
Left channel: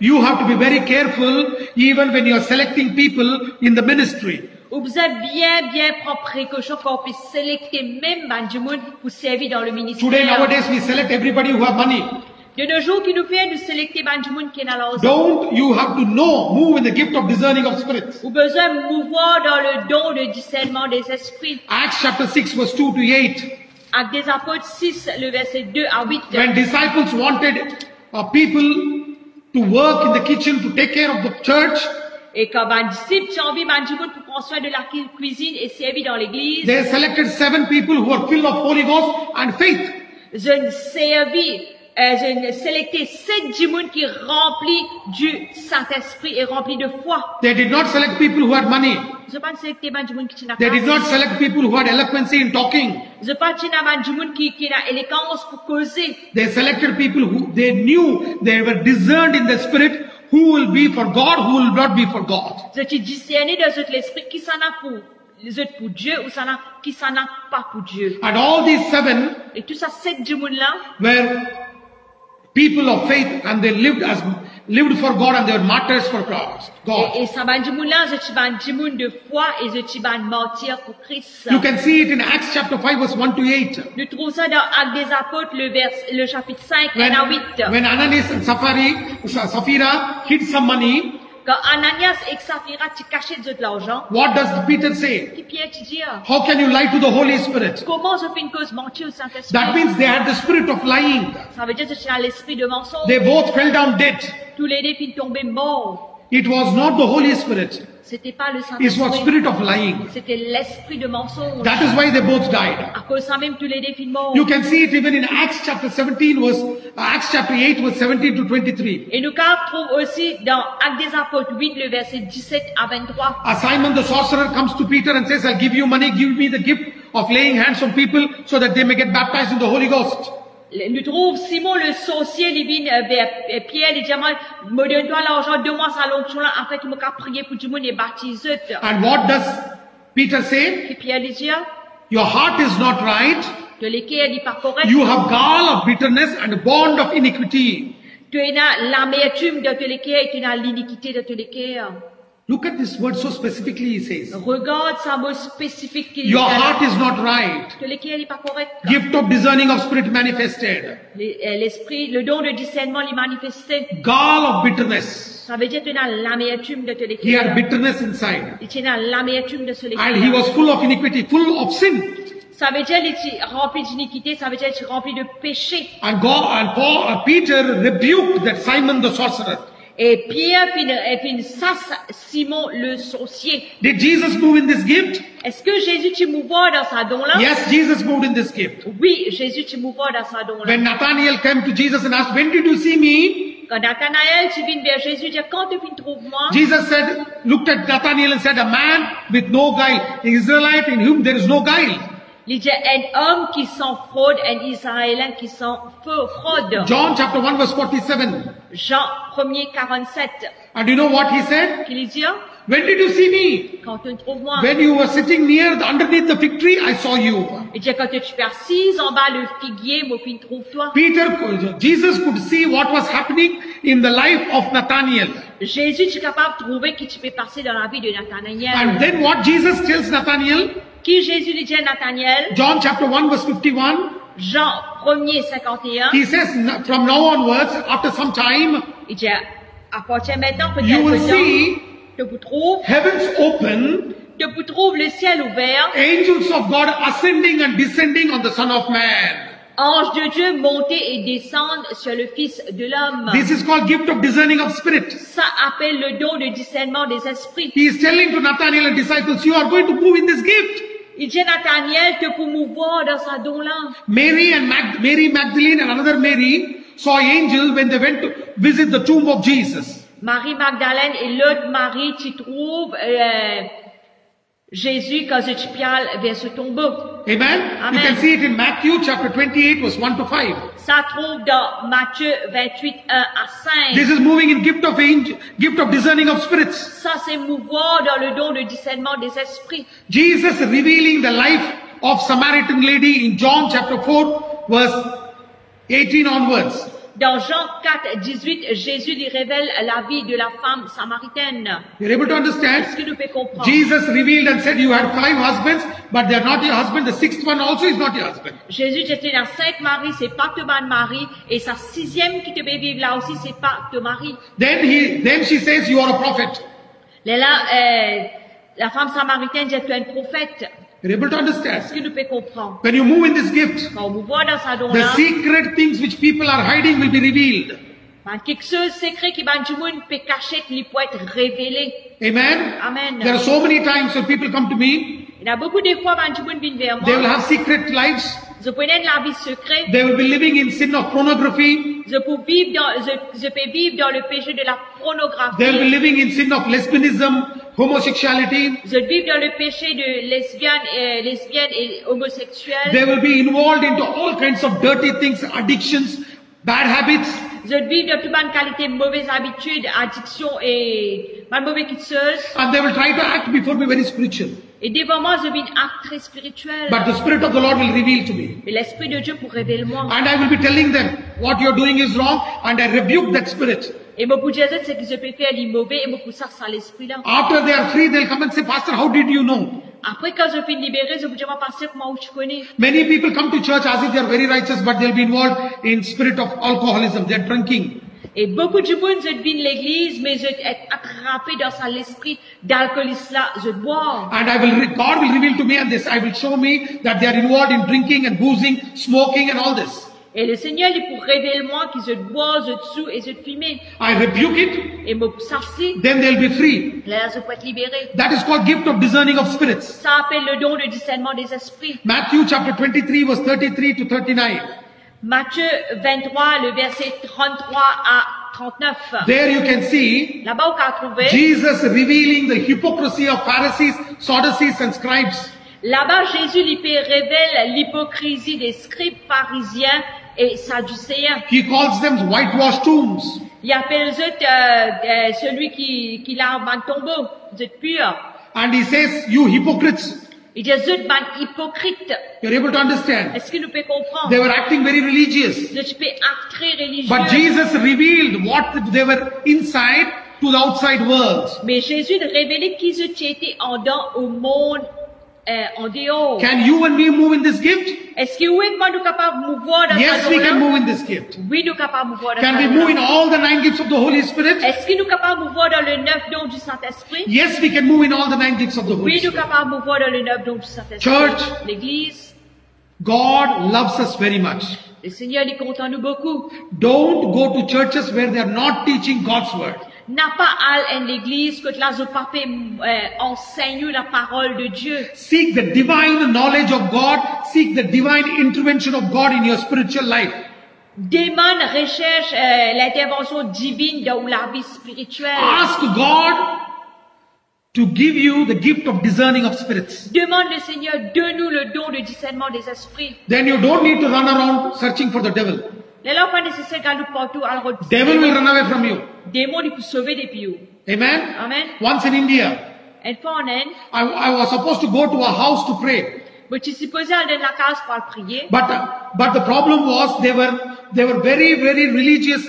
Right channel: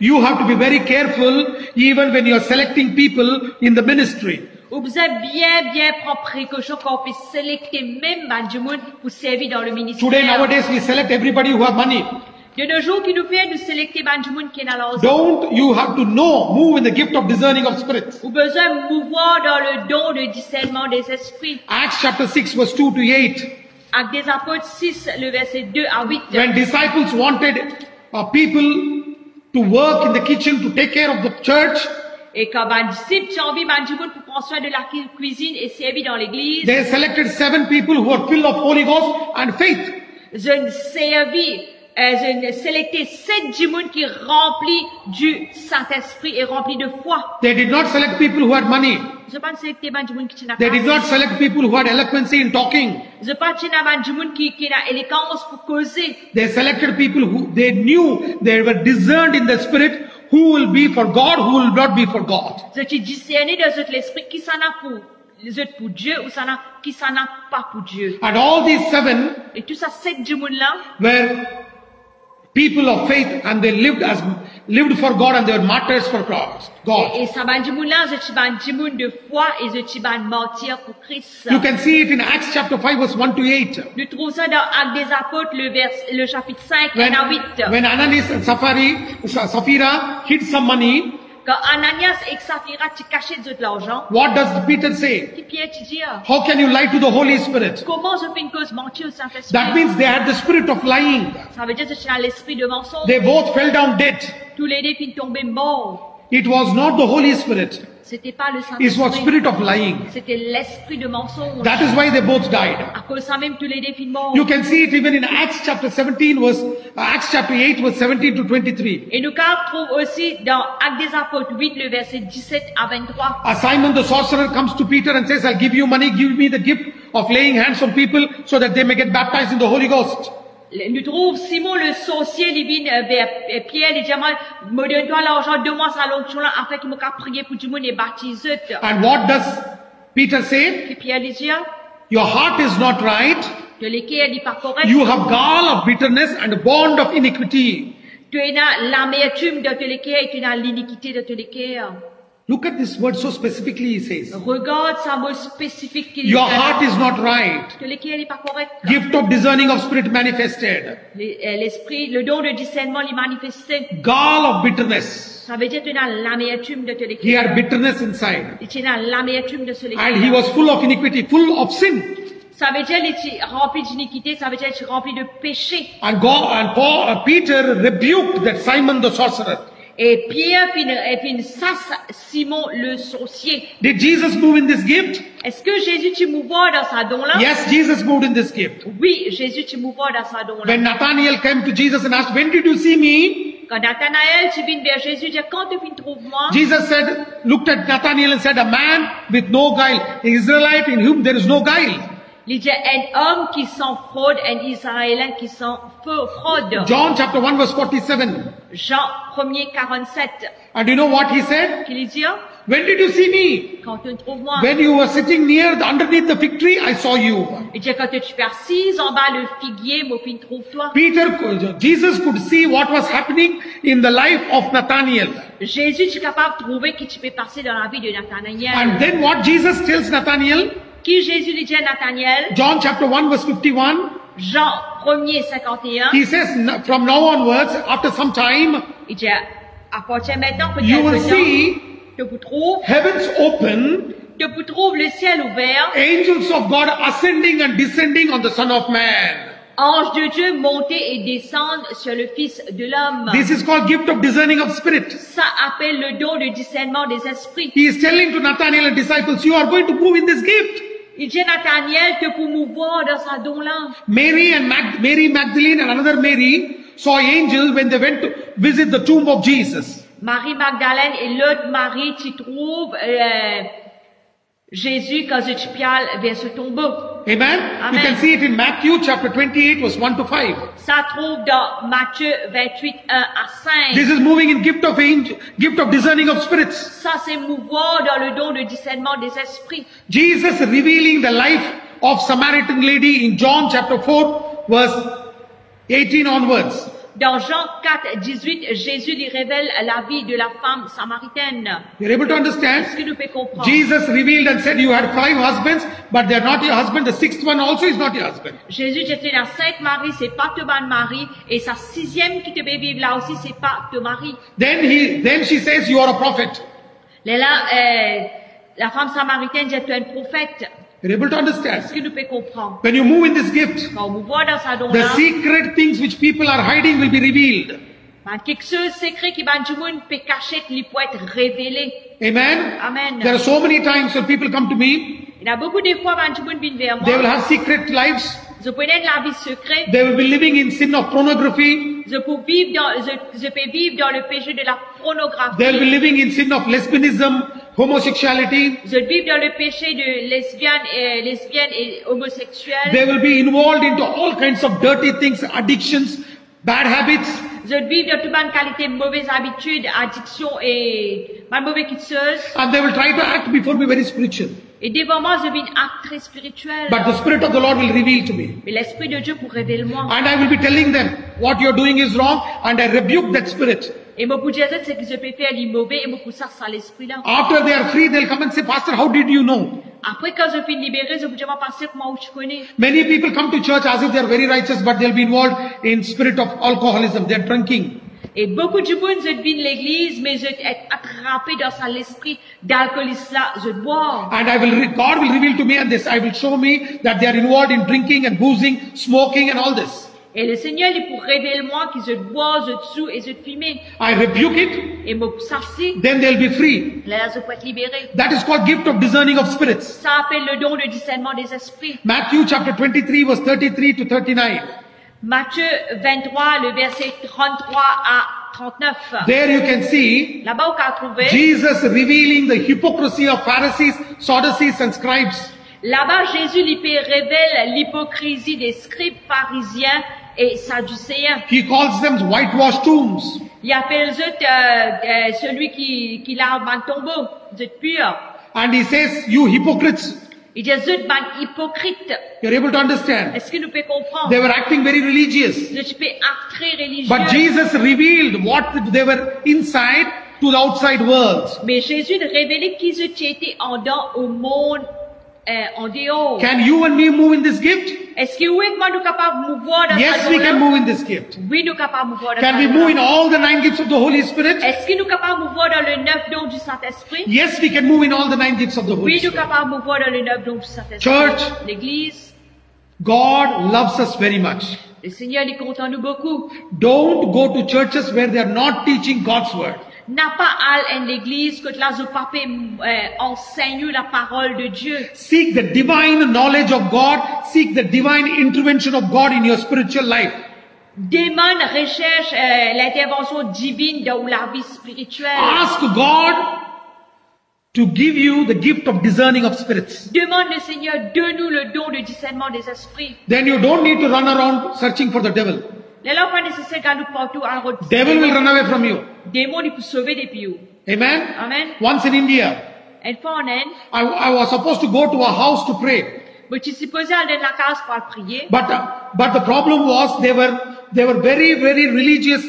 You have to be very careful even when you are selecting people in the ministry. Vous avez bien prendre précaution quand on peut sélecter même du monde pour servir dans le ministère. Today, nowadays, we select everybody who have money. De nos jours, qui nous fait de sélecter du monde qui est dans l'argent. Don't you have to know, move in the gift of discerning of spirits. Ou besoin de mouvoir dans le don de discernement des esprits. Acts chapter 6 verse 2 to 8. Actes des apôtres 6, le verset 2 à 8. When disciples wanted people to work in the kitchen to take care of the church, Et quand un disciple a envie du monde pour prendre soin de la cuisine et servir dans l'église, they selected 7 people who are filled of Holy Ghost and faith. je sélecté 7 du monde qui est rempli du Saint-Esprit et rempli de foi. They did not select people who had money. Je pas sélecté du monde qui n'a They did not select people who had eloquency in talking. Je pas du monde qui a élégance pour causer. They selected people who they knew they were discerned in the spirit who will be for God, who will not be for God. Je t'ai discerné dans l'esprit qui s'en a pour les autres pour Dieu ou qui s'en a pas pour Dieu. And all these 7 Et tout ça, 7 du monde là, were people of faith and they lived for God and they were martyrs for God. et ça va du monde là, je t'ai du monde de foi et je t'ai mentir pour Christ. You can see it in Acts chapter 5 verse 1 to 8. Nous trouvons ça dans Actes des apôtres, le chapitre 5, 1 à 8. When Ananias and Sapphira hid some money, Quand Ananias et Saphira t'ont caché de l'argent, what does Peter say? qui Pierre te dit, How can you lie to the Holy Spirit? comment je fais une cause mentir au Saint-Esprit? That means they had the spirit of lying. Ça veut dire que tu as l'esprit de mensonge. They both fell down dead. Tous les deux finissent tomber morts. It was not the Holy Spirit. C'était pas le It was Saint-Esprit. spirit of lying. C'était l'esprit de mensonge. That is why they both died. À cause de ça même, tous les deux finissent morts. You can see it even in Acts chapter 17 Acts chapter 8 verse 17 to 23. Et nous trouvons aussi dans Actes des apôtres 8, le verset 17 à 23. Simon the sorcerer comes to Peter and says, I'll give you money, give me the gift of laying hands on people so that they may get baptized in the Holy Ghost. Nous trouvons Simon le sorcier, il vient vers Pierre, il dit, me donne-toi l'argent, donne-moi sa l'onction là, afin qu'il me puisse prier pour tout le monde et baptiser. And what does Peter say? Et Pierre lui dit, Your heart is not right. de l'équerre n'est pas correct. You have gall of bitterness and a bond of iniquity. Tu as l'amertume de te l'équerre et tu as l'iniquité de te l'équerre. Look at this word so specifically he says. Regarde sa mot spécifique qu'il Your heart is not right. que l'équerre n'est pas correct. Gift of discerning of spirit manifested. L'esprit, le don de discernement lui manifesté. Gall of bitterness. Ça veut dire que tu as l'amertume de te He l'équerre. had bitterness inside. Et tu as l'amertume de ce And he l'équerre. was full of iniquity, full of sin. Ça veut dire qu'il est rempli d'iniquité, ça veut dire qu'il est rempli de péché. And Peter rebuked that Simon the sorcerer. Et Pierre fin sas Simon le sorcier. Did Jesus move in this gift? Est-ce que Jésus tu mouvoir dans sa don là? Yes, Jesus moved in this gift. Oui, Jésus tu mouvoir dans sa don là. When Nathanael came to Jesus and asked, when did you see me? Quand Nathanaël tu viens vers Jésus, dit quand tu viens trouver moi? Jesus looked at Nathanael and said, a man with no guile, an Israelite in whom there is no guile. Il dit un homme qui sans fraude, un Israélien qui sans fraude. John chapter 1 verse 47. Jean 1er 47. And you know what he said? Qu'il dit, When did you see me? quand tu trouves moi? When you were sitting underneath the fig tree, I saw you. Il dit quand tu es assise en bas le figuier, moi fin trouve toi. Jesus could see what was happening in the life of Nathanael. Jésus tu es capable de trouver qui tu peux passer dans la vie de Nathanaël. And then what Jesus tells Nathanael? Qui Jésus lui dit à Nathanaël? John chapter 1 verse 51. Jean 1er 51. He says, from now onwards, after some time, Il dit à partir maintenant you will peut-être temps, see que vous trouve, heavens open, que vous trouve le ciel ouvert, angels of God ascending and descending on the Son of Man. anges de Dieu monter et descendre sur le Fils de l'homme. This is called gift of discerning of spirit. Ça appelle le don de discernement des esprits. He is telling to Nathanael and disciples, you are going to move in this gift. Il dit à Nathanaël que pour mouvoir dans sa don là. Mary Magdalene and another Mary saw angel when they went to visit the tomb of Jesus. Marie Magdalène et l'autre Marie qui trouve Jésus quand il piale vers ce tombeau. Amen. Amen. You can see it in Matthew chapter 28 verse 1 to 5. Ça trouve dans Matthieu 28, 1 à 5. This is moving in gift of discerning of spirits. Ça c'est mouvoir dans le don de discernement des esprits. Jesus revealing the life of Samaritan lady in John chapter 4 verse 18 onwards. Dans Jean 4, 18, Jésus lui révèle la vie de la femme samaritaine. You're able to understand? Est-ce que nous pouvons comprendre? Jesus revealed and said, you had 5 husbands, but they are not your husband. The 6th one also is not your husband. Jésus dit, tu as 5 maris, c'est pas ton mari, et sa 6e qui te fait vivre là aussi, c'est pas ton mari. Then she says, you are a prophet. Là, la femme samaritaine dit, tu es un prophète. You're able to understand? Est-ce que nous pouvons comprendre? When you move in this gift, Quand on voit dans sa don the là, secret things which people are hiding will be revealed. quelque chose secret qui va du monde peut cacher, qui peut être révélé. Amen. Amen. There are so many times when people come to me, Il y a beaucoup de fois, quand du monde vient vers they will moi, have secret lives. je peux être la vie secrète, They will be living in sin of pornography. je peux vivre dans le péché de la pornographie. They will be living in sin of lesbianism, homosexuality. Je vis dans le péché de lesbienne et homosexuelle. They will be involved into all kinds of dirty things, addictions, bad habits. Je vis dans toute bonne qualité, mauvaises habitudes, addictions et ma mauvaise quitteuse. And they will try to act before me very spiritual. Et devant moi, je vis un acte très spirituel. But the Spirit of the Lord will reveal to me. Mais l'Esprit de Dieu pour révéler moi. And I will be telling them, what you are doing is wrong, and I rebuke that spirit. Et mon pour dire c'est que je peux faire les mauvais et mon pour ça, ça l'Esprit là. After they are free, they'll come and say, Pastor, how did you know? Après, quand je finis libéré, je vous dis, passer comment où tu connais. Many people come to church as if they are very righteous, but they'll be involved in spirit of alcoholism. They are drinking. Et beaucoup de monde, je viens l'église, mais je suis attrapé dans l'esprit d'alcoolisme là, je bois. And God will reveal to me and this, I will show me that they are involved in drinking and boozing, smoking and all this. Et le Seigneur, il pour révéler moi que je bois, je tue et je fume. I rebuke it. Et me s'assit. Then they'll be free. Là, je peux être libéré. That is called gift of discerning of spirits. Ça appelle le don de discernement des esprits. Matthew chapter 23 verse 33 to 39. Matthieu 23, le verset 33 à 39. There you can see Là-bas, on peut trouver. Jesus revealing the hypocrisy of Pharisees, Sadducees and scribes. Là-bas, Jésus lui révèle l'hypocrisie des scribes pharisiens et sadducéens. He calls them whitewashed tombs. Il appelle celui qui lave un tombeau, vous êtes pur. And he says, you hypocrites. Il dit, vous êtes hypocrite. You're able to understand. Est-ce que nous pouvons comprendre? They were acting very religious. Tu peux être très religieux. But Jesus revealed what they were inside to the outside world. Mais Jésus révélait qu'ils étaient en dedans au monde, en dehors. Can you and me move in this gift? Est-ce que oui, moi, nous sommes capables de mouvoir dans Yes, sa we don-là? can move in this gift. Oui, nous sommes capables de mouvoir dans sa Can we move in don-là. all the 9 gifts of the Holy Spirit? Est-ce que nous sommes capables de mouvoir dans le 9 dons du Saint-Esprit? Yes, we can move in all the 9 gifts of the Holy Oui, nous sommes Spirit. capables de mouvoir dans le 9 dons du Saint-Esprit. Church. L'Église, God loves us very much. Le Seigneur est content nous beaucoup. Don't go to churches where they are not teaching God's word. N'a pas à l'église que là je pape enseigne la parole de Dieu. Seek the divine knowledge of God. Seek the divine intervention of God in your spiritual life. Demande, recherche l'intervention divine dans la vie spirituelle. Ask God to give you the gift of discerning of spirits. Demande le Seigneur, donne-nous le don de discernement des esprits. Then you don't need to run around searching for the devil. Là, pas nécessaire d'aller partout à la Devil will run away from you. démon il peut sauver des pieux. Amen. Amen. Once in India, Une fois en Inde, I was supposed to go to a house to pray. je suis supposé aller dans la case pour prier. But the problem was they were very religious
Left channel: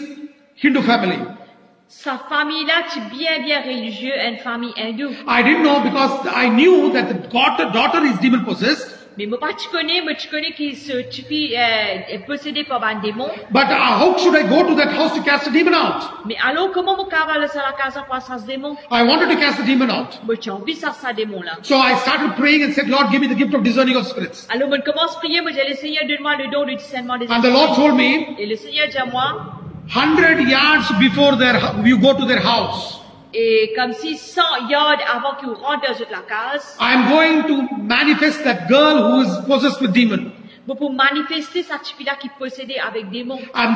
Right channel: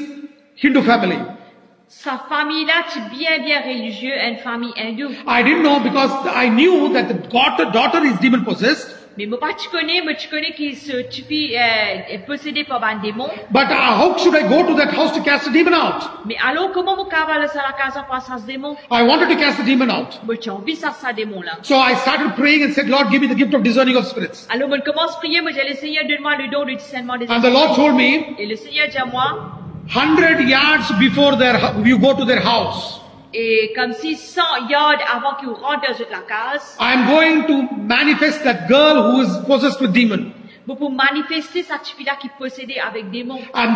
Hindu family. Sa famille là, c'est bien religieux, une famille hindoue. I didn't know because I knew that the daughter is demon possessed. Mais moi tu connais qui se fille est possédé par un démon. But how should I go to that house to cast the demon out? Mais alors comment vous pouvez aller à la case pour ça ce démon? I wanted to cast the demon out. Moi j'ai envie ça démon là. So I started praying and said, Lord, give me the gift of discerning of spirits. Alors moi commence à prier, moi j'ai le Seigneur donne-moi le don de discernement des And the Lord esprits. told me, Et le Seigneur dit à moi, 100 yards before you go to their house, et comme si 100 yards avant qu'il rentre dans la case, I'm going to manifest that girl who is possessed with demon. vous pouvez manifester cette fille-là qui est possédée avec démon. And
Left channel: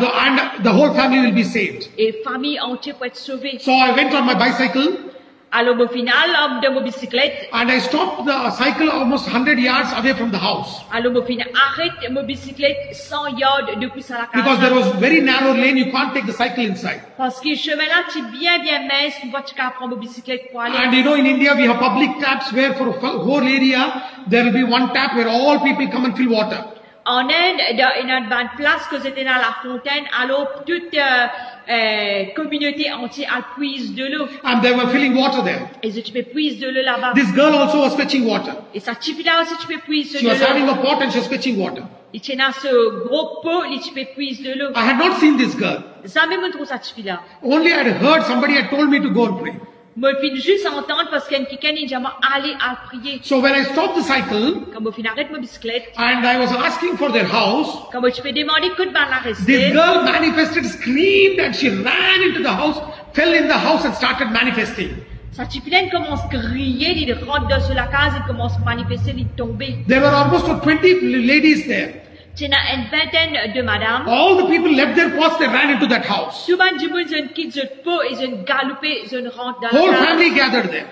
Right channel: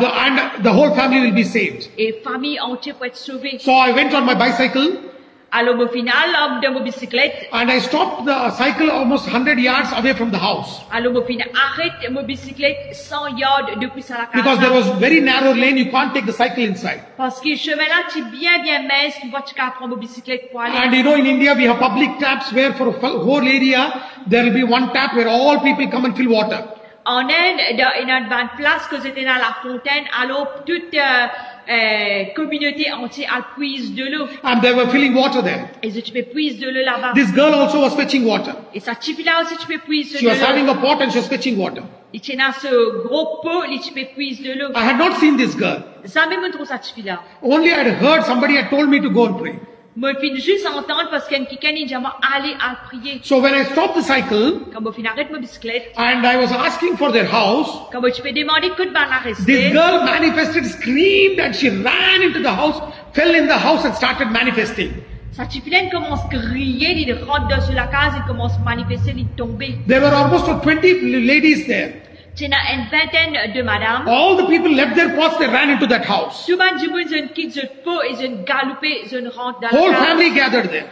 the whole family will be saved. Et famille entière peut être sauvée. So I went on my bicycle Alors au final, de ma bicyclette, and I stopped the cycle almost 100 yards away from the house. alors au final, arrête ma bicyclette 100 yards depuis la Because there case. was very narrow lane, you can't take the cycle inside. Parce que le chemin là, tu bien mince, tu vois, tu peux prendre ma bicyclette pour aller. And you know, in India we have public taps where for a whole area, there will be one tap where all people come and fill water. En Inde, il y a une place que c'était dans la fontaine, alors toute communauté entière elle puise de l'eau. And they were filling water there. Et tu peux puiser de l'eau là-bas. This girl also was fetching water. Et ça tu là aussi tu peux puiser She de was having l'eau. a pot and she was fetching water. Et tu as ce gros pot et tu peux puiser de l'eau. I had not seen this girl. Ça même me trouve ça tu là. Only I had heard somebody had told me to go and pray. Moi, je finis juste à entendre parce qu'un quelqu'un dit aller à prier. So when I stopped the cycle Quand je finis arrête ma bicyclette, and I was asking for their house, quand tu peux demander que de la this rester, girl manifested, screamed, and she ran into the house, fell in the house and started manifesting. sa chiflaine commence à crier, il rentre dans la case, il commence à manifester, il tombe. There were almost 20 ladies there. Tu as une vingtaine de madames. All the people left their pots, they ran into that house. Tout le monde du monde, ils quittent le pot, ils galopé, ils rentrent dans Whole la case. family gathered there.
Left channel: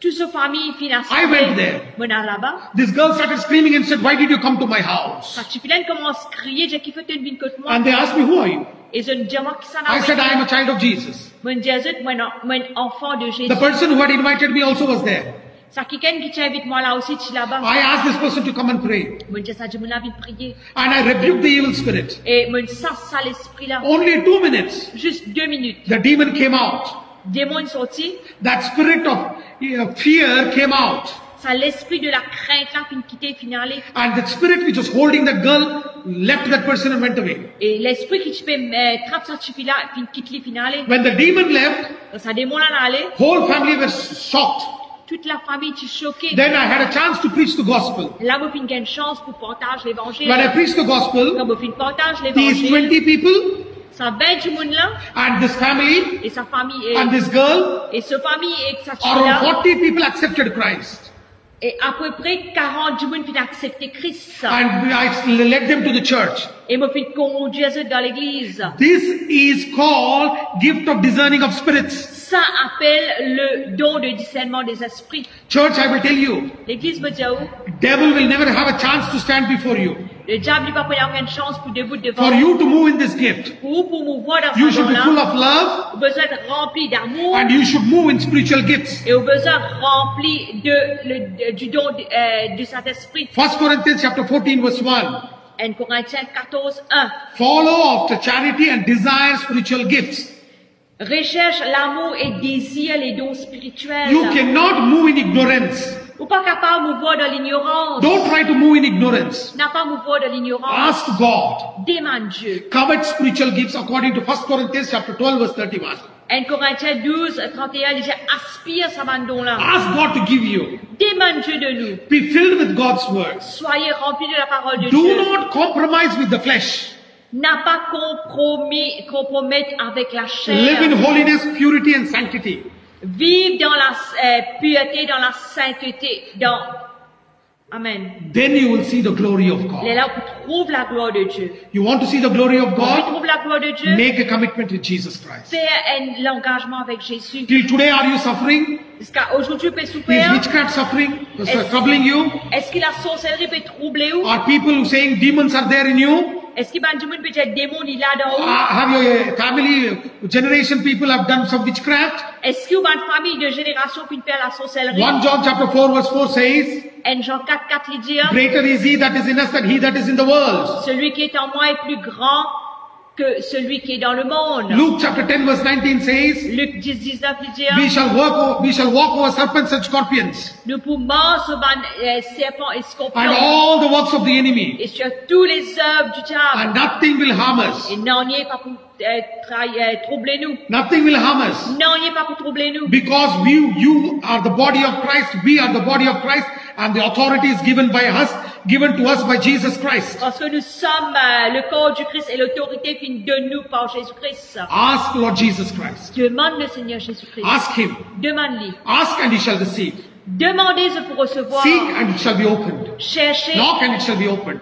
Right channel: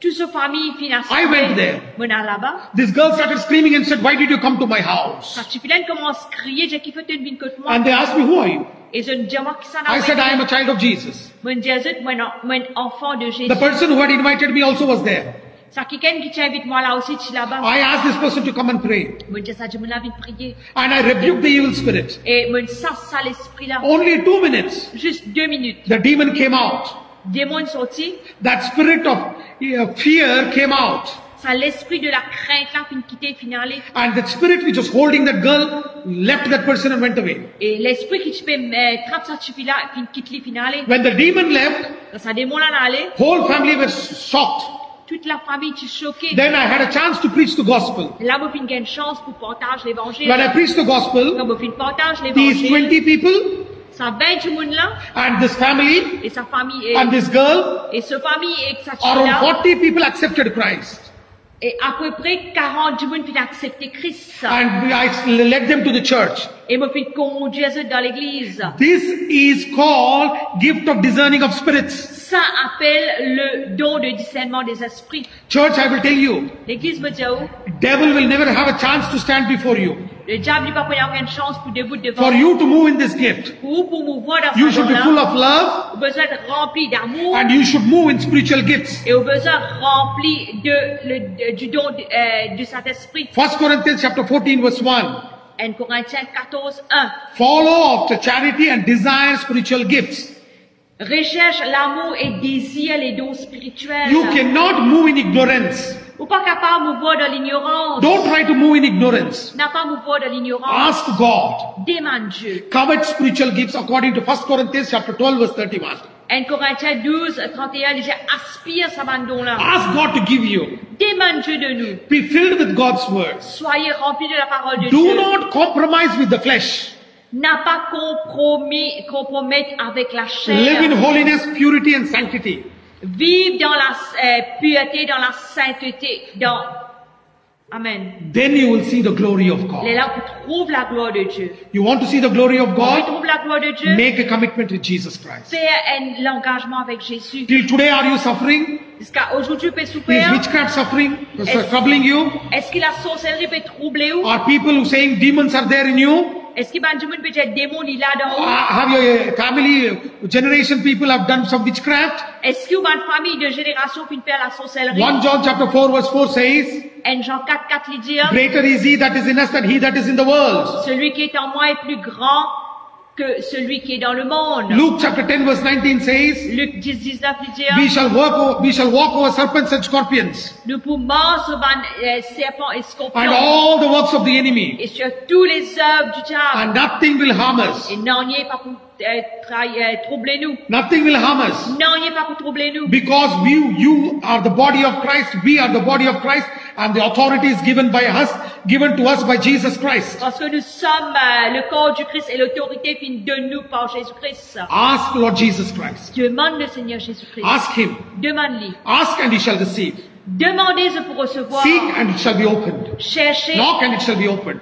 Toute sa famille financière. I went there. Mon là-bas. This girl started screaming and said, why did you come to my house? Sa chiflaine commence à crier, j'ai kiffé une vie contre moi. And they asked me, who are you? Et je dis, moi, qui s'en a I said, I am a child of Jesus. Mon Jésus, mon enfant de Jésus. The person who had invited me also was there. Ça quelqu'un qui t'invite moi là aussi, tu là-bas. I asked this person to come and pray. Mon Dieu, ça dit, mon envie de prier. And I rebuked the evil spirit. Et mon ça l'esprit là. Only 2 minutes, Juste 2 minutes. the demon came out. Démon sorti. That spirit of fear came out. Ça l'esprit de la crainte là, fin quitter, fin aller. And the spirit which was holding that girl left that person and went away. Et l'esprit qui te fait trappe ça tu là, fin quitter, fin aller. When the demon left, Quand ça démon là aller, whole family were shocked. toute la famille tu choquée. Then I had a chance to preach the gospel. Là, vous fin une chance pour partager l'évangile. When I preached the gospel, Quand vous fin partage these l'évangile, 20 people ça 20 du monde là, and this family et sa famille and this girl, et sa famille et sa around là. 40 people accepted Christ. Et à peu près 40 du monde ont accepté Christ. And I led them to the church. Et me fait conduire dans l'église. This is called gift of discerning of spirits. Ça appelle le don de discernement des esprits. Church, I will tell you, L'église me dit, oh, devil will never have a chance to stand before you. le diable n'a pas pris aucune chance pour debout devant. For you to move in this gift, Pour mouvoir dans you ce should be full don-là, of love au besoin de rempli d'amour and you should move in spiritual gifts. et au besoin rempli du don de cet esprit. 1 Corinthians chapter 14 verse 1. 1 Corinthiens 14, 1. Follow after charity and desire spiritual gifts. Recherche l'amour et désire les dons spirituels. You cannot move in ignorance. Ou pas capable de mouvoir dans l'ignorance. Don't try to move in ignorance. N'a pas mouvoir dans l'ignorance. Ask God. Demande Dieu. Covet spiritual gifts according to 1 Corinthians chapter 12 verse 31. 1 Corinthiens 12, 31, il dit, aspire sa bandon-là. Ask God to give you. Demande Dieu de nous. Be filled with God's word. Soyez remplis de la parole de Do Dieu. not compromise with the flesh. n'a pas compromettre avec la Live chair. in holiness, purity and sanctity. Vivre dans la pureté, dans la sainteté, Amen. Then you will see the glory of Et God. là, vous trouvez la gloire de Dieu. You want to see the glory of Vous God? trouvez la gloire de Dieu? Make a commitment with Jesus Christ. Fais l'engagement avec Jésus. Till today, are you suffering? Jusqu'à aujourd'hui, peut Is souffrir. witchcraft suffering? Troubling you? Est-ce que la sorcellerie peut troubler ou? Are people who saying demons are there in you? Est-ce que ben, du monde peut être démon il là dans vous? Have your family, generation people have done some witchcraft? Est-ce que une famille de génération qui fait la sorcellerie? 1 John chapter 4 verse 4 says, En Jean 4:4 il dit, greater is he that is in us than he that is in the world. celui qui est en moi est plus grand que celui qui est dans le monde. Luke chapter 10 verse 19 says, Luc 10:19 il dit, we shall walk over serpents and scorpions nous pouvons sur serpents et and scorpions all the works of the enemy, et sur tous les œuvres du diable. and nothing will harm us. Et non, il n'est pas pour troubler nous. Nothing will harm us. Non, il n'est pas pour troubler nous. Because you are the body of Christ, we are the body of Christ, and the authority is given to us by Jesus Christ. Parce que nous sommes le corps du Christ et l'autorité qui nous donne nous par Jésus-Christ. Ask Lord Jesus Christ. Demande le Seigneur Jésus-Christ. Ask him. Demande-lui. Ask and he shall receive. Demandez-le pour recevoir. Seek and it shall be opened. Cherchez. Knock and it shall be opened.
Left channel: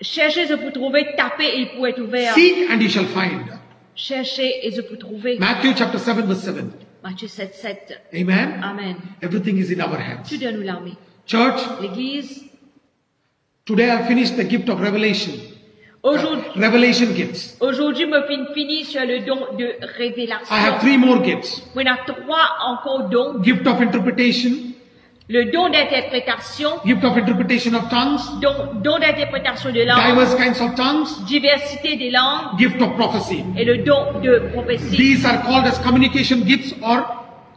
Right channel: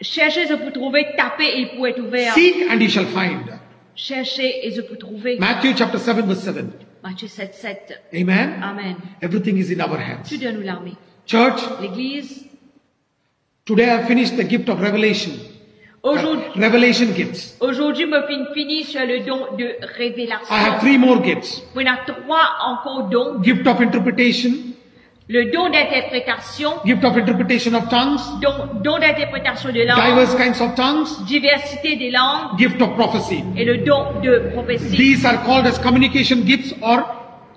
Cherchez-le pour trouver. Tapez et il pourra être ouvert. Seek and you shall find. Cherchez et je peux trouver. Matthew chapter 7 verse 7. Matthieu 7:7. Amen. Amen. Everything is in our hands. Tout donne nous l'armée. Church, L'Église. today I finished the gift of revelation. Revelation gifts. Aujourd'hui, me finis sur le don de révélation. I have 3 more gifts. On a 3 encore dons. Gift of interpretation, Le don d'interprétation, gift of interpretation of tongues, don d'interprétation de langue, diverse kinds of tongues, diversité des langues gift of prophecy. et le don de prophétie. These are called as communication gifts or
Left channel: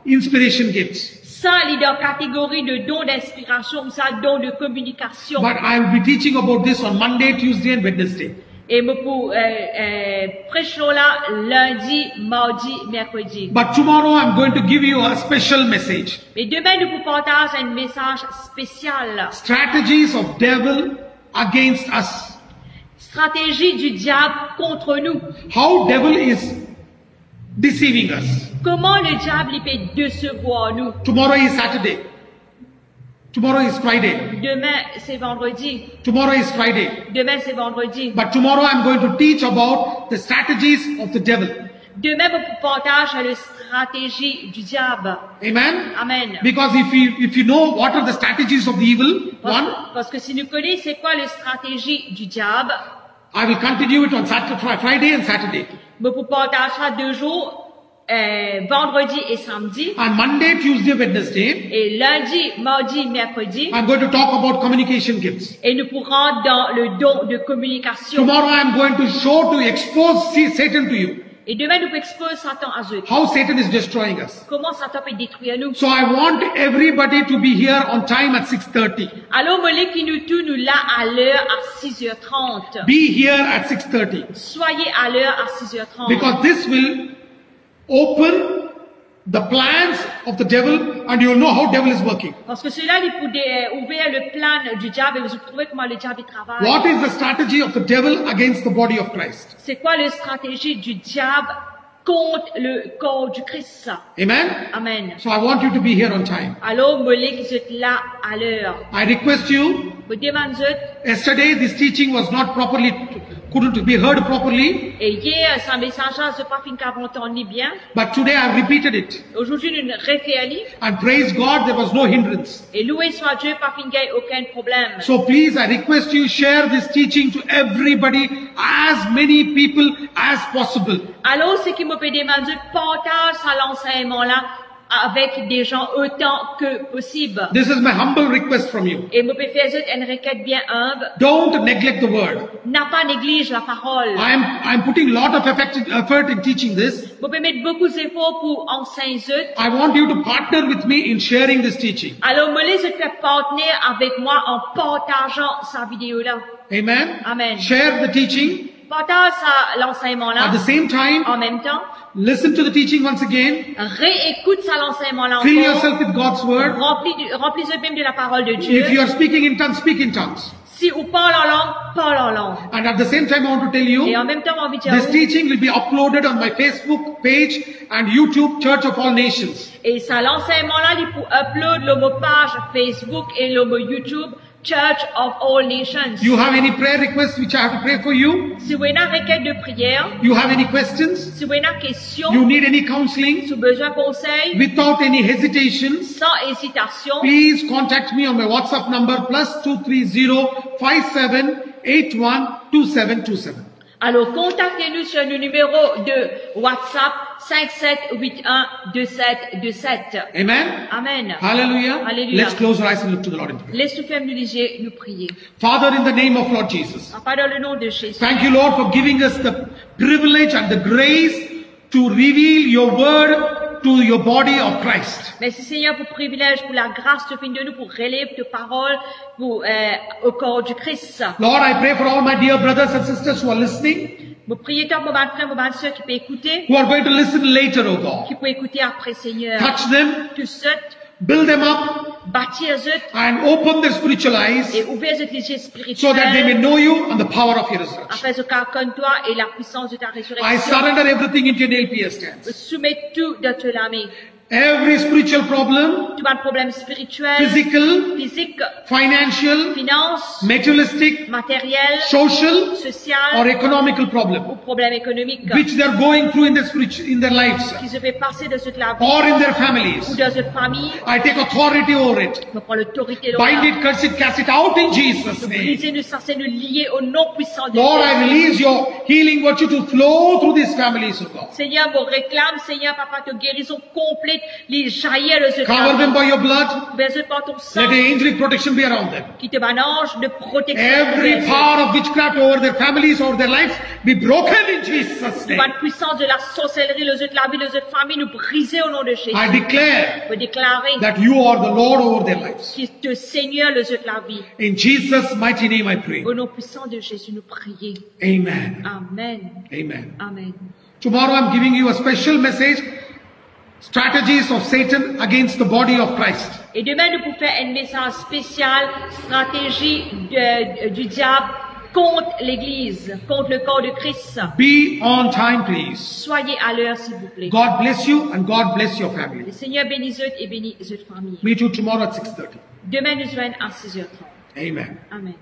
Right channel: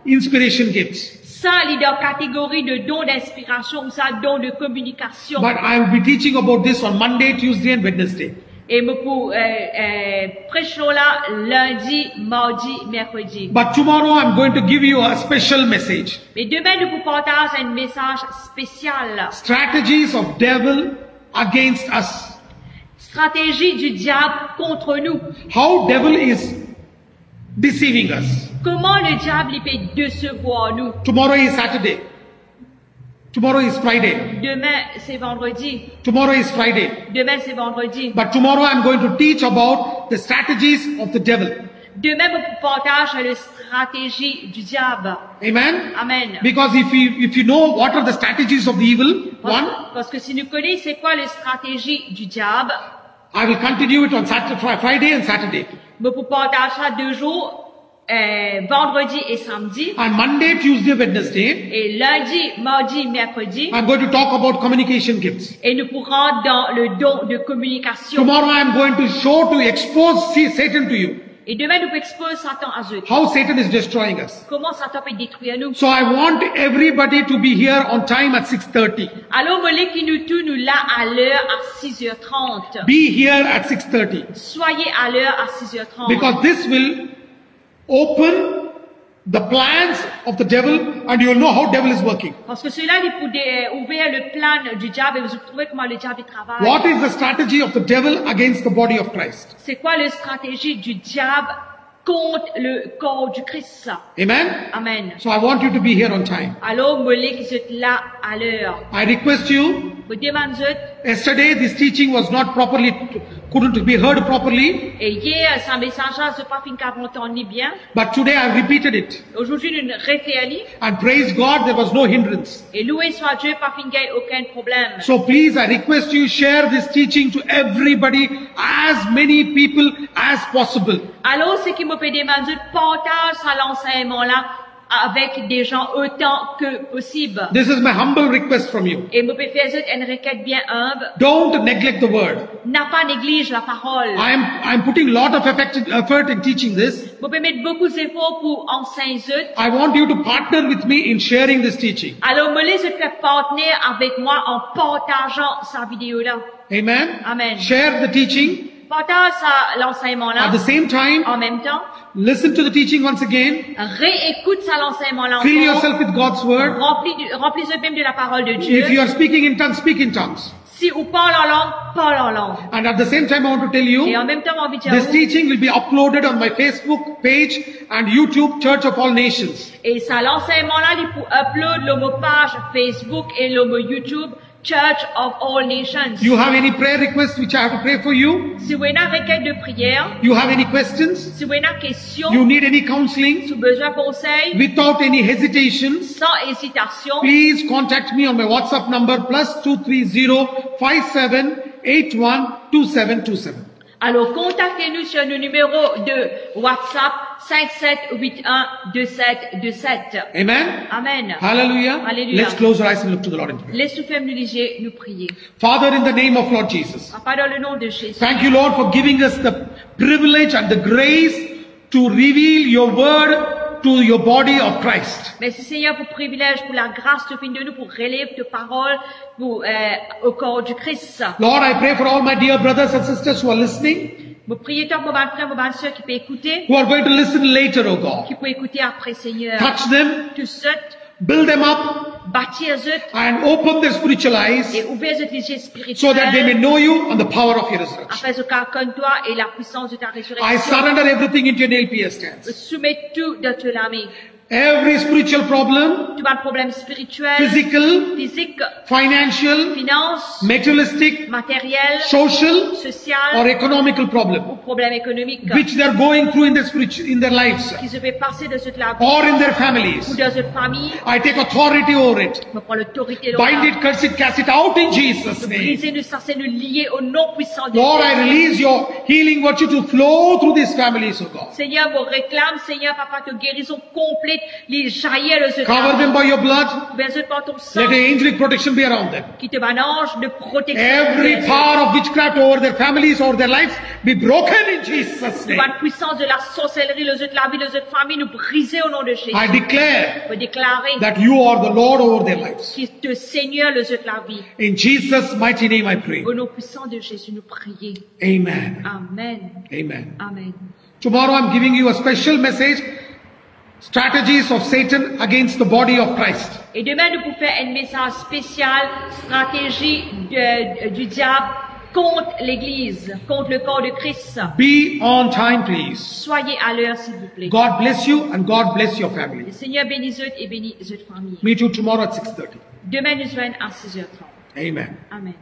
inspiration gifts. Ça, il est dans la catégorie de dons d'inspiration ou ça, don de communication. But I will be teaching about this on Monday, Tuesday and Wednesday. Et me pour prêchons là lundi, mardi, mercredi. But tomorrow I'm going to give you a special message. Mais demain, nous vous partager un message spécial. Strategies of devil against us. Stratégie du diable contre nous. How devil is deceiving us. Comment le diable il peut décevoir nous. Tomorrow is Saturday. Tomorrow is Friday. Demain, c'est vendredi. Tomorrow is Friday. Demain, c'est vendredi. But tomorrow I'm going to teach about the strategies of the devil. Demain, vous partagez la stratégie du diable. Amen? Amen. Because if you know what are the strategies of the evil one, Parce que si nous connaissons c'est quoi la stratégie du diable, I will continue it on Friday and Saturday. vous partagera 2 jours, vendredi et samedi, On Monday, Tuesday, Wednesday, et lundi, mardi, mercredi, I'm going to talk about communication gifts. et nous pourrons dans le don de communication. Tomorrow I'm going to expose Satan to you. Et demain, nous exposer Satan à eux. How Satan is destroying us. Comment Satan peut détruire nous? So I want everybody to be here on time at 6:30. Alors, Molek, nous tous, nous là à l'heure à 6h30. Be here at 6:30. Soyez à l'heure à 6h30. Because this will open the plans of the devil and you'll know how devil is working. Parce que cela, il peut ouvrir le plan du diable et vous trouvez comment le diable travaille. What is the strategy of the devil against the body of Christ? C'est quoi la stratégie du diable contre le corps du Christ? Amen? Amen. So I want you to be here on time. Alors, Molek, vous êtes là à l'heure. I request you, Vous demandez, yesterday this teaching was not couldn't be heard properly, et hier, sans message, c'est pas fin qu'avant entendu bien. but today I repeated it. Aujourd'hui, nous référons. And praise God, there was no hindrance. Et loué soit Dieu, pas fin qu'il y ait aucun problème. So please, I request you share this teaching to everybody, as many people as possible. Alors, ce qui me peut demander, partage à l'enseignement là avec des gens autant que possible. This is my humble request from you. Et me peut faire une requête bien humble. Don't neglect the word. N'a pas néglige la parole. I'm putting a lot of effort in teaching this. Me peut mettre beaucoup d'efforts pour enseigner. I want you to partner with me in sharing this teaching. Alors, me laisse faire partenaire avec moi en partageant sa vidéo là. Amen? Amen. Share the teaching. Partage l'enseignement là. At the same time, En même temps, listen to the teaching once again. réécoute ça l'enseignement là Fill encore. yourself with God's word. Remplis-le même de la parole de If Dieu. you are speaking in tongues, speak in tongues. Si ou parle en langue, parle en langue. And at the same time, I want to tell Et you, en même temps, j'ai envie de this dire, teaching will be uploaded on my Facebook page and YouTube Church of All Nations. et ça, l'enseignement là, il faut upload le page Facebook et le YouTube, Church of All Nations. You have any prayer requests which I have to pray for you? Si vous avez une requête de prière, You have any questions? si vous avez une question, You need any counseling? si vous avez besoin de conseils, Without any hesitations, sans hésitation, please contact me on my WhatsApp number +230 5781 2727. alors contactez-nous sur le numéro de WhatsApp 57812727. Amen. Amen. Hallelujah. Alléluia. Let's close our eyes and look to the Lord in prayer. Laisse-nous fermer nos yeux, nous prier. Father, in the name of Lord Jesus, Pas dans le nom de Jésus. thank you, Lord, for giving us the privilege and the grace to reveal your word to your body of Christ. Merci Seigneur pour le privilège, pour la grâce de venir de nous, pour relever tes paroles au corps du Christ. Lord, I pray for all my dear brothers and sisters who are listening, Vous priez tant pour ma frère, pour ma soeur qui peut écouter, who are going to listen later, oh God. qui peut écouter après Seigneur. Touch them, Tous eux, build them up, bâtir eux and open their spiritual eyes et ouvrir eux les yeux so that they may spirituels, know you and the power of your resurrection. afin qu'ils connaissent toi et la puissance de ta I résurrection. surrender everything into your LPS Je hands. soumets tout dans tes mains. Every spiritual problem, Tu as un problème spirituel, physical, physique, financial, finance, materialistic, matériel, social, or social economical problem, ou problème économique which they are going through in their lives qui se fait passer de cette la vie or in their ou families. dans cette famille. I take authority over it. Je prends l'autorité de Bind l'homme. it, curse it, cast it out in Jesus' name. Briser, nous censés nous lier au nom puissant de Lord, I Jésus. release your healing virtue to flow through these families, oh God. Seigneur, vous réclame, Seigneur, Papa, de guérison complète, les jaillir de ce Cover temps. them by your blood. Versez par ton Let sang, the angelic protection be around them. qui te manage de protection. Every power of witchcraft over their families, over their lives, be broken in Jesus' Toute name. la puissance de la sorcellerie, les autres, la vie, les autres familles, nous briser au nom de Jésus. I declare Pour déclarer that you are the Lord over their lives. que te Seigneur, les autres, la vie. In Jesus' mighty name I pray. Au nom puissant de Jésus, nous prions. Amen. Amen. Amen. Amen. Tomorrow I'm giving you a special message, strategies of Satan against the body of Christ. Et demain, nous pouvons faire un message spécial, stratégie du diable contre l'Église, contre le corps de Christ. Be on time, please. Soyez à l'heure, s'il vous plaît. God bless you and God bless your Le family. Seigneur bénisse eux et bénisse votre famille. Meet you tomorrow at 6:30. Demain, nous serons à 6h30. Amen. Amen.